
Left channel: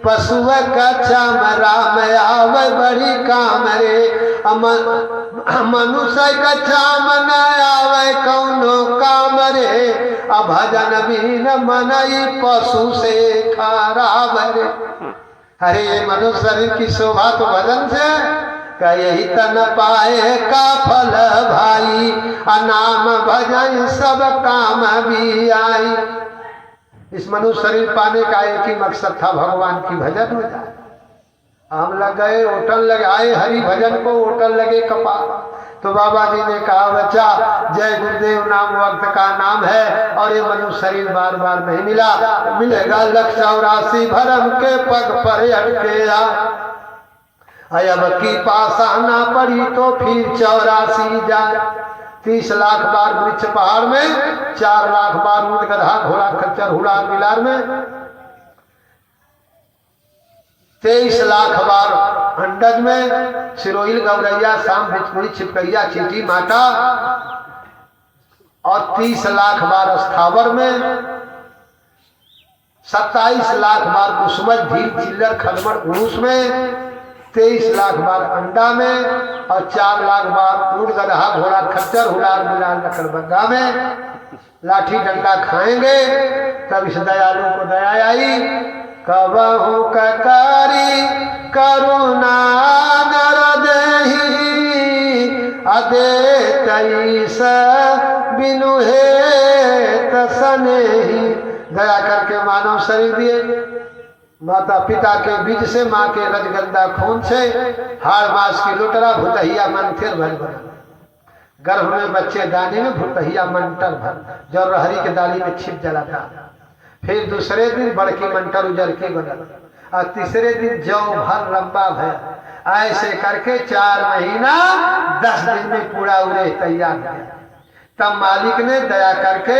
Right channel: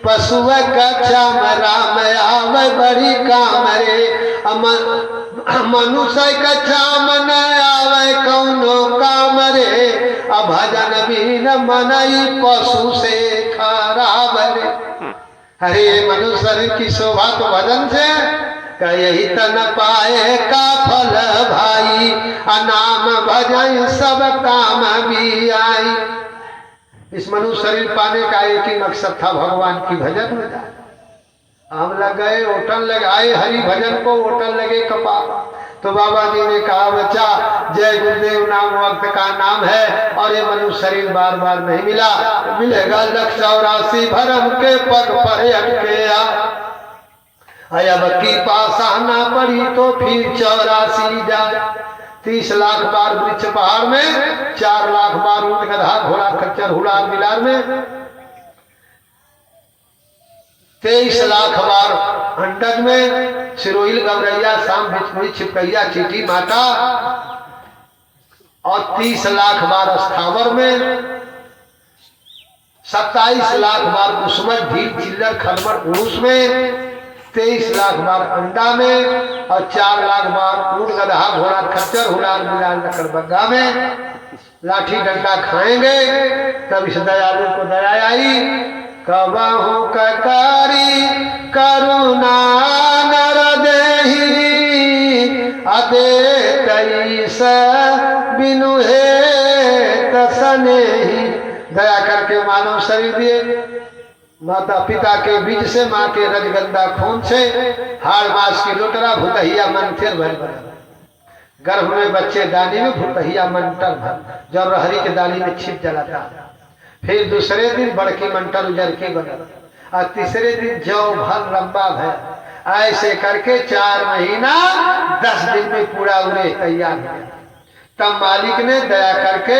पशुव कच्चा राम आवे बड़ी काम रे। मनुष्य कच्चा मन आवे कौनो काम रे, भजन बिन मनई पशु से खराब रे। अरे मनुष्य शरीर की शोभा तो भजन से, यही तन पाए का फल भाई, नाम भजन सब काम भी आई। इस मनुष्य शरीर पाने का एक ही मकसद था, भगवान की भजन हो जाए। हम लग गए होटल लगाए हरि भजन को, होटल लगे कपाल। तो बाबा जी ने कहा बच्चा जय गुरुदेव नाम वक्त का नाम है, और ये मनुष्य शरीर बार बार नहीं मिला, मिलेगा 184 भरम के पग पर अटके आए। अब की पासा ना पड़ी तो फिर 84 जाए। 30 लाख बार वृक्ष पहाड़ में, 4 लाख बार ऊंट गधा घोड़ा खच्चर हुलार मिलार में, 23 लाख बार अंडज में, सिरोहिल गवरैया शाम भिचमुड़ी छिपकैया चीटी माता, और 30 लाख बार स्थावर में, 27 लाख बार कुसुमत भील चिल्लर खलमर उड़ूस में, 23 लाख बार अंडा में, और 4 लाख बार ऊंट गधा घोड़ा खच्चर हुलार मिलार लकड़बग्गा में। लाठी डंडा खाएंगे तब इस दयालु को दया आई। कबहू ककारी करुणा नर देहि, अदे तईस बिनु हे तसनेहि। दया करके मानव शरीर दिए, माता पिता के बीज से, माँ के रजगंदा खून से, हाड़ मास की लुटरा भुतहिया मन फिर भर भर, गर्भ में बच्चे दानी में भुतहिया मंटर भर, जो रहरी के दाली में छिप जलाता। फिर दूसरे दिन बड़की मंटर उजर के बदल, और तीसरे दिन जौ भर लंबा भर। ऐसे करके 4 महीना 10 दिन में पूरा उड़े तैयार हो गया। तब मालिक ने दया करके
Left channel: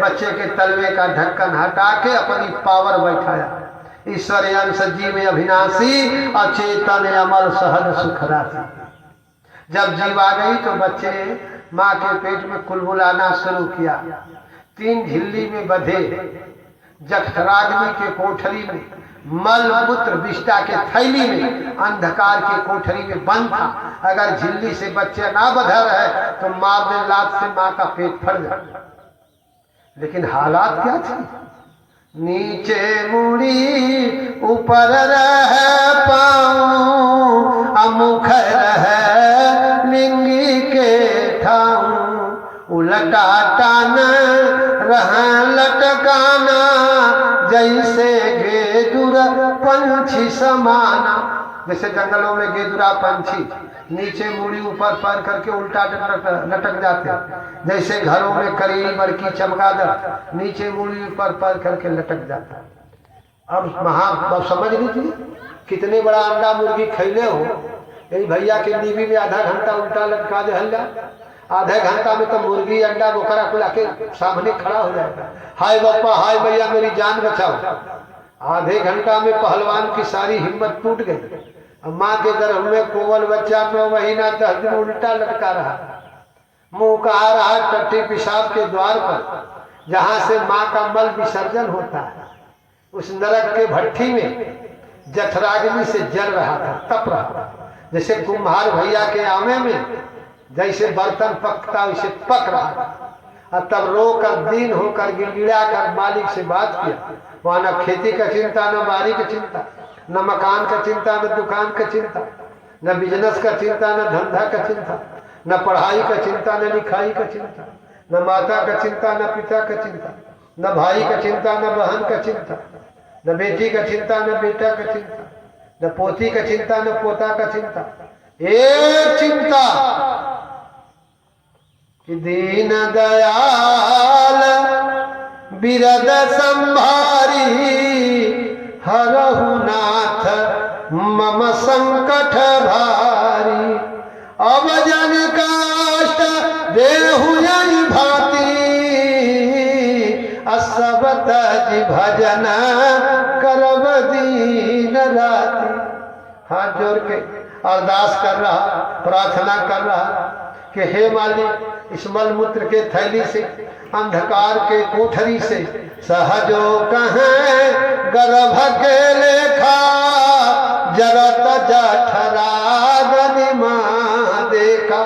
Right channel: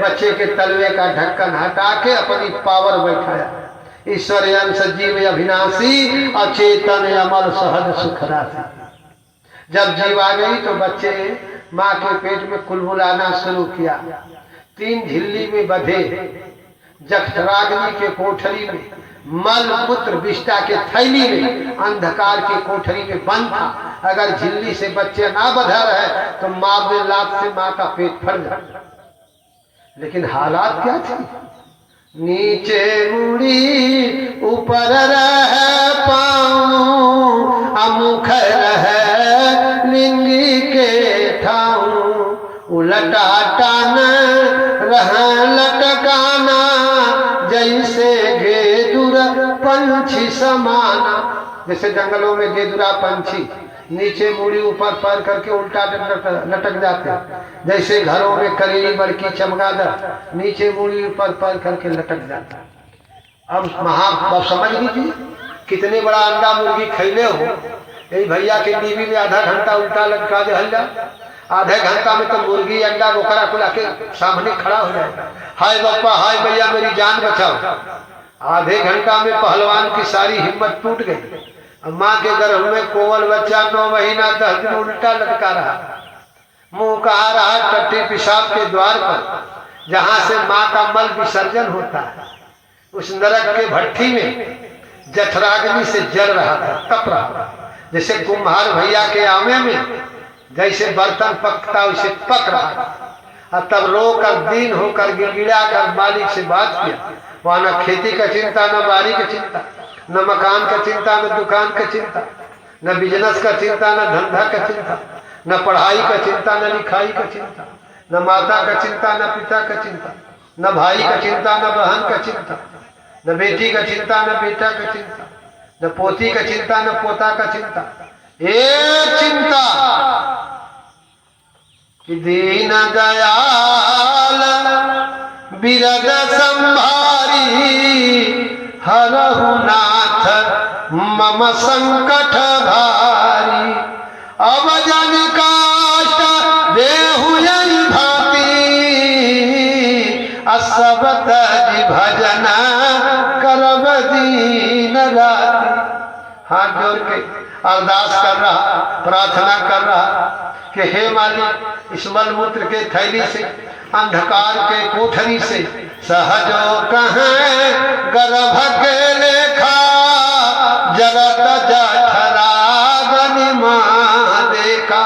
बच्चे के तलवे का ढक्कन हटा के अपनी पावर बैठाया। ईश्वर अंश जीव अविनाशी, अचेतन अमल सहज सुख राशि। जब जीव आ गई तो बच्चे माँ के पेट में कुलबुलाना शुरू किया। 3 झिल्ली में बधे, जठराग्नि के कोठरी में, मल मूत्र विष्टा के थैली में, अंधकार के कोठरी में बंद था। अगर झिल्ली से बच्चे ना बधा रहे तो मारने लात से माँ का पेट फट जाए। लेकिन हालात क्या थे? नीचे मुड़ी ऊपर रह पाऊं, अमुख रह लिंगी के ठाऊं, उलटा टान रह लटकाना, जैसे गेदुर पंछी समाना। जैसे जंगलों में गेदुरा पंछी नीचे मुड़ी ऊपर पैर करके उल्टा लटक जाते, जैसे घरों में करेली बड़की चमगादड़ नीचे मुड़ी ऊपर पैर करके लटक जाता। अब समझ लीजिए कितने बड़ा अंडा मुर्गी खैले हो। यही भैया के नीवी में आधा घंटा उल्टा लटका दे हल्ला, आधे घंटा में तो मुर्गी अंडा बोकरा खुला के सामने खड़ा हो जाएगा। हाय बापा, हाय भैया मेरी जान बचाओ। आधे घंटा में पहलवान की सारी हिम्मत टूट गई। माँ के गर्भ में कोमल बच्चा 9 महीना 10 दिन उल्टा लटका रहा, मुंह कहा रहा टट्टी पेशाब के द्वार पर, जहां से माँ का मल विसर्जन होता है। उस नरक के भट्ठी में जठराग्नि से जल रहा था, तप रहा था। जैसे कुम्हार भैया के आमे में जैसे बर्तन पकता वैसे पक रहा था। और तब रो कर दीन होकर गिड़गिड़ा कर मालिक से बात किया। वहां न खेती का चिंता, न बारी का चिंता, न मकान का चिंता, न दुकान का चिंता, न बिजनेस का चिंता, न धंधा का चिंता, न पढ़ाई का चिंता, न लिखाई का चिंता, न माता का चिंता, न पिता का चिंता, न भाई का चिंता, न बहन का चिंता, न बेटी का चिंता, न बेटा का चिंता, न पोती का चिंता, न पोता का चिंता। एक चिंता कि दीन दयाल बिरद संभारी, हरहु नाथ मम संकट भारी। अब जन काष्ट देहु यही भांति सब तज भजन करब दीन राति। हाथ जोड़ के अरदास कर रहा, प्रार्थना कर रहा कि हे मालिक, इस मलमूत्र के थैली से, अंधकार के कोठरी से सहजो कहें गर्भ के लेखा जगत जठरा बनी माँ देखा।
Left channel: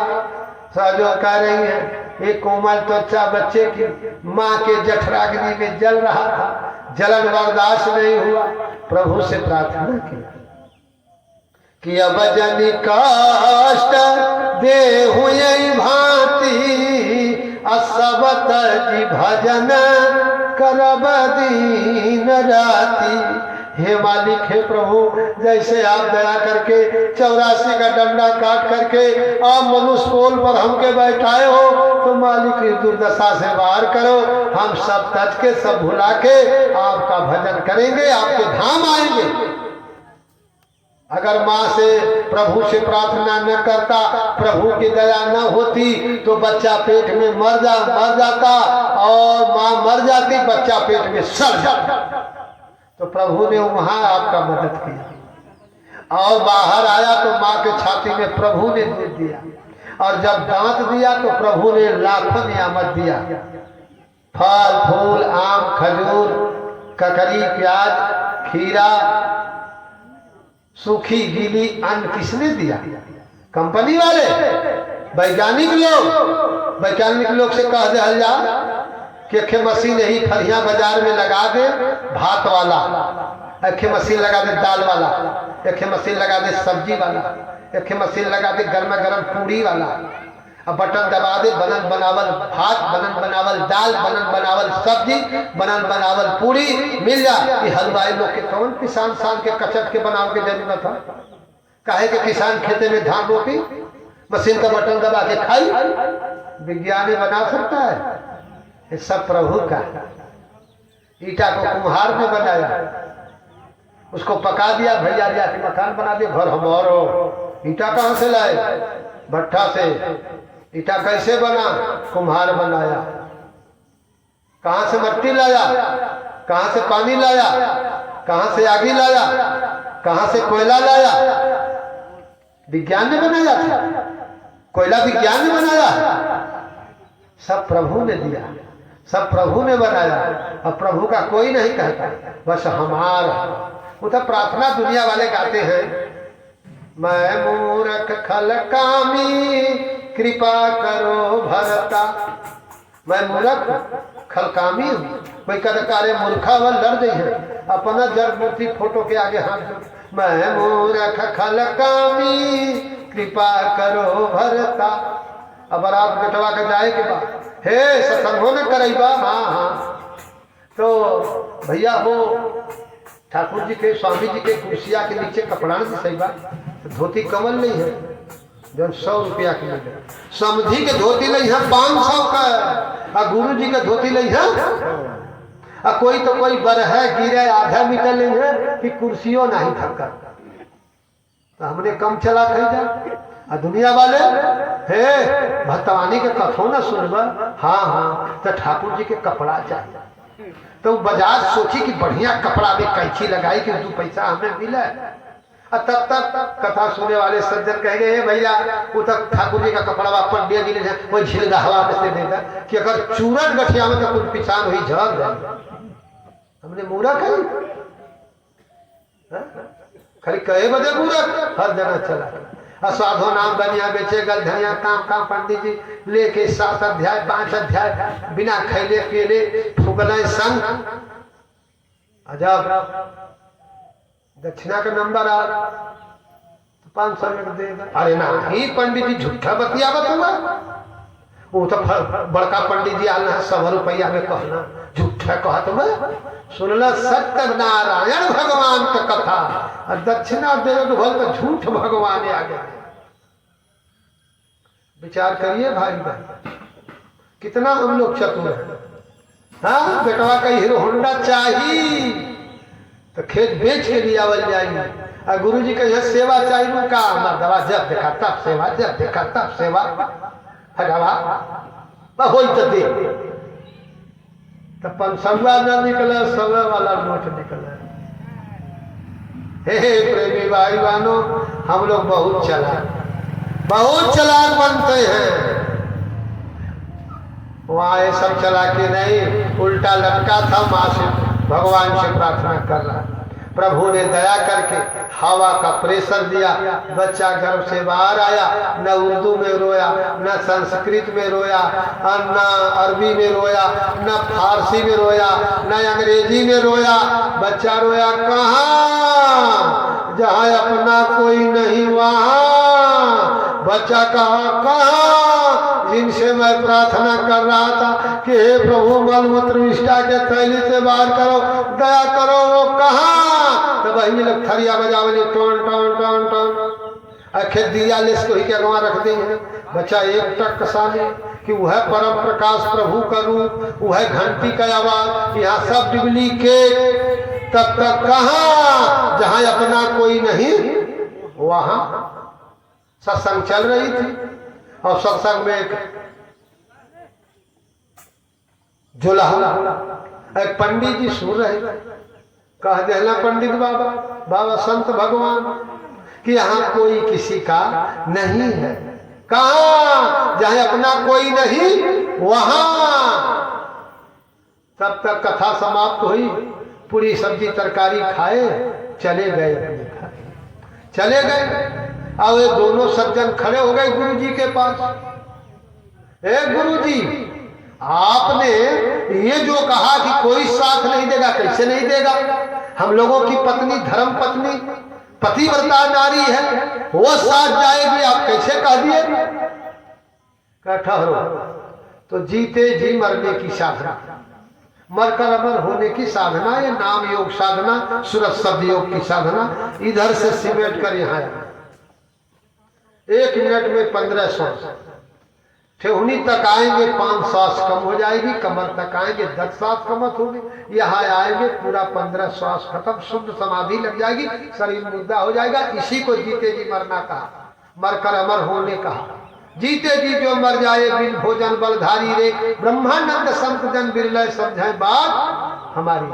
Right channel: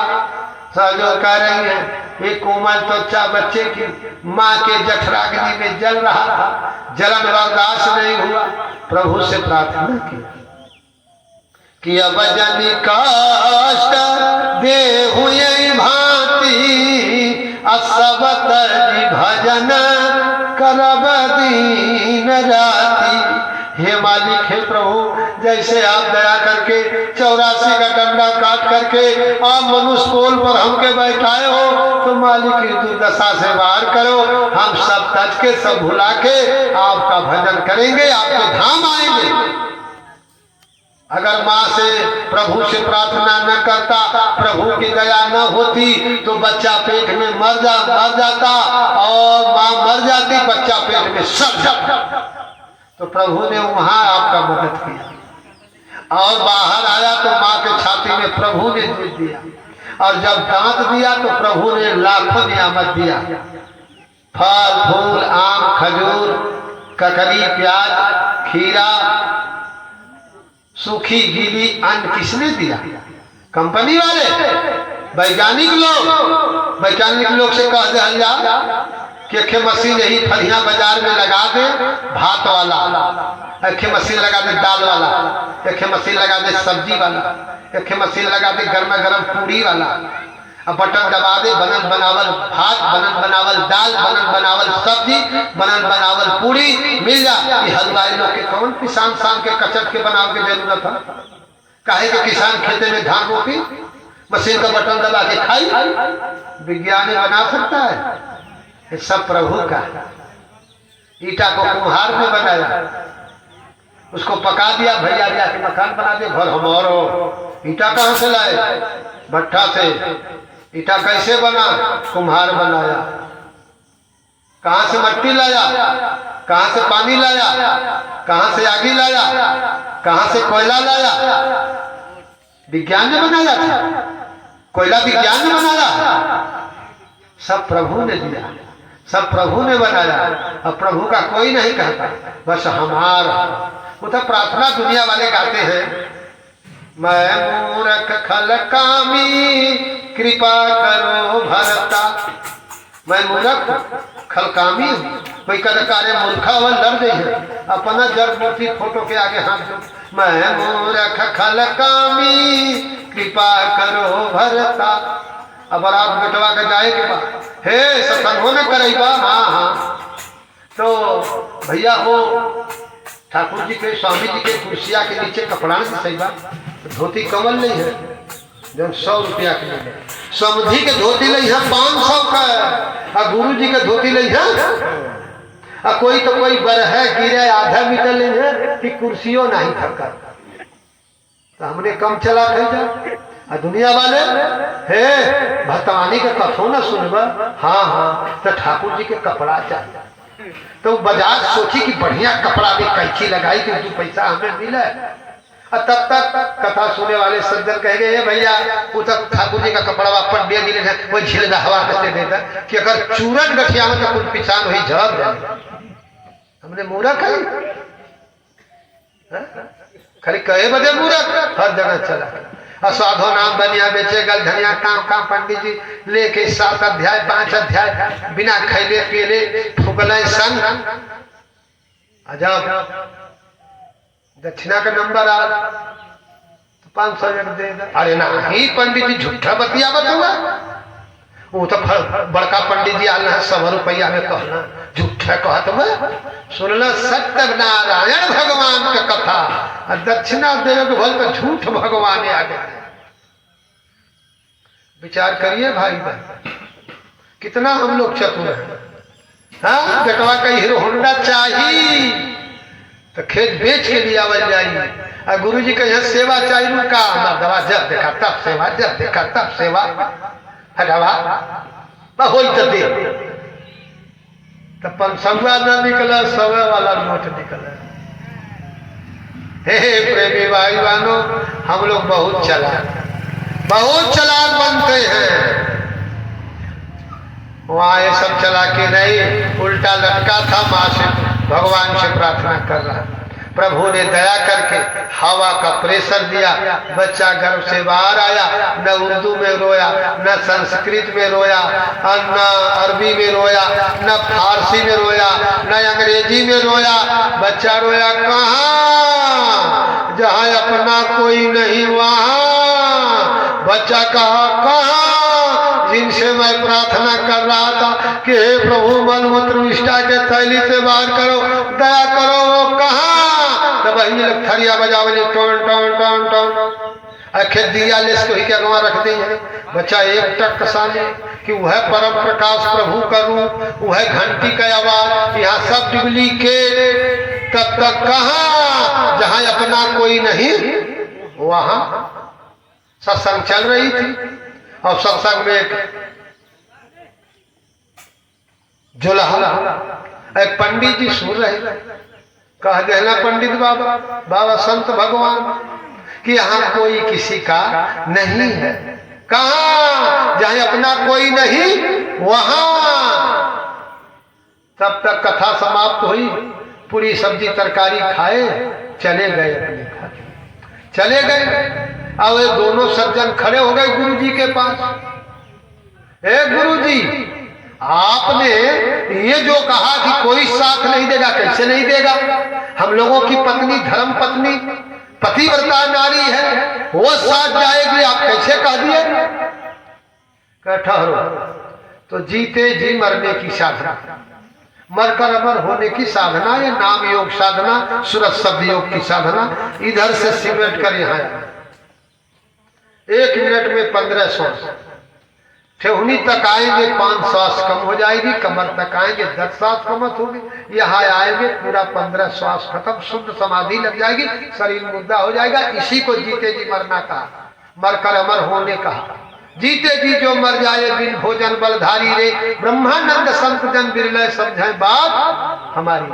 सहजो कह रही है एक कोमल त्वचा बच्चे की माँ के जठराग्नि में जल रहा था, जलन बर्दाश्त नहीं हुआ। प्रभु से प्रार्थना की कि अब जनि कष्ट दे हुए भांति सब तज भजन करब दीन राति। हे मालिक, हे प्रभु, जैसे आप दया करके 84 का डंडा काट करके आप मनुष्य कोल पर हमके बैठाए हो, तो मालिक इस दुर्दशा से बाहर करो। हम सब तज के सब भुला के आपका भजन करेंगे, आपके धाम आएंगे। अगर माँ से, प्रभु से प्रार्थना न करता, प्रभु की दया न होती, तो बच्चा पेट में मर जाता और माँ मर जाती, बच्चा पेट में सड़ जाता। तो प्रभु ने वहां आपका मदद किया और बाहर आया तो माँ के छाती में प्रभु ने दूध दिया, और जब दांत दिया तो प्रभु ने लाखों नियामत दिया। फल फूल, आम, खजूर, ककड़ी, प्याज, खीरा, सूखी गीली अन्न किसने दिया? कंपनी वाले, वैज्ञानिक लोग से कह दिया जा कि अखे मशीन यही फरिया बाजार में लगा दे भात वाला, अखे मशीन लगा दे दाल वाला, अखे मशीन लगा दे सब्जी वाला, अखे मशीन लगा दे गर्मा गर्म पूरी वाला। अब बटन दबा दे, बनल बनावल भात, बनल बनावल दाल, बनल बनावल सब्जी, बनल बनावल पूरी मिल जा। ये हलवाई लोग के कौन किसान शाम के कचट के बनाव के जरूरत है? काहे के किसान खेते में धान रोपी, मशीन का बटन दबा के खाई? विज्ञान ने बना सकता है? ये सब प्रभु का। ईटा को कुम्हार ने बनाया, उसको पका दिया, भैया जाके मकान बना दिया, घर हमारो। ईटा कहाँ से लाए? भट्ठा से। ईटा कैसे बना? कुम्हार बनाया। कहाँ से मट्टी लाया? कहाँ से पानी लाया? कहाँ से आगी लाया? कहाँ से कोयला लाया? विज्ञान ने बनाया था। कोयला विज्ञान ने बनाया, सब प्रभु ने दिया, सब प्रभु ने बनाया। अब प्रभु का कोई नहीं कहता, बस हमारा। वो तो प्रार्थना दुनिया वाले गाते हैं, मैं मूर्ख खल कामी कृपा करो भरता। मैं मूर्ख खल कामी हूँ। कोई कदकारे मूर्खा वन डर गई है, अपना जड़ मूर्ति फोटो के आगे हाथ दो। मैं मूर्ख खल कामी कृपा करो भरता। अब रात बेटवा के जाए के बाद, हे सत्संग न करेगा? हाँ। तो भैया वो ठाकुर जी के, स्वामी जी के कुर्सिया के नीचे कपड़ा नहीं सही बात, धोती कमल नहीं है, जब 100 रुपया के मिले। समझी के धोती नहीं है 500 का, और गुरु जी के धोती नहीं है। कोई तो कोई बरह गिरे आधा मीटर नहीं है कि कुर्सियों नहीं थका, तो हमने कम चला कही जा। दुनिया वाले हे भतवानी के कथो न सुनबा। हाँ, तो ठाकुर जी के कपड़ा चाहिए। तो बाजार सोची कि बढ़िया कपड़ा भी कैची लगाई कि 2 पैसा हमें मिले। और तब तक कथा सुनने वाले सज्जन कहेंगे, भैया वो तक ठाकुर जी का कपड़ा वापस दे दिले, वो झिल हवा में देता कि अगर चूरन गठिया में तो कुछ पिछान हुई झड़ जाए। हमने मूर्ख है, खाली कहे बदे मूर्ख हर जगह चला। असाधो नाम बनिया बेचे गल धनिया काम पंडित जी लेके 7 अध्याय 5 अध्याय बिना खैले पियले फुगले संग। अजब दक्षिणा का नंबर आ तो 500 देगा। अरे नहीं पंडित जी झूठा बतिया हुआ, वो तो बड़का पंडित जी आना 100 रुपया में कहना झूठा कहत हुआ। सुनल सत्य नारायण भगवान का कथा, दक्षिणा देवे के भल तो झूठ भगवान आ गए। विचार करिए भाई भाई, कितना हम लोग चतुर हैं। हाँ, बेटवा का हीरो होंडा चाहिए तो खेत बेच के लिया बन जाएंगे। और गुरु जी का यहाँ सेवा चाहिए का दवा जब देखा तब सेवा, जब देखा तब सेवा। हटावा हो तो दे। तो 500 न निकला, 100 वाला नोट निकला। हे प्रेमी भाई बहनों, हम लोग बहुत चालाक बनते हैं। वहां ये सब चालाकी नहीं, उल्टा लटका था, माँ से भगवान से प्रार्थना कर रहा। प्रभु ने दया करके हवा का प्रेशर दिया, बच्चा गर्भ से बाहर आया। न उर्दू में रोया, न संस्कृत में रोया, न अरबी में रोया, न फारसी में रोया, न अंग्रेजी में रोया। बच्चा रोया कहाँ? जहाँ अपना कोई नहीं वहाँ। बच्चा कहाँ? जिनसे मैं प्रार्थना कर रहा था कि हे प्रभु मलमूत्र विष्ठा के थैली से बाहर करो, दया करो, वो कहाँ? तब वही लोग थरिया बजावली, टोन टोन टोन टोन अखे दिया लेस को ही क्या गवा रख दी है। बच्चा एक टक कसाने कि वह परम प्रकाश प्रभु का रूप, वह घंटी का आवाज, यहाँ सब डुप्लीकेट। तब तक कहाँ? जहाँ अपना कोई नहीं वहां सत्संग चल रही थी। और सत्संग में एक जुलहा, एक पंडित जी सुन रहे, कह देना पंडित बाबा, बाबा संत भगवान कि यहाँ कोई किसी का नहीं है। कहाँ? जहाँ अपना कोई नहीं वहां। तब तक कथा समाप्त हुई, पूरी सब्जी तरकारी खाए, चले गए अपने घर, चले गए। अब ये दोनों सज्जन खड़े हो गए गुरु जी के पास। ए गुरु जी, आपने ये जो कहा कि कोई साथ नहीं देगा, कैसे नहीं देगा? हम लोगों की पत्नी, धर्म पत्नी, पतिव्रता नारी है, वो साथ जाएगी, आप कैसे कह दिए? ठहरो, तो जीते जी मरने की साधना, मरकर अमर होने की साधना, ये नाम योग साधना, सूरत शब्द योग की साधना। इधर से सिमट कर यहाँ आया। 1 मिनट में 15 श्वास, ठेहुनी तक आएंगे 5 श्वास कम हो जाएगी, कमर तक आएंगे 10 श्वास कम होगी, यहाँ आएंगे पूरा 15 श्वास खत्म, शुद्ध समाधि लग जाएगी, शरीर मुद्दा हो जाएगा। इसी को जीते जी मरना कहा, मरकर अमर होने कहा। जीते जी जो मर जाए बिन भोजन बलधारी रे, ब्रह्मानंद संत जन बिरले समझे बात हमारी।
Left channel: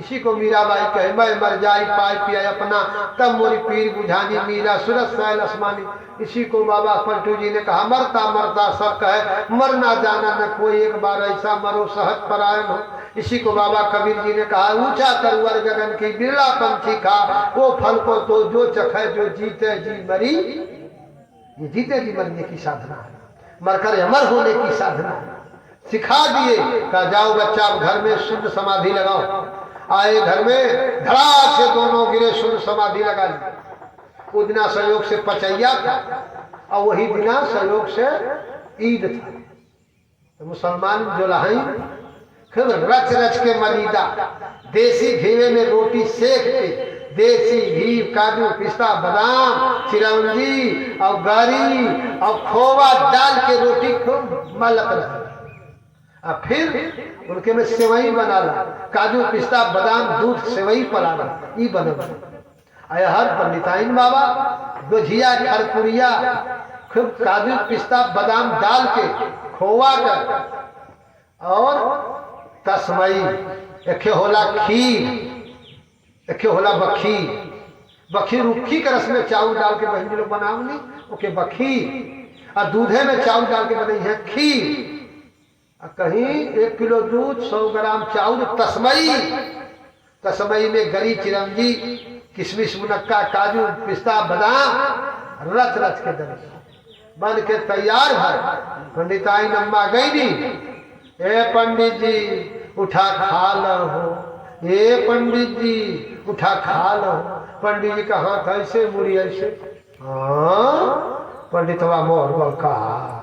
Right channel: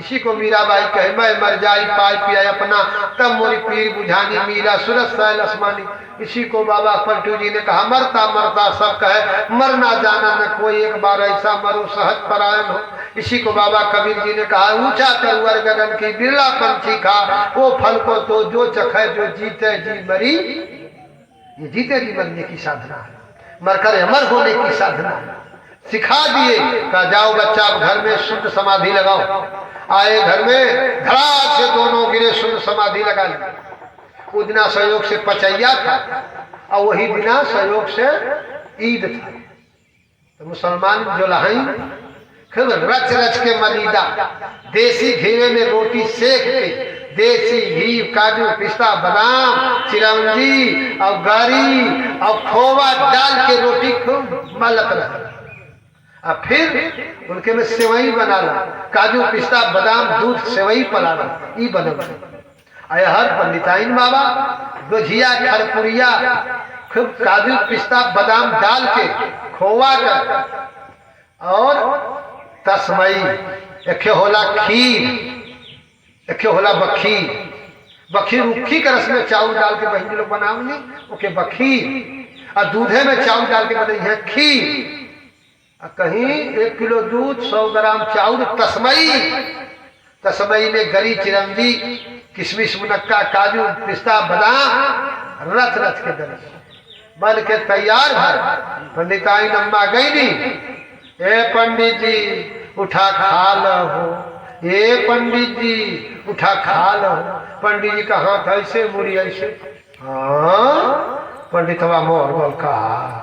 इसी को मीराबाई कहे, मैं मर जाई पाई पिया अपना, तब मोरी पीर बुझानी मीरा सूरत सैल आसमानी। इसी को बाबा पलटू जी ने कहा, मरता मरता सब कहे, मरना जाना न कोई, एक बार ऐसा मरो सहज परायण हो। इसी को बाबा कबीर जी ने कहा, ऊंचा तरुवर गगन की बिरला पंछी खा, वो फल को तो जो चखे, जो जीते जी मरी। ये जीते जी मरने की साधना है, मरकर अमर होने की साधना है। सिखा दिए, कहा जाओ बच्चा घर में शुद्ध समाधि लगाओ। आए घर में, धड़ाक से दोनों गिरे, शुद्ध समाधि लगा ली। उस दिना सहयोग से पचैया था और वही दिना सहयोग से ईद था। तो मुसलमान जो लहाई फिर रच रच के मलीदा, देसी घी में रोटी सेक के, देसी घी, काजू, पिस्ता, बादाम, चिरौंजी और गरी और खोवा डाल के रोटी खूब मलत रहे। और फिर उनके में सेवई बना ला, काजू, पिस्ता, बादाम, दूध, सेवई पला ला, ये बने। हर पंडिताइन बाबा गुझिया, खरपुरिया, खूब काजू, पिस्ता, बादाम डाल के, खोवा कर और तस्मई, एक होला खीर, एक होला बखीर। बखीर रुखी के रस में चावल डाल के बहन लोग बनावनी, ओके बखीर। और दूधे में चावल डाल के बनाई है खीर। कहीं 1 किलो दूध, 100 ग्राम चावल, तस्मई। तस्मई में गरी, चिरंजी, किशमिश, मुनक्का, काजू, पिस्ता, बादाम रच रच के बन के तैयार है। पंडिताई अम्मा गई नहीं, ए पंडित जी उठा खा लो, ये पंडित जी उठा खा लो। पंडित जी का हाथ ऐसे, मुड़ी ऐसे। हाँ, पंडित हवा मोर बोल कहा,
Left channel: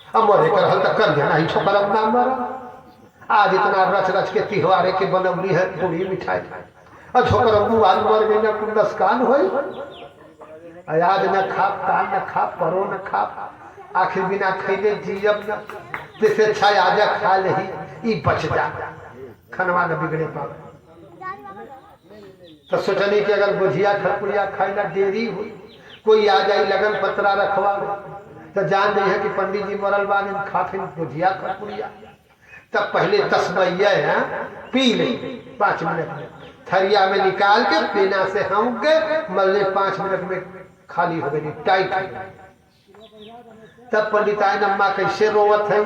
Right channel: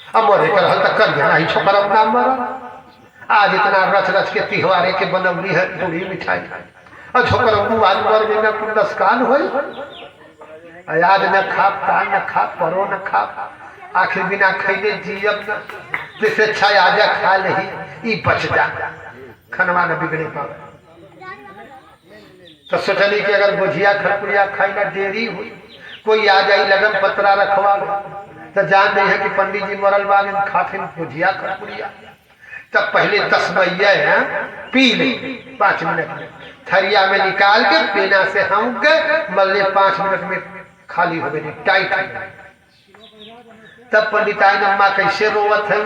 अब मोरे कर हल तक कर गया, छोकर अब नाम मरा। आज इतना रच रच के तिहवारे के बनवली है पूरी मिठाई, और छोकर अब आज मर गई, न 10 कान हो, आज न खा कान, न खा परो, न खा आखिर बिना खैले जियब न, जैसे अच्छा आजा खा लही, ई बच जा, खनवा न बिगड़े पावे। तो सोचनी कि अगर गुझिया खरपुरिया खाई ना देरी हुई, कोई आ जाई लगन पतरा रखवा, तो जान नहीं है कि पंडित जी मरल बाद खाथिन भुजिया खरपुरिया। तब पहले तस्मैया पी ले 5 मिनट में, थरिया में निकाल के पेना से हम के मल्ले 5 मिनट में खाली हो गई टाइट। तब पंडिताई अम्मा कैसे रोवत है,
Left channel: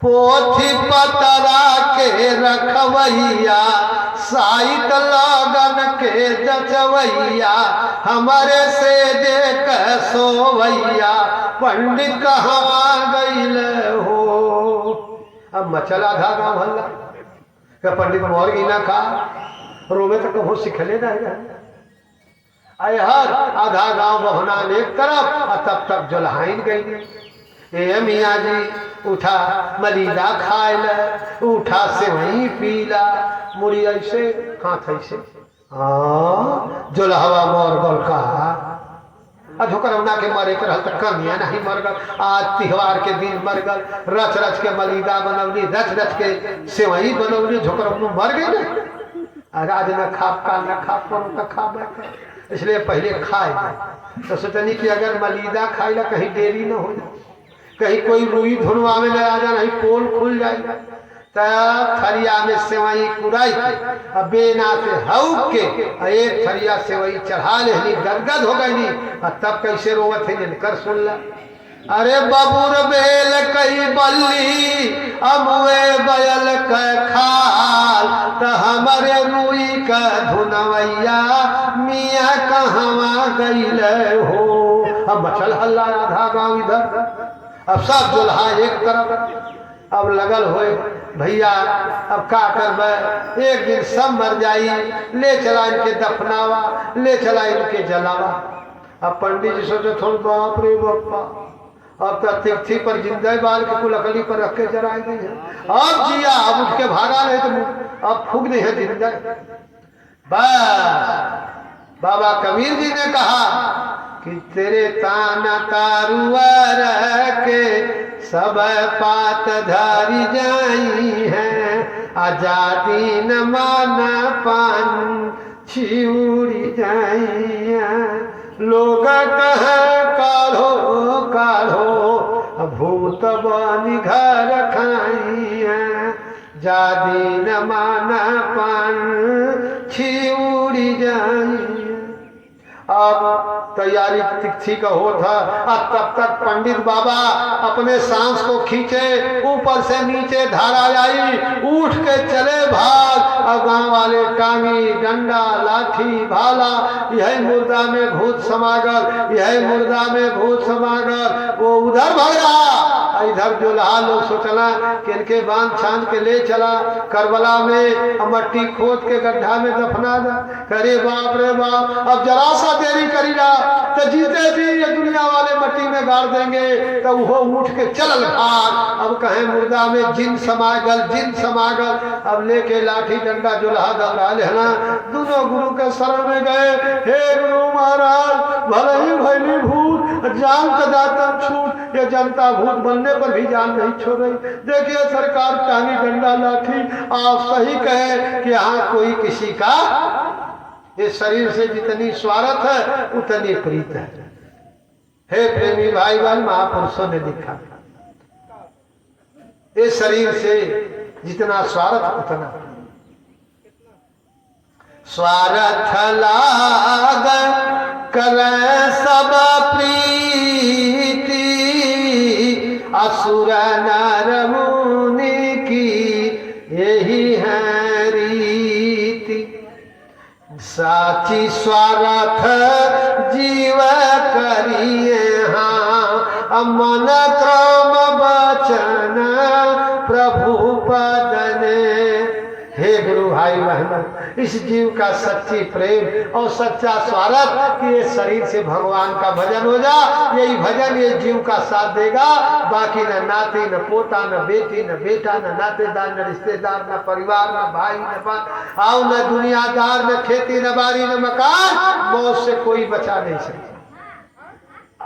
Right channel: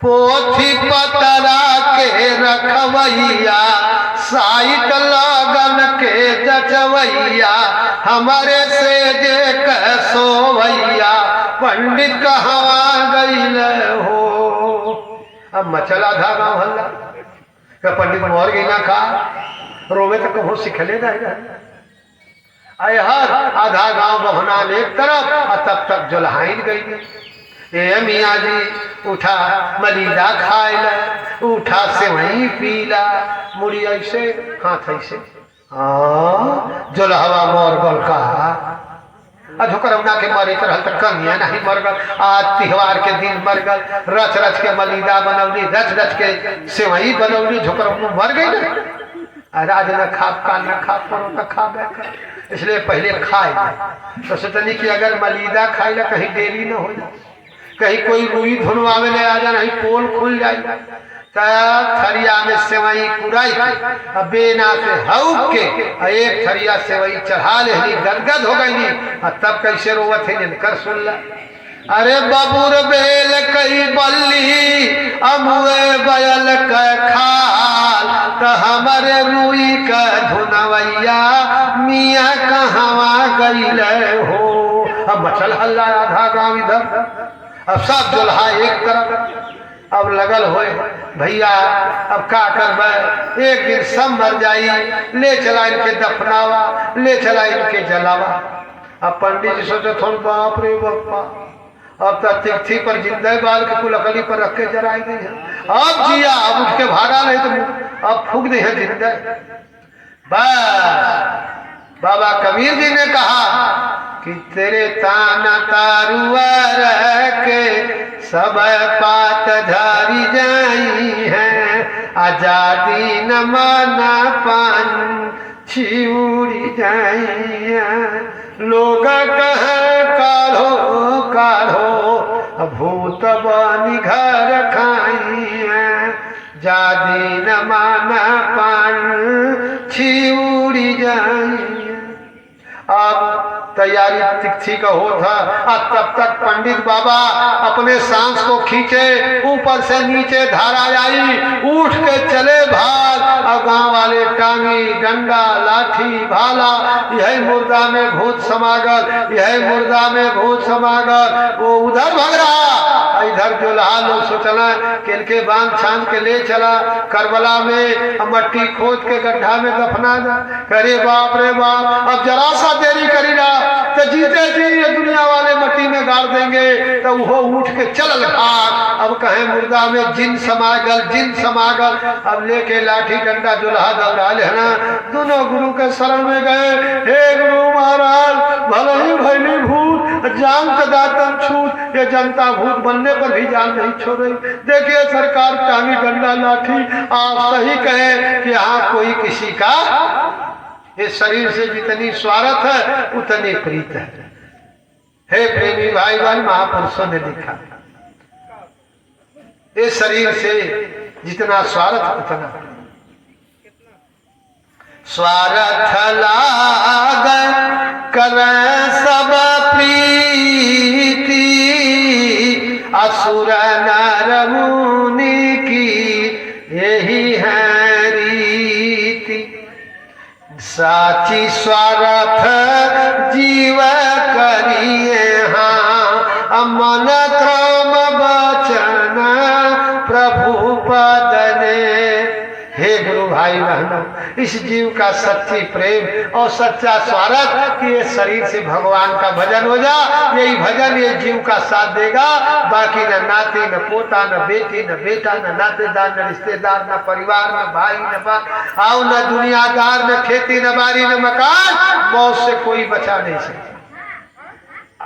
पोथी पतरा के रखवैया साइत लगन के जचवैया हमारे से जे सोवैया पंडित कहवा गईल हो। अब मचला था गाँव हल्ला कि पंडित मोर गई ना खा, रोवे तो कभू सिखले नहीं। आए हर आधा गांव बहना एक तरफ और तब तक जुल्हाइन गई। ए मियाँ जी उठा मलीदा खाए ला, उठा सेवई पीला, मुड़ी ऐसे हाथ ऐसे जुल्हवा मोर गल का झुकरौना के मरे कर हल तक कमिया नहीं मर गल। आज त्योहार के दिन मर गल, रच रच के मलीदा बनौली, रच रच के सेवई बनौली, झुकरौना मर गई ना। आज न खा काल न खा पर तो खा कर, इसलिए पहले खाए। तो सोचनी कि अगर मलीदा खाई ला कहीं देरी न हो जाए, कहीं कोई रुई धुनवा में ले आ जाए, नहीं पोल खुल जाए। थरिया में सेवई कुराई अब बेना से हऊ के एक थरिया सेवई चढ़ा ले, गदगद हो गई। तब कैसे रोवत है जिनकर सुन ला। अरे बबूर बेल कई बल्ली अमुए बयल का खाल, तो हमारे रुई का धुनवैया मियाँ कहवा गईल हो। अब मचल हल्ला आधा गाँव इधर, अब सब जुल्हा एक तरफ। अब लगल होए भैया अब का करबे, एक दिन सब मर जाई, ले चला इनके दफनावा, ले चला इनके जलावा। अब पंडित जी सोचे थोड़ा बाप रे बापा, अब तो तिथि पर जिंदे बाल के कुल लकड़ी पर रख के जराई गई है। अब जिया अब उठ के भागा नहीं तो अब फूक दे है जिंदे। बस बाबा कबीर जी ने कहा कि तेरे ताना तारुआ के सब पात झारी जाई है, आजादी न माना पान छिउड़ी जाई है। लोग कह काढ़ो काढ़ो भूत बनी घर खाई है, जादी न माना पान छिउड़ी जाई। अब तैयारी तिथि का हो था, अब तब तक पंडित बाबा अपने सांस को खींचे, ऊपर से नीचे धारा आई, उठ के चले भाग। और गांव वाले टांगी डंडा लाठी भाला, यही मुर्दा में भूत समागल, यही मुर्दा में भूत समागल। वो उधर भाग रहा, इधर जो लहा लोग सोचना कि इनके बांध छान के ले चला करबला में, मट्टी खोद के गड्ढा में दफना दा। अरे बाप रे बाप, अब जरा सा देरी करी ना तो जीते जी ये दुनिया वाले मट्टी में गाड़ देंगे। तो वो उठ के चल भाग। अब कहे मुर्दा में जिन समागल, जिन समागल। अब लेके लाठी डंडा जुल्हा दौड़ा लेना, दोनों गुरु के शरण में गए। हे गुरु महाराज, भले ही भैली भूत जान का दातन छूट, ये जनता भूत बनने पर भी जान नहीं छोड़ी। देखिए सरकार टांगी डंडा लाठी, आप सही कहे कि यहाँ कोई किसी का इस शरीर से जितनी स्वार्थ है उतनी प्रीत है। हे प्रेमी भाई बहन, महापुरुषों ने लिखा इस शरीर से जितना स्वार्थ उतना स्वार्थ लाग कर सब प्रीति, असुर नर मुनि की यही है रीति। साची स्वार्थ जीव करिए हाँ, मन क्रम बचन प्रभु पदने। हे गुरु भाई बहनों, इस जीव का सच्ची प्रेम और सच्चा स्वार्थ कि ये शरीर से भगवान का भजन हो जा, यही भजन ये जीव का साथ देगा। बाकी न नाती, न पोता, न बेटी, न बेटा, न नातेदार, न रिश्तेदार, न परिवार, न भाई, न बाप, आओ न दुनियादार, न खेती, न बारी, न मकान, मौत से कोई बचा नहीं सकता।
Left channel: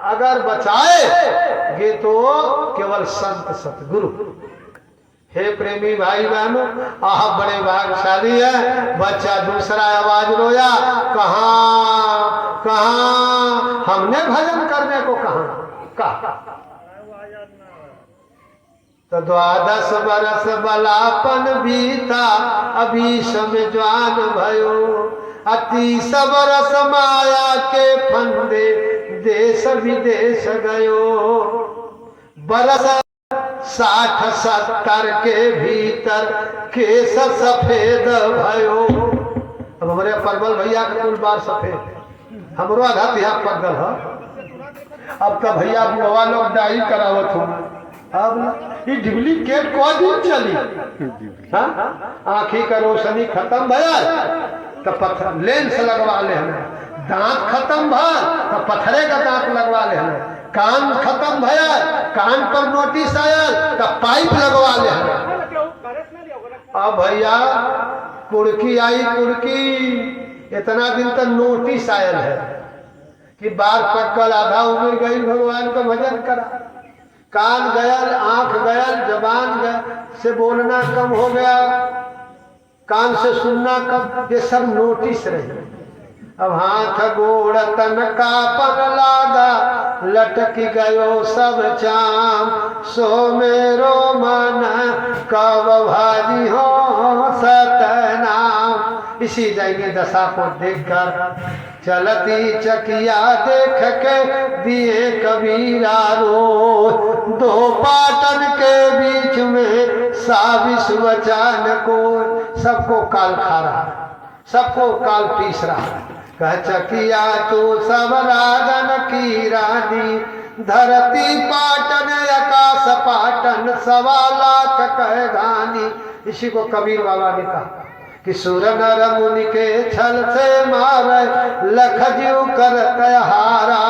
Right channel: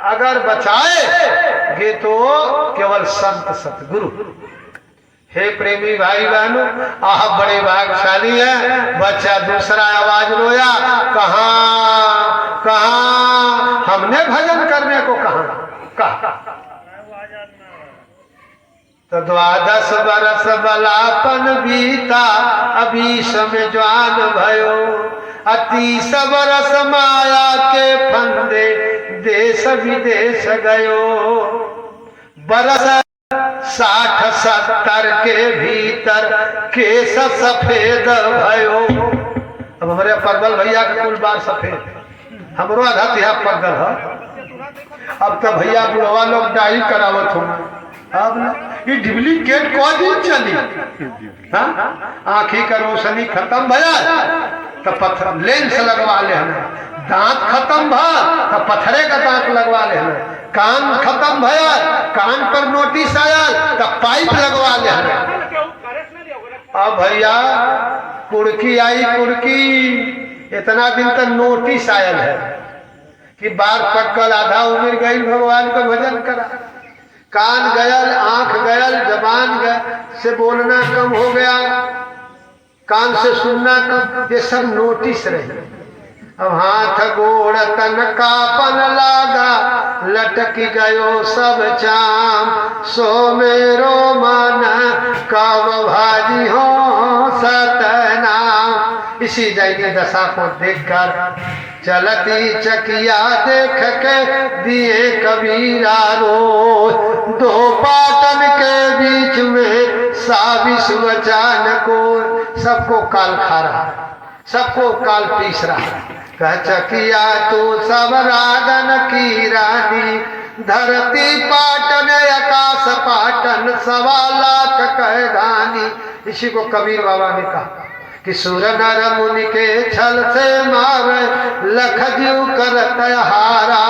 अगर बचाए तो केवल संत सतगुरु। हे प्रेमी भाई बहनों, आप बड़े भाग्यशाली है। बच्चा दूसरा आवाज रोया, कहाँ कहाँ हमने भजन करने को कहा। कहा तो 12 बरस बलापन बीता अभी समय जवान भयो 30 बरस माया के फंदे देश विदेश गयो बरस 60-70 के भीतर केस सफेद भयो। अब हमारे परवल भैया का कुल बार सफेद हमरो आधा तिहा पगल है। अब तो भैया बुढ़वा लोग डाई करावत हो अब ये डुप्लीकेट को दिन चली हाँ आँखी का रोशनी खत्म भया तो पत्थर लेंस लगवा ले हमें दांत खत्म भा तो पत्थरे का दांत लगवा ले हमें कान खत्म भया कान पर नोटिस आया तो पाइप लगवा ले हमें। अब भैया कुड़की आई कुड़की इतना दिन तक नोटिस आयल है कि बार पक्कल आधा उम्र गई भगवान को भजन करा कान गयल आंख गयल जबान से बोलना कम हो गया कान से सुनना कम ये सब नोटिस रही। अब हाथ गोड़ तन कापन लागा लटक गयो सब चाम सो मेरो मन कब भाजी हो सतनाम। इसी दैनी दशा को देखकर चलती चकिया देख के दिए कबीरा रो 2 पाटन के बीच में साविस वचान को सबको काल खा रहा सबको काल पीस रहा कह चकिया तू सब राजन की रानी धरती पाटन आकाश पाटन 1.25 लाख कह गानी। इसी को कबीर बाबा ने कहा कि सुर नर मुनि के छल से मारे लख जीव करत हारा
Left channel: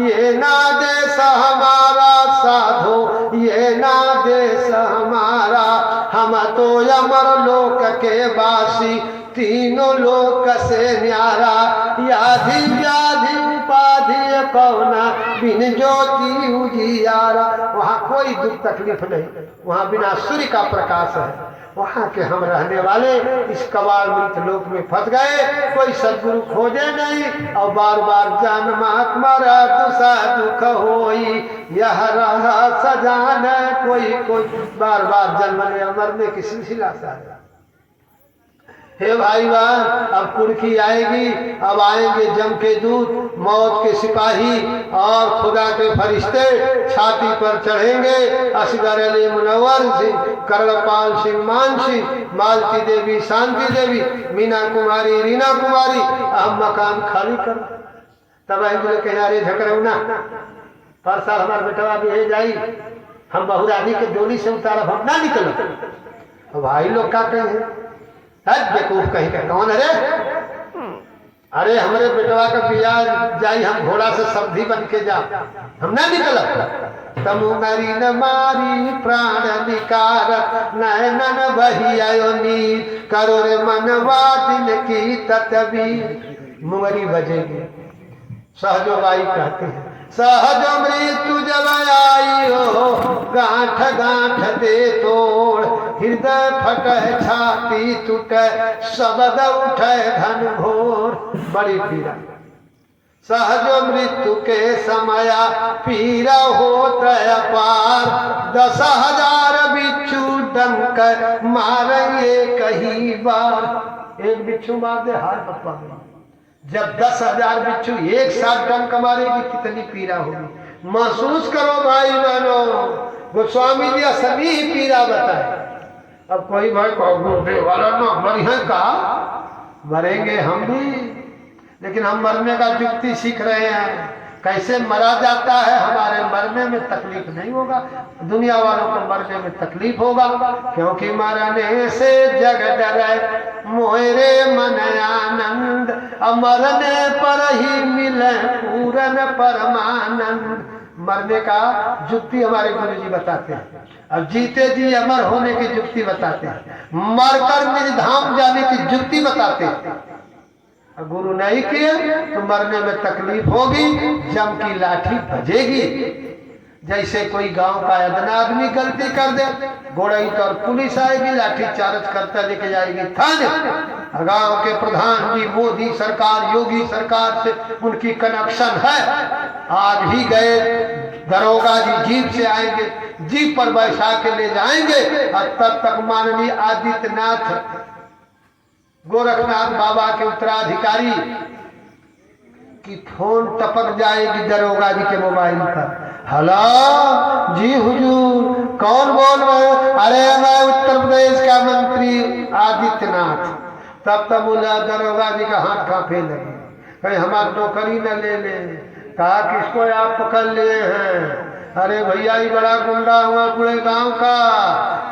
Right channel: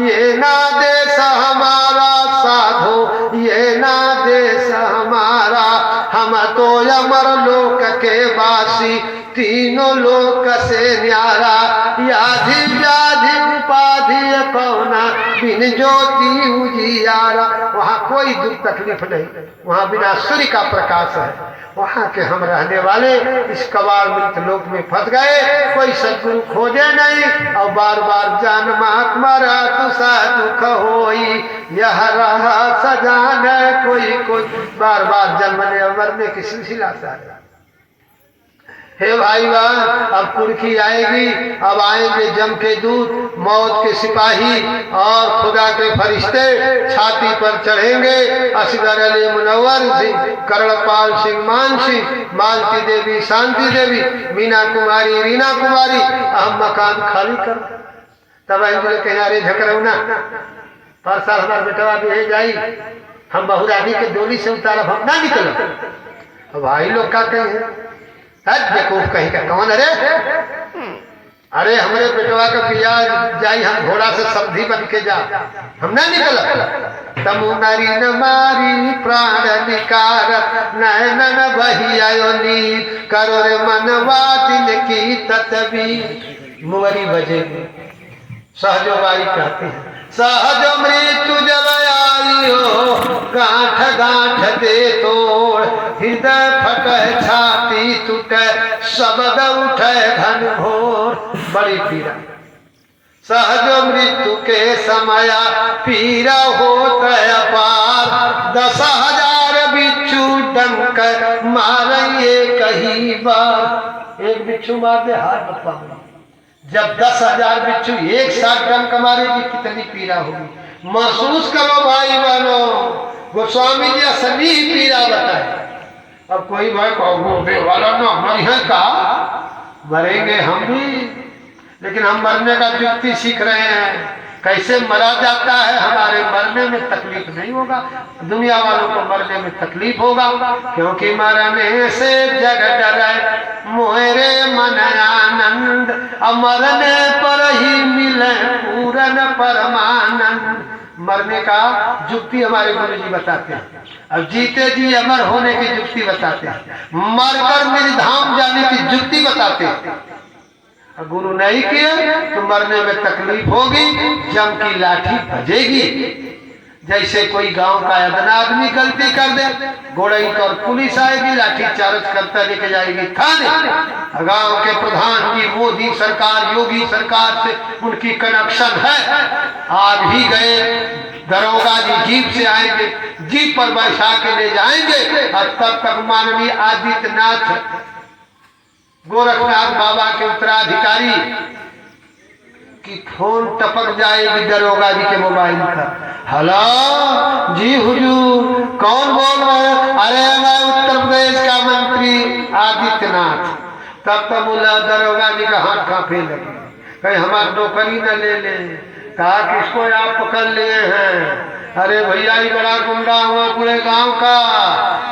ये ना देश हमारा साधो ये ना देश हमारा हम तो अमर लोक के वासी तीनों लोक से न्यारा याधि व्याधि उपाधि पौना बिन ज्योति उजियारा। वहाँ कोई दुख तकलीफ नहीं वहाँ बिना सूर्य का प्रकाश है। वहाँ के हम रहने वाले इस कबाल मृत लोक में फंस गए कोई सदगुरु खोजे नहीं और बार बार जन्म मरा तुसा दुख होई यह रहा सजान कोई कोई बार बार जन्मने मरने की सिलसिला सा है। हे भाई वाह अब कुर्की आएगी अब आएंगे जम के दूत मौत के सिपाही और खुदा के फरिश्ते छाती पर चढ़ेंगे असगर अली मुनव्वर सिंह कर्णपाल सिंह मान सिंह मालती देवी शांति देवी मीना कुमारी रीना कुमारी हम मकान खाली कर तब बोले किनारे झकरौना पर साल हमारे बेटवा भी जाई हम बहुरानी के डोली से उतारा हम ना निकल। भाई लोग क्या कहें बेवकूफ कहीं का कौन अरे हमारे बेटवा का बिया जाई हम घोड़ा से सब्जी बन के जा हम ना निकल तमु नारी न मारी प्राण निकार नैनन बही आयो नीर करो रे मनवा दिल की ततवी मुवरी बजे सहजो बाई कहते हैं सहजो मृत्यु जब आई हो गांठ गांठ दे तोड़ हृदय फट छाती टूट शब्द उठे घन घोर बड़ी पीड़ा सहज मृत्यु के समय पीड़ा होत अपार 10,000 बिच्छू डंक मारे कहीं बार एक बिच्छू मार दे हार बता जब 10,000 बिच्छू एक साथ डंक मारेगी कितनी पीड़ा होगी महसूस करो भाई बहनों। गोस्वामी जी असली पीड़ा बताए। अब कोई भाई कहोगे वाला ना मरी है का मरेंगे हम भी लेकिन हम मरने का युक्ति सीख रहे हैं कैसे मरा जाता है। हमारे मरने में तकलीफ नहीं होगा दुनिया वालों को मरने में तकलीफ होगा क्योंकि मरने से जग डरे मोहरे मन आनंद मरने पर ही मिले पूरन परमानंद। मरने का युक्ति हमारे गुरु जी बताते हैं अब जीते जी अमर होने की युक्ति बताते हैं मरकर मेरी धाम जाने की युक्ति बताते हैं। गुरु नहीं किए तो मरने में तकलीफ होगी जम की लाठी बजेगी। जैसे कोई गांव का अदना आदमी गलती कर दे गोड़ई और पुलिस आएगी लाठी चार्ज करता लेके जाएगी थाने। गांव के प्रधान जी मोदी सरकार योगी सरकार से उनकी कनेक्शन है आ भी गए दरोगा जी जीप से आएंगे, जीप पर बैठा के ले जाएंगे और तब तक माननीय आदित्यनाथ गोरखनाथ बाबा के उत्तराधिकारी की फोन टपक जाएगी दरोगा जी के मोबाइल पर। हेलो जी हुजूर, कौन बोल रहे हैं? अरे मैं उत्तर प्रदेश का मंत्री आदित्यनाथ। तब तक बोला दरोगा जी का हाथ कांपने लगे, कहीं हमारी नौकरी न ले ले। कहा किसको आप पकड़ लिए हैं? अरे भैया ये बड़ा गुंडा हुआ पूरे गांव का।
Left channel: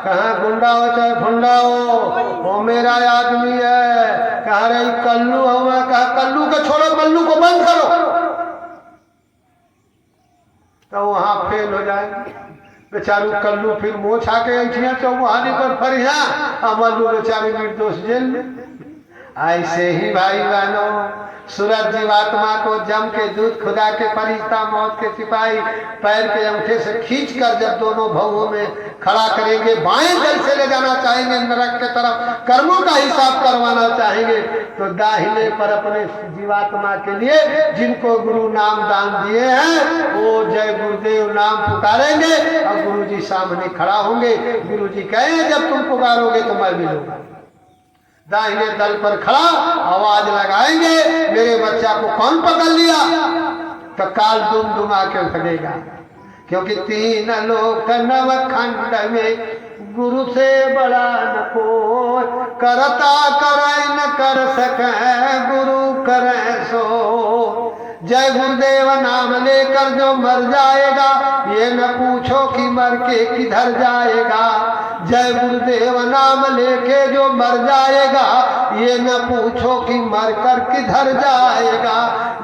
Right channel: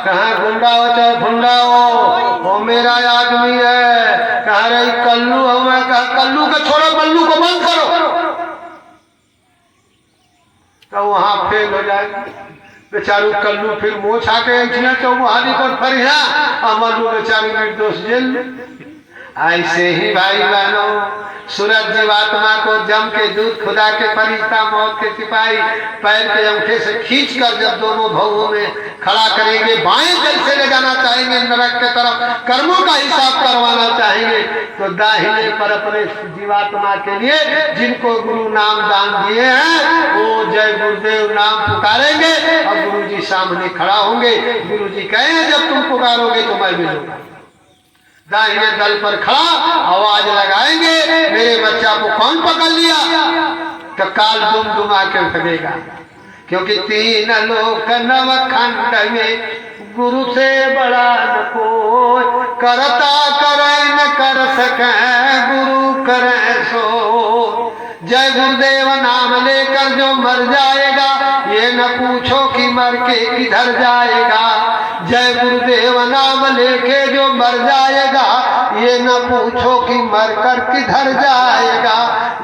कहाँ गुंडा हो चाहे भुंडा हो, वो मेरा आदमी है। कहा रही कल्लू हो। मैं कहा कल्लू को छोड़ो, कल्लू को बंद करो। तो वहां फेल हो जाएंगे बेचारू कल्लू, फिर मोछ आके ऐठिया चौमुहानी पर फरिया अमलू बेचारी निर्दोष जेल। ऐसे ही भाई बहनों सूरज जीवात्मा को जम के दूध खुदा के फरिश्ता मौत के सिपाही पैर के अंगूठे से खींच कर जब दोनों भावों में खड़ा करेंगे, बाएं दल से ले जाना चाहेंगे नरक के तरफ, कर्मों का हिसाब करवाना चाहेंगे, तो दाहिने पर अपने जीवात्मा के लिए जिनको गुरु नाम दान दिए हैं वो जय गुरुदेव नाम पुकारेंगे और गुरु जी सामने खड़ा होंगे। गुरु जी कहें जब तुम पुकारोगे तो मैं मिलूंगा। दाहिने दल पर खड़ा आवाज लगाएंगे, मेरे बच्चा को कौन पकड़ लिया? तो काल दुम दुमा के लगेगा, क्योंकि तीन लोक नवखंड में गुरु से बड़ा न कोई, करता करे न कर सके गुरु करे सो। जय गुरुदेव नाम लेकर जो मर जाएगा ये न पूछो कि मर के किधर जाएगा। जय गुरुदेव नाम लेके जो मर जाएगा ये न पूछो कि मर कर किधर जाएगा।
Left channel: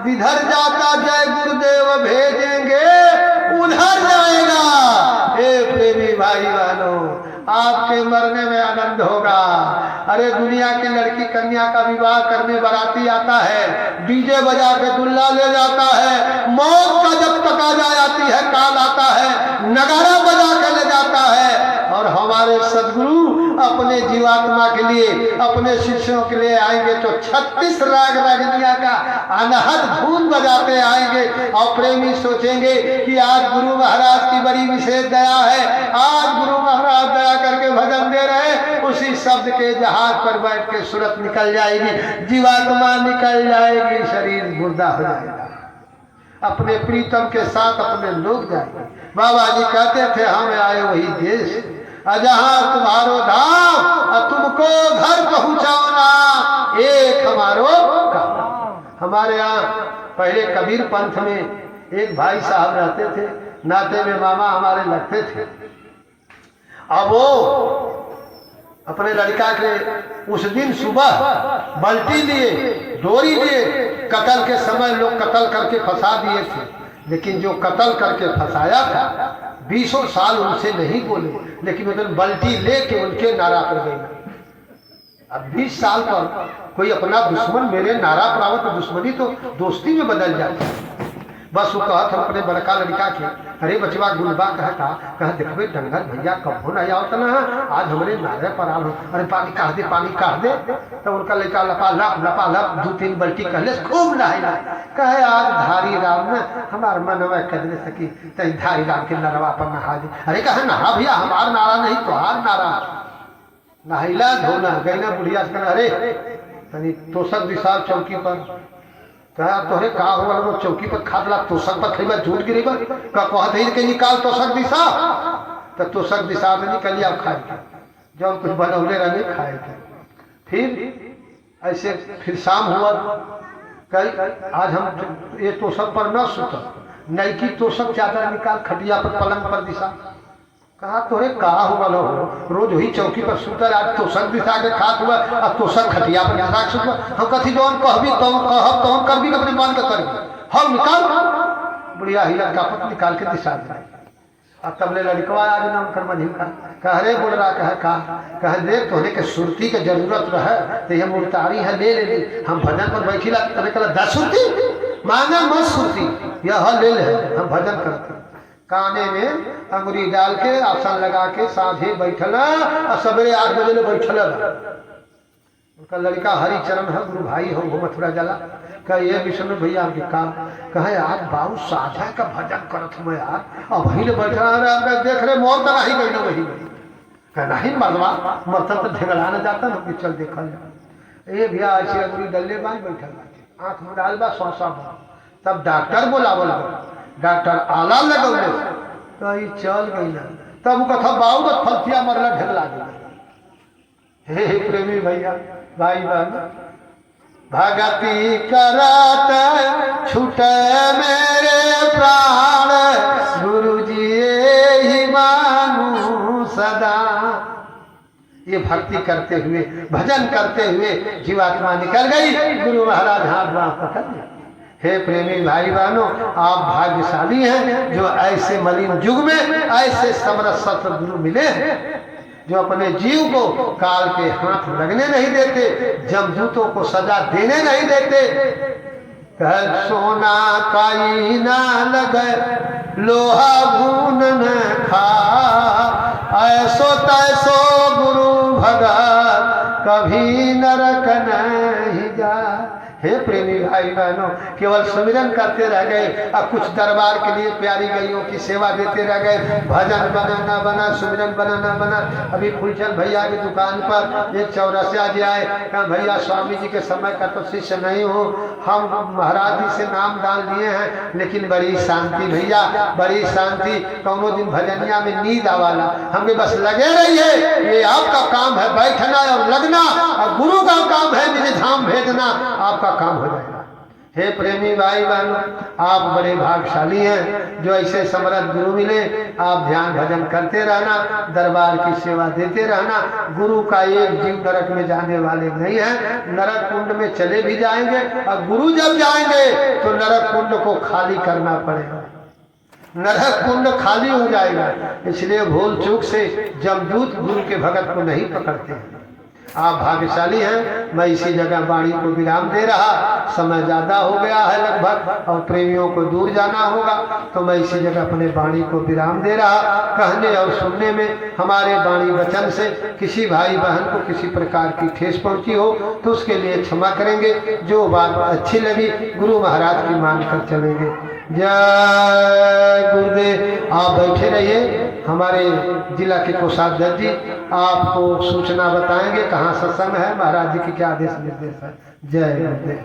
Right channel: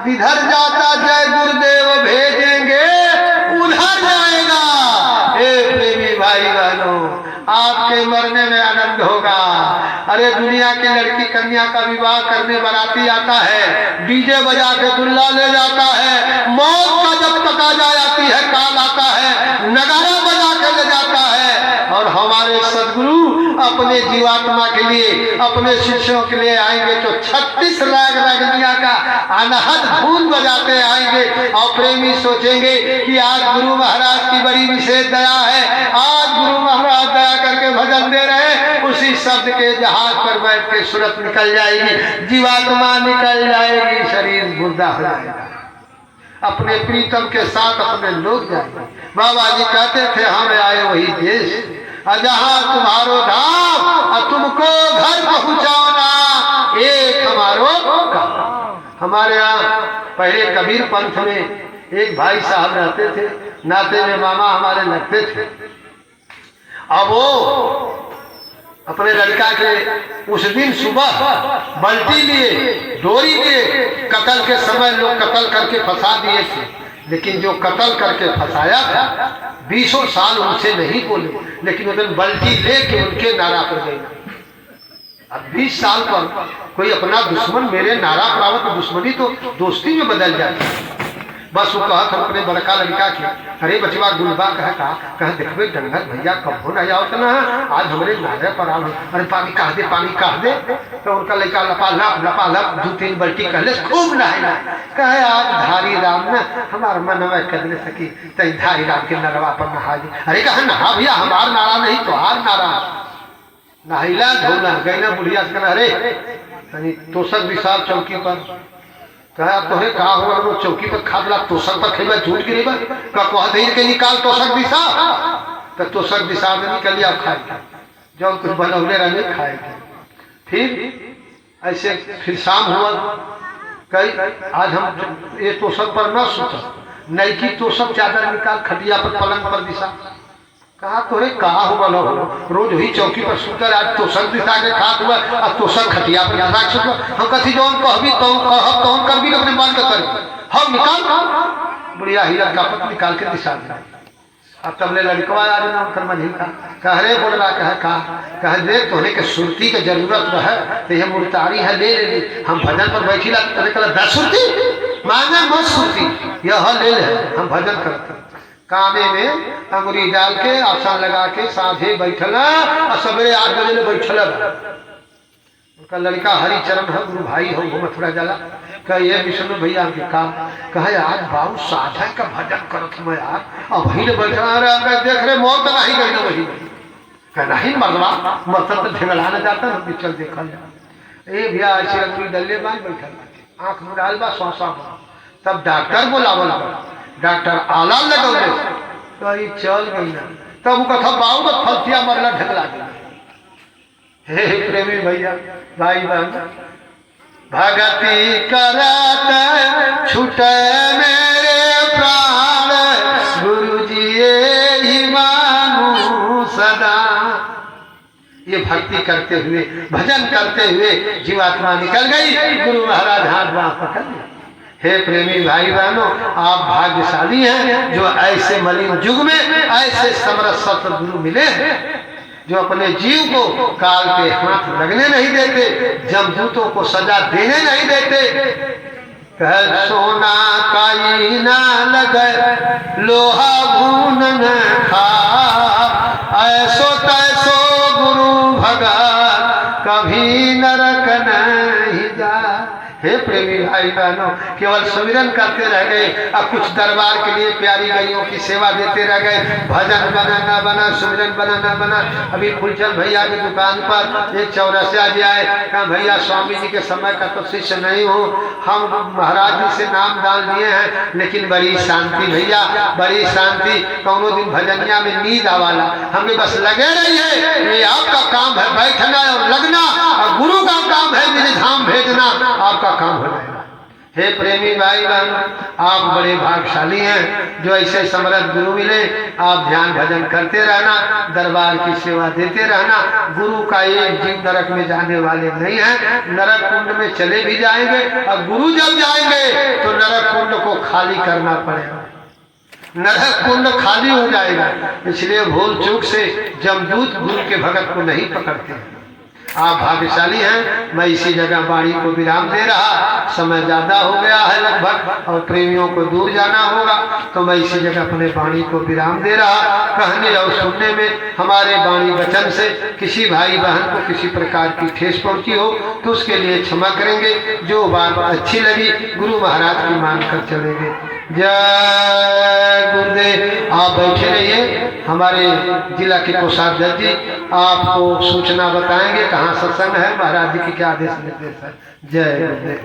जिधर जाता जय गुरुदेव भेजेंगे उधर जाएगा। हे प्रेमी भाई बहनों, आपके मरने में आनंद होगा। अरे दुनिया की लड़की कन्या का विवाह करने बाराती आता है, डीजे बजा के दुल्ला ले जाता है, मौत का जब तक आ जाती है काल आता है, नगारा बजा कर ले जाता है। और हमारे सदगुरु अपने जीवात्मा के लिए अपने शिष्यों के लिए आएंगे तो 36 राग रागनिया का अनहद धून बजाते आएंगे। और प्रेमी सोचेंगे कि आज गुरु महाराज की बड़ी विशेष दया है, आज गुरु महाराज दया करके भजन दे रहे हैं। उसी शब्द के जहाज पर बैठ के सूरत निकल जाएगी, जीवात्मा निकल जाएगी, शरीर मुर्दा हो जाएगा, अपने प्रीतम के साथ अपने लोग जाएंगे। बाबा जी कहते थे हमें आए वही देश जहाँ तुम्हारो धाम और तुमको घर पहुँचाना एक हमारो काम। हमारे यहाँ पहले कबीर पंथ में एक भाई साहब रहते थे, नाते में मामा हमारे लगते थे। अब वो अपने लड़का के उस दिन सुबह बल्टी लिए डोरी लिए कत्ल के समय लोग कत्ल करके फंसा दिए थे, लेकिन जो कत्ल करके फंसाया था 20 साल उनसे नहीं बोले, लेकिन उधर बल्टी लेके उनके नारा पर गई। अब 20 साल पर कोई अपना दुश्मन मेरे नारा पर आवत तो दुश्मनी तो दोस्ती में बदल जाती है। बस वो कहा था अपने बड़का लड़का के, अरे बचवा गुलबा कह देखबे डंगर भैया कब हो नहीं आवत ना, आज हमारे नारे पर आल, अरे पानी कह दे पानी कह दे। तो उनका लड़का लपा लप 2-3 बल्टी कहले खूब नहाया। कहे आज धारी राम ने हमार मन में कदले सकी तई धारी राम के नरवा पर नहा दे। अरे कहा नहा भैया, हमार नारा नहीं तोहार नारा। नहिला धोना गईना बुढ़िया से कहना, अरे तोसक विशाल चौकी पर कहा तोहरे कहा हुआ वो चौकी पर खादला तोसक पर खेबा झूठ गिरेबा का कह दे के निकाल तोसक दिशा। तो तोसक दिशा में निकल लिया खाए जब कुछ बनौले रहे खाए। फिर ऐसे फिर शाम हुआ, कई आज हम ये तोसक पर न सुत नई की तोसक चादर निकाल खटिया पर पलंग पर दिशा। कहा तोरे कहा हुआ लो रोज वही चौकी पर सुतर, आज तोसक दिशा के खात हुआ और तोसक खटिया पर दिशा सुत। हम कथी जौन कहबी तो कहब तो कर भी अपने मन का करी हम निकाल बुढ़िया ही लड़का पत निकाल के दिशा दे। अब तबले लड़कवा आज ना उनकर मझी का कह रे बोल रहा कह दे तोहने के सुरती के जरूरत है तो ये मुर्तारी है ले ले। हम भजन पर बैठी ला तोने कहा 10 सुरती मांगे मत सुरती यह ले ले। हम भजन करते काने में अंगुरी डाल के आसन लगा के साझे बैठल और सवेरे 8 बजे ले बैठल। उनका लड़का हरिचरण है, गुरु भाई हो, वो मथुरा जला। कह ये विष्णु भैया के काम कहे यार बाबू साझा का भजन करत मैं यार अब ही बचा रहा देख रहे मौत नहीं गई ना वही कह नहीं मगवा मतलब तो ढेगला न जाता ना चल देखल जा ए भैया ऐसे गुरु डल्ले बांध बैठल आंख में डाल बा सौसा तब डॉक्टर बोला डॉक्टर आला लगौले कही चल गई ना तब वो कथा बाबू मत फलतिया मरला ढेगला गया। हे प्रेमी भैया भाई बहन भगति करत छूटे मेरे प्राण गुरु जी ही मानू सदा। ये भक्ति करते हुए भजन करते हुए जीवात्मा निकल गई, गुरु महाराज हाथ बांह पकड़ लिया। हे प्रेमी भाई बहनों आप भाग्यशाली हैं जो ऐसे मलिन युग में ऐसे समरस सत्र गुरु मिले हैं जो अपने जीव को काल के हाथ लगने नहीं देते, जमदूतों को सजा देने नहीं देते। कह सोना काई ना लगे लोहा घून न खा ऐसो तैसो गुरु भगत कभी नरक नहीं जा। हे प्रेमी भाई बहनों केवल सुमिरन करते रह गए अब कुछ दरबार के लिए प्यारी गईयों की सेवा देते रह गए, भजन बना न बना सुमिरन बना न बना। अभी फूलचंद भैया की दुकान पर एक चौरसिया जी आए, कहा भैया स्वामी जी के समय का तो शिष्य नहीं हूँ, हम महाराज जी से नाम डाल दिए हैं लेकिन बड़ी शांति भैया बड़ी शांति, कौनो दिन भजनिया में नींद आवाला हमें बस लगे रही है। ये आपका काम है बैठना और लगना और गुरु का काम है मेरे धाम भेजना, आपका काम हो जाएगा। हे प्रेमी भाई बहन आप बड़े भाग्यशाली हैं जो ऐसे समर्थ गुरु मिले। आप ध्यान भजन करते रहना, दरबार की सेवा देते रहना। गुरु का एक जीव नरक में जाने वाले नहीं है, नरक कुंड में चले भी जाएंगे और गुरु जब जाएंगे तो नरक कुंड को खाली करना पड़ेगा, नरक कुंड खाली हो जाएगा। इसलिए भूल चूक से जमदूत गुरु के भगत को नहीं पकड़ते। आप भाग्यशाली हैं, मैं इसी जगह वाणी को विराम दे रहा, समय ज़्यादा हो गया है लगभग और प्रेमियों को दूर जाना होगा तो मैं इसी जगह अपने वाणी को विराम दे रहा। कहने और सुनने में हमारे वाणी वचन से किसी भाई बहन को किसी प्रकार की ठेस पहुंची हो तो उसके लिए क्षमा करेंगे। जो बात अच्छी लगी गुरु महाराज की मान कर चलेंगे। जय गुरुदेव। आप बैठे रहिए, हमारे जिला के कोषाध्यक्ष जी आपको सूचना बताएंगे कहाँ सत्संग है, महाराज जी की क्या आदेश निर्देश है। जय गुरुदेव।